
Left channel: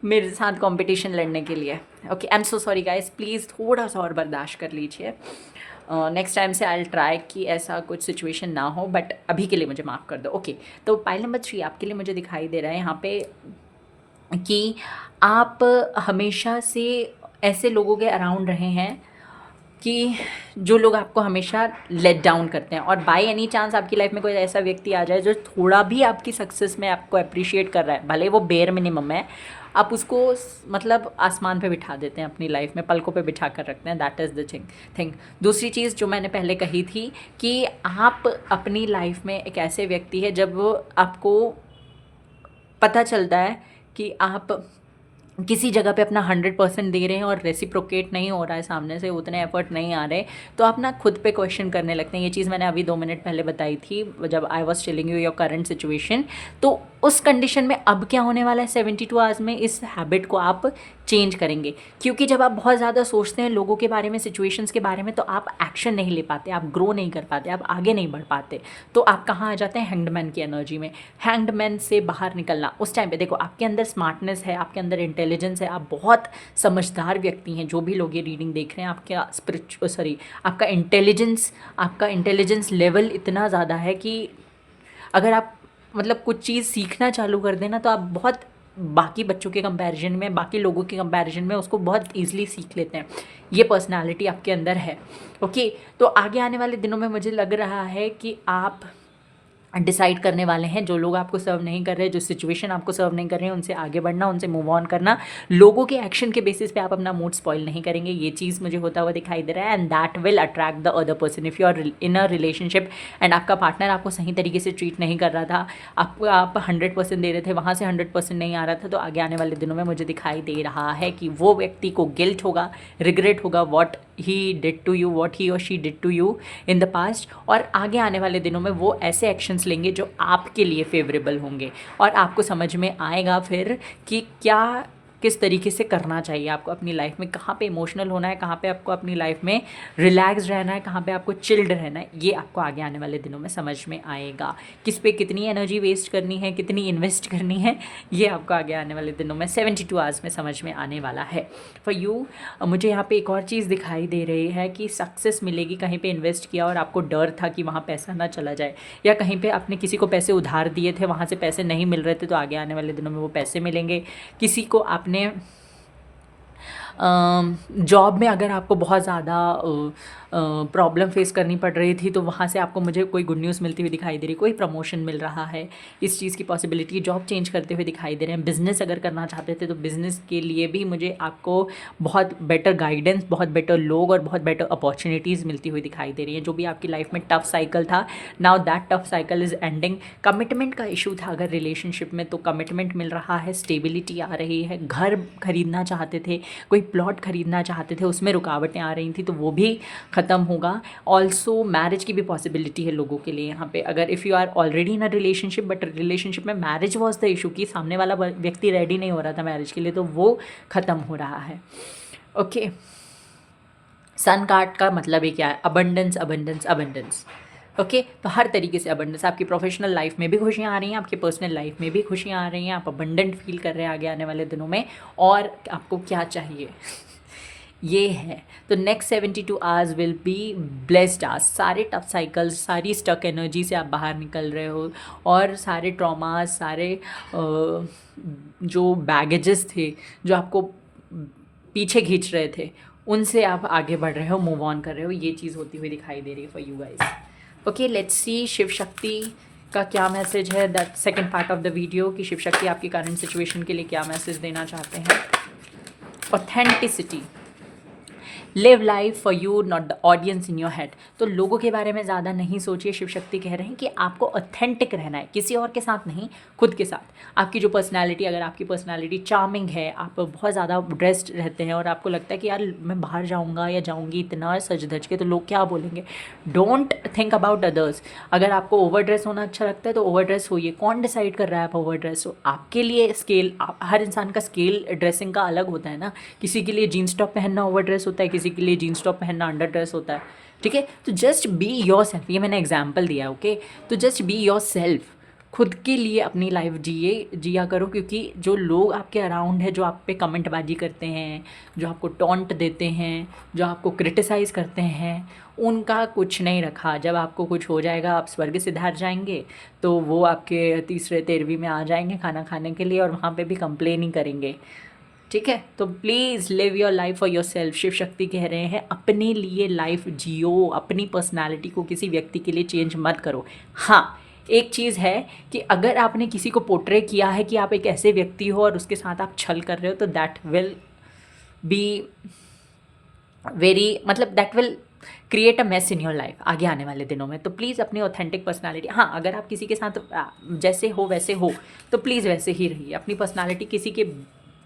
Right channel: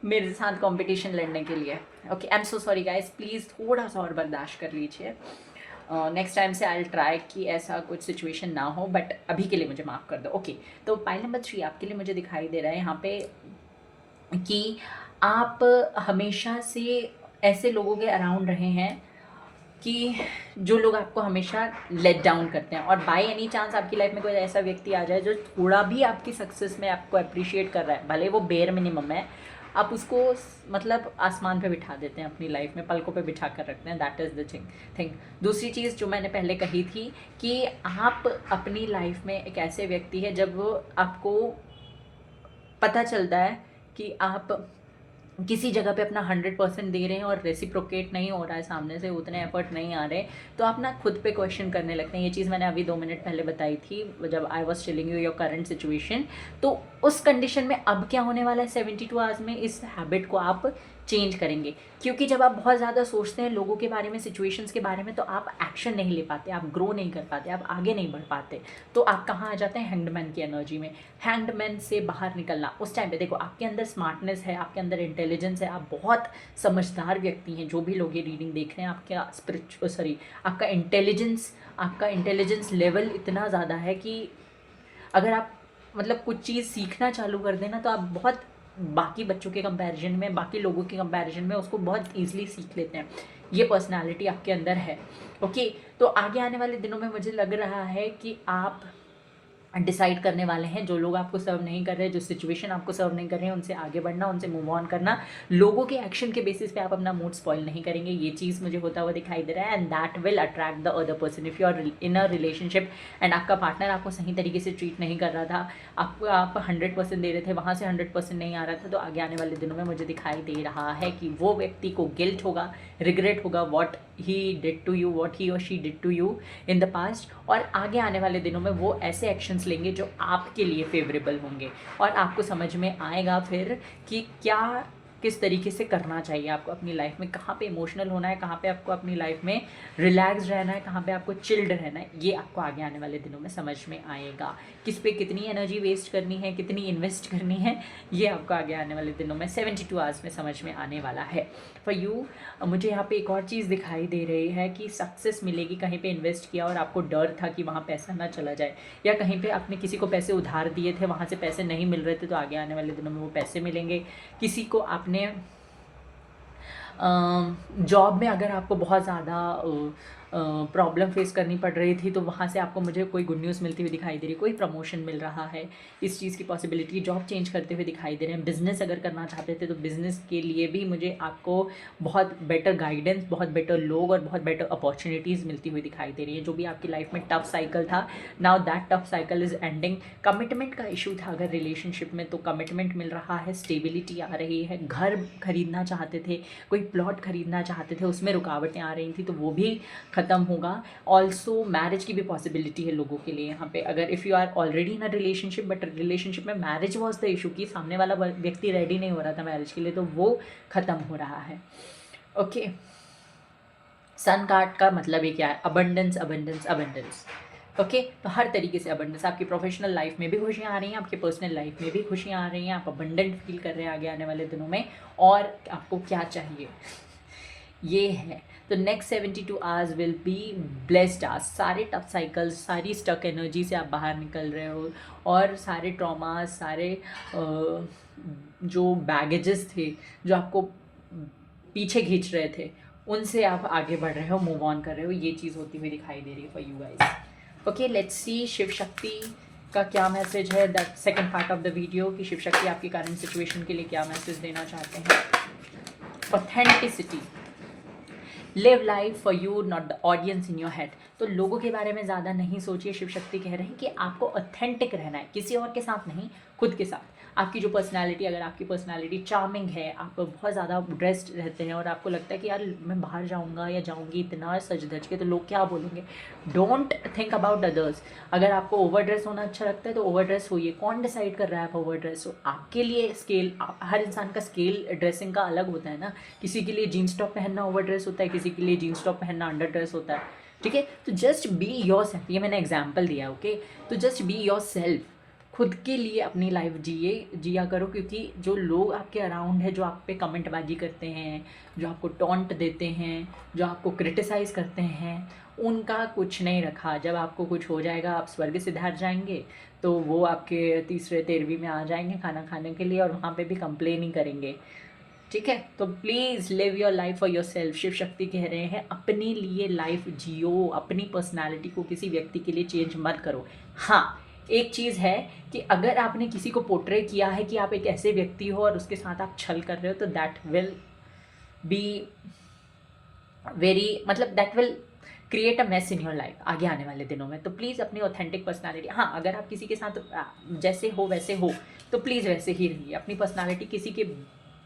मेरे साथ कंपटीशन लड़ने के लिए। Okay, I am so sorry guys, please थोड़ा सा और बर्दाश्त कर लीजिए। नेक्स्ट टाइम से आई विल ट्राई कि ऐसा कुछ सिचुएशन ना हो, बट अभी के लिए मुझे माफ़ कर दो। ओके, तो पाइल नंबर 3 आपके लिए मुझे दिखाई दे रहा है यहाँ पे कि आप हमेशा से ऐसे लोगों के अराउंड रहे हैं कि जो लोग आपको हमेशा लेट डाउन करते हैं, और बाय एनी चांस आपकी लाइफ में कोई ऐसा व्यक्ति आ जाए जो थोड़ा भी आपकी सक्सेस में आपको अप्रिशिएट कर रहा है, भले वो बेयर मिनिमम है, आप उसको मतलब आसमान पे बिठा देते हैं, अपनी लाइफ में पलकों पे बिठा कर रखते हैं। That is the thing. दूसरी चीज़ जो मैंने पहले कही थी कि आप अपनी लाइफ में एक ऐसे व्यक्ति है जब आपको पता चलता है कि आप किसी जगह पे अपना 100% दे रहे हैं और रेसिप्रोकेट नहीं हो रहा है, सामने से उतने एफर्ट नहीं आ रहे, तो आप ना खुद पे क्वेश्चन करने लगते हैं। ये चीज़ मैंने अभी 2 मिनट पहले बताई थी जब I was telling you your current situation. तो उस कंडीशन में अब क्या होने वाला है 72 आवर्स में, इस हैबिट को आप चेंज करेंगे। क्योंकि जब आप बहुत ज़्यादा सोचते हैं लोगों के बारे में, सिचुएशंस के बारे में, तो आप एक्शन नहीं ले पाते, आप ग्रो नहीं कर पाते, आप आगे नहीं बढ़ पाते। तो आप कहाँ आ जाते हैं, हैंग्डमैन की एनर्जी में। हैंग्डमैन से बाहर निकलना, उस टाइम पे देखो आपके अंदर स्मार्टनेस है, आपके अंदर इंटेलिजेंस है, आप बहुत समझदार व्यक्ति हैं। जो भी लोग ये रीडिंग देख रहे हैं, आपका इंटेलिजेंस लेवल इतना ज़्यादा है कि अगर आप मतलब कुछ चीज़ सीखना चालू कर देना तो आप बहुत बाकी बच्चों के कंपैरिजन में, बाकी लोगों के कंपैरिजन में उसको बहुत ईजिली सीख लेते हैं। ये पर्सनालिटी आपके अंदर है। ओके, तो आगे आने वाले दिनों में मुझे लग रहा है कि आप डिसाइड करने वाले हैं। जो लोग आपको सर्व नहीं कर रहे, जो सिचुएशन आपको सर्व नहीं कर रहे हैं, उनसे आगे बढ़ना, उनसे मूव ऑन करना। लोगों के एक्शन के बेसिस पे आप अपना मूड स्पॉइल नहीं करेंगे, ये चीज़ मुझे होता हुआ दिखाई दे रहा है। And that will attract the other person. If you are in a relationship and आपका पार्टनर आपको सही तरीके से ट्रीट नहीं कर रहा था, आपको आप 100% दे रहे थे, वहाँ से 100% नहीं आ रहा था, तो आगे आने वाले दिनों में मुझे दिखाई दे रहा है कि वो व्यक्ति को गिल्ट होगा, रिग्रेट होगा what he did to you, what he और she did to you in the past. और आगे आने वाले दिनों में वो ऐसे एक्शंस लेंगे जो आपके लिए फेवरेबल होंगे, और आपको समझ में आएगा फिर कि क्या किस तरीके से करना चाहिए आपको अपनी लाइफ में, कहाँ पे इमोशनल होना है, कहाँ पे आपको अपनी लाइफ में रिलैक्स रहना है, कहाँ पे आपको चिल्ड रहना है। ये आपको आगे आने वाले दिनों में समझ में आएगा। किस पे कितनी एनर्जी वेस्ट करनी है, कितनी इन्वेस्ट करनी है, ये आपको आगे आने वाले दिनों में 72 आवर्स में समझ में आने वाला है। फॉर यू मुझे यहाँ पे एक और चीज़ दिखाई दे रही है कि सक्सेस मिलेगी। कहीं पे इन्वेस्ट किया और आपको डर था कि वहाँ पैसा ना चला जाए, या कहीं पे आपने किसी को पैसे उधार दिए थे, वहाँ से पैसे नहीं मिल रहे थे, तो आगे आने वाले दिनों में वो पैसे मिलेंगे। किसी को आपने जॉब में अगर आपको बहुत ज़्यादा प्रॉब्लम फेस करनी पड़ रही थी, तो वहाँ से आपको मुझे कोई गुड न्यूज़ मिलती हुई दिखाई दे रही है, कोई प्रमोशन मिल रहा है, इस चीज़ की पॉसिबिलिटी, जॉब चेंज करते हुए दिखाई दे रहे हैं। बिज़नेस अगर करना चाहते थे तो बिज़नेस के लिए भी मुझे आपको बहुत बेटर गाइडेंस, बहुत बेटर लोग और बहुत बेटर अपॉर्चुनिटीज़ मिलती हुई दिखाई दे रही हैं। जो भी आपकी लाइफ में टफ साइकिल था, now that tough cycle is ending. Commitment का इशू था अगर रिलेशनशिप में, तो कमिटमेंट मिल रहा है, स्टेबिलिटी आ रही है। घर खरीदना चाहते थे, कोई प्लॉट खरीदना चाहते थे, उसमें रुकावटें आ रही थी, तो वो भी ख़त्म होगा। ऑल्सो मैरिज की भी पॉसिबिलिटी है लोगों के लिए यहाँ पे। अगर if you are already in a relationship, but relationship में मैरिज वॉज द इशू, कि सामने वाला व्यक्ति रेडी नहीं हो रहा था मैरिज के लिए, तो वो ख़त्म हो रहा है। ओके, सन कार्ड का मतलब ये क्या है? Abundance, abundance, abundance. ओके, तो हर तरीके से अबंडेंस। आपकी प्रोफेशनल लाइफ में भी खुशियाँ आ रही हैं, आपकी पर्सनल लाइफ में भी खुशियाँ आ रही हैं, आप अबंडेंट फील कर रहे हैं आगे आने वाले दिनों में। और आपको क्या चाहिए ये है। तो next 72 hours will be blessed hours. सारे टफ साइकिल्स, सारी स्टक एनर्जी से आप बाहर निकल रहे हो, और सारे ट्रॉमास, सारे जो बैगेजेस थे जो आपको पीछे खींच रहे थे, उनसे आप आगे बढ़ रहे हो, मूव ऑन कर रहे हो। ये चीज़ होती हुई दिखाई दे रही है for you guys. Okay, let's see Shiv Shakti का क्या मैसेज है, that second part of the video, कि शिव शक्ति आपकी करंट सिचुएशन के लिए क्या मैसेज देना चाहते हैं। Authenticity, live life for you not the audience in your head. तो लोगों के बारे में ज़्यादा नहीं सोचिए। शिव शक्ति कह रहे हैं कि आपको ऑथेंटिक रहना है, किसी और के साथ नहीं, खुद के साथ। आपकी जो पर्सनालिटी, अगर आपकी पर्सनालिटी चार्मिंग है, आप बहुत ज़्यादा ड्रेस्ड रहते हैं और आपको लगता है कि यार मैं बाहर जाऊँगा या जाऊँगी इतना सज धज के, तो लोग क्या बोलेंगे। Don't think about others. अगर आपको ओवर ड्रेस होना अच्छा लगता है तो ओवर ड्रेस होइए। कौन डिसाइड कर रहा है आप ओवर ड्रेस हो? आपके लिए स्केल, हर इंसान का स्केल ड्रेसिंग का अलग होता है ना। किसी के लिए जीन्स टॉप पहनना ओवर ड्रेस होता है, किसी के लिए जीन्स टॉप पहनना अंडर ड्रेस होता है। ठीक है, तो जस्ट बी योर सेल्फ। ये मैंने एग्जाम्पल दिया, ओके। तो जस्ट बी योर सेल्फ, खुद के लिए अपनी लाइफ जिया करो। क्योंकि जो लोग आपके अराउंड है, जो आप पे कमेंटबाजी करते हैं, जो आपको टॉन्ट देते हैं, जो आपको क्रिटिसाइज़ करते हैं, उनका कुछ नहीं रखा। जब आपको कुछ हो जाएगा, आप स्वर्ग सिधार जाएंगे, तो वो आपके तीसरे 13वीं में आ जाएंगे खाना खाने के लिए, और वहाँ पे भी कंप्लेन ही करेंगे। ठीक है, तो please live your life for yourself. Shiv Shakti कह रहे हैं अपने लिए लाइफ जियो, अपनी पर्सनालिटी को किसी व्यक्ति के लिए चेंज मत करो। हाँ, एक चीज़ है कि अगर आपने किसी को पोर्ट्रे किया है कि आप एक ऐसे व्यक्ति हो और उसके साथ आप छल कर रहे हो, तो दैट विल बी वेरी, मतलब that will create a mess in your life आगे आने वाले दिनों में। तो प्लीज़ अपनी ऑथेंटिक पर्सनालिटी, हाँ, अगर आप किसी के साथ जैसे हो वैसे हो, तो प्लीज़ वैसे ही रहिए। अपनी पर्सनालिटी किसी के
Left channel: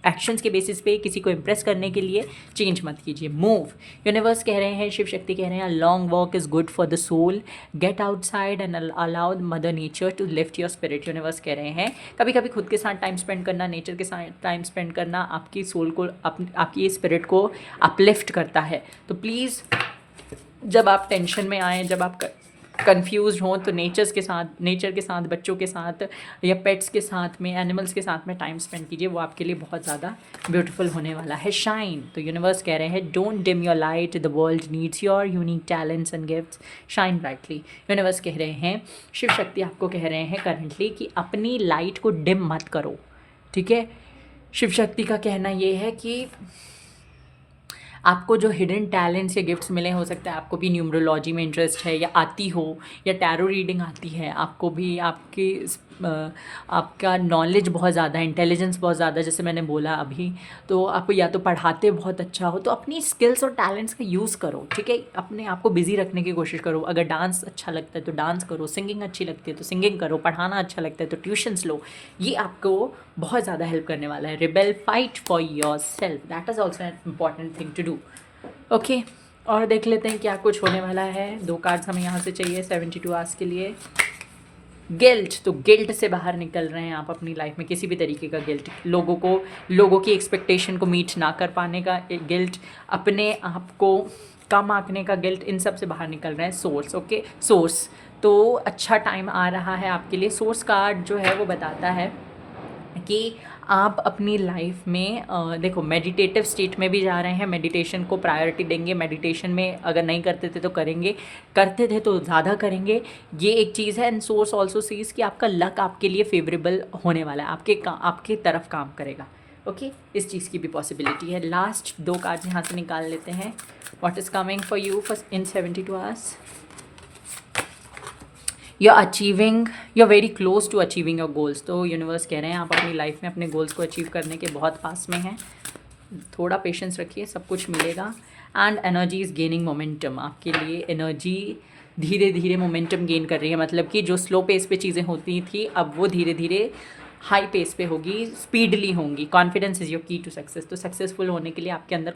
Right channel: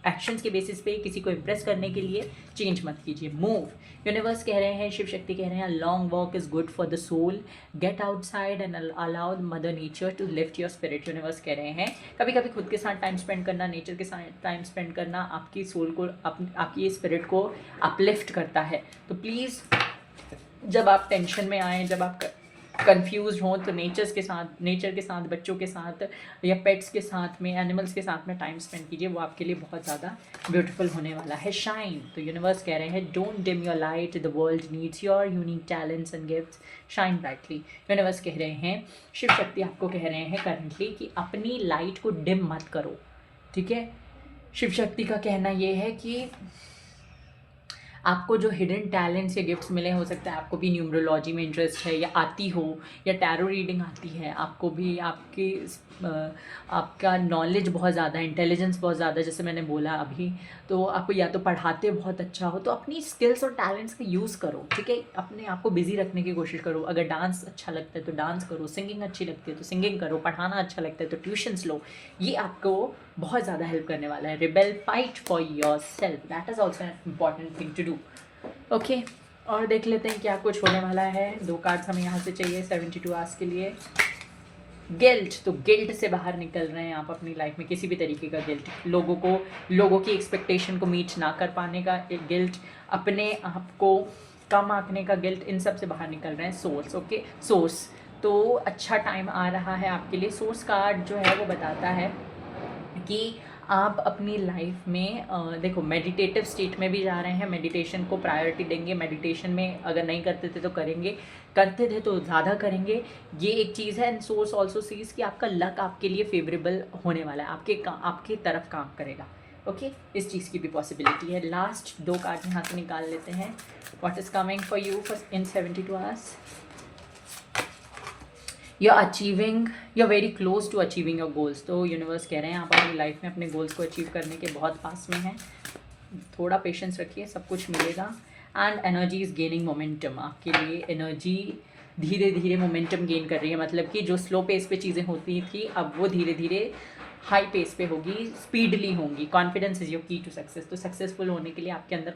एक्शंस के बेसिस पे किसी को इम्प्रेस करने के लिए चेंज मत कीजिए। मूव। यूनिवर्स कह रहे हैं, शिव शक्ति कह रहे हैं, long walk is good for the soul, get outside and allow mother nature to lift your spirit. Universe कह रहे हैं कभी कभी खुद के साथ टाइम स्पेंड करना, नेचर के साथ टाइम स्पेंड करना आपकी सोल को, आपकी स्पिरिट को अपलिफ्ट करता है। तो प्लीज़ जब आप टेंशन में आएँ, जब आप कंफ्यूज हों, तो नेचर के साथ, बच्चों के साथ या पेट्स के साथ में, एनिमल्स के साथ में टाइम स्पेंड कीजिए। वो आपके लिए बहुत ज़्यादा ब्यूटीफुल होने वाला है। शाइन। तो यूनिवर्स कह रहे हैं don't dim your light, the world needs your unique talents and gifts, shine brightly. Universe कह रहे हैं, शिव शक्ति आपको कह रहे हैं करंटली कि अपनी लाइट को डिम मत करो। ठीक है, शिव शक्ति का कहना ये है कि आपको जो हिडन टैलेंट्स या गिफ्ट्स मिले, हो सकता है आपको भी न्यूमरोलॉजी में इंटरेस्ट है या आती हो, या टैरो रीडिंग आती है आपको भी, आपका नॉलेज बहुत ज़्यादा है, इंटेलिजेंस बहुत ज़्यादा, जैसे मैंने बोला अभी, तो आप या तो पढ़ाते बहुत अच्छा हो, तो अपनी स्किल्स और टैलेंट्स का यूज़ करो, ठीक है। अपने आप को बिजी रखने की कोशिश करो। अगर डांस अच्छा लगता है तो डांस करो, सिंगिंग अच्छी लगती है तो सिंगिंग करो, पढ़ाना अच्छा लगता है तो ट्यूशन्स लो। ये आपको बहुत ज़्यादा हेल्प करने वाला है। Rebel, fight for yourself, that is also an important thing to do. Okay, और देख लेते हैं क्या कुछ होने वाला है। 2 कार्ड्स हमें यहाँ से चाहिए 72 आवर्स के लिए। गिल्ट, तो गिल्ट से बाहर निकल रहे हैं आप अपनी लाइफ में, किसी भी तरीके का गिल्ट, लोगों की एक्सपेक्टेशन को मीट ना कर पाने का गिल्ट, अपने आप को कम आंकने का गिल्ट, इन सब से बाहर निकल रहे हैं। सोर्स, ओके, सोर्स, तो अच्छा टाइम आ रहा है आपके लिए। सोर्स कार्ड जो है वो बताता है कि आप अपनी लाइफ में देखो, मेडिटेटिव स्टेट में भी जा रहे हैं, मेडिटेशन को प्रायोरिटी देंगे। मेडिटेशन में अगर नहीं करते थे तो करेंगे, करते थे तो ज़्यादा करेंगे, ये एक चीज़ है। एंड सोर्स ऑल्सो सीज कि आपका लक आपके लिए फेवरेबल होने वाला है, आपके तरफ काम करेगा। ओके, इस चीज़ की भी पॉसिबिलिटी है। लास्ट 2 कार्ड यहाँ से निकाल लेते हैं। What is coming for you for in 72 hours? You are very close to achieving your goals. तो यूनिवर्स कह रहे हैं आप अपनी लाइफ में अपने गोल्स को अचीव करने के बहुत पास में हैं। थोड़ा पेशेंस रखिए, सब कुछ मिलेगा। And energy is gaining momentum, आपके लिए एनर्जी धीरे धीरे मोमेंटम गेन कर रही है। मतलब कि जो स्लो पेस पे चीज़ें होती थी, अब वो धीरे धीरे हाई पेस पे होगी, स्पीडली होंगी। कॉन्फिडेंस इज़ योर की टू सक्सेस। तो सक्सेसफुल होने के लिए आपके अंदर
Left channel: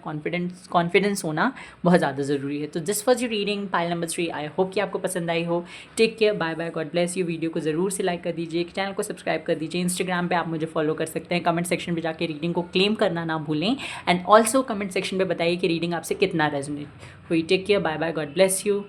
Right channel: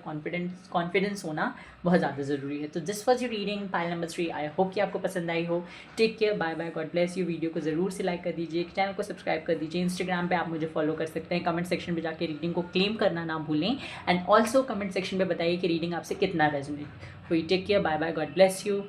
कॉन्फिडेंस होना बहुत ज़्यादा ज़रूरी है। तो this was your reading pile number 3। I hope कि आपको पसंद आई हो। Take care, bye bye, God bless you. Video को ज़रूर से लाइक कर दीजिए, चैनल को सब्सक्राइब कर दीजिए। इंस्टाग्राम पे आप मुझे फॉलो कर सकते हैं। कमेंट सेक्शन पे जाके रीडिंग को क्लेम करना ना भूलें। एंड ऑल्सो कमेंट सेक्शन पे बताइए कि रीडिंग आपसे कितना रेजोनेट हुई। Take care, bye bye, God bless you.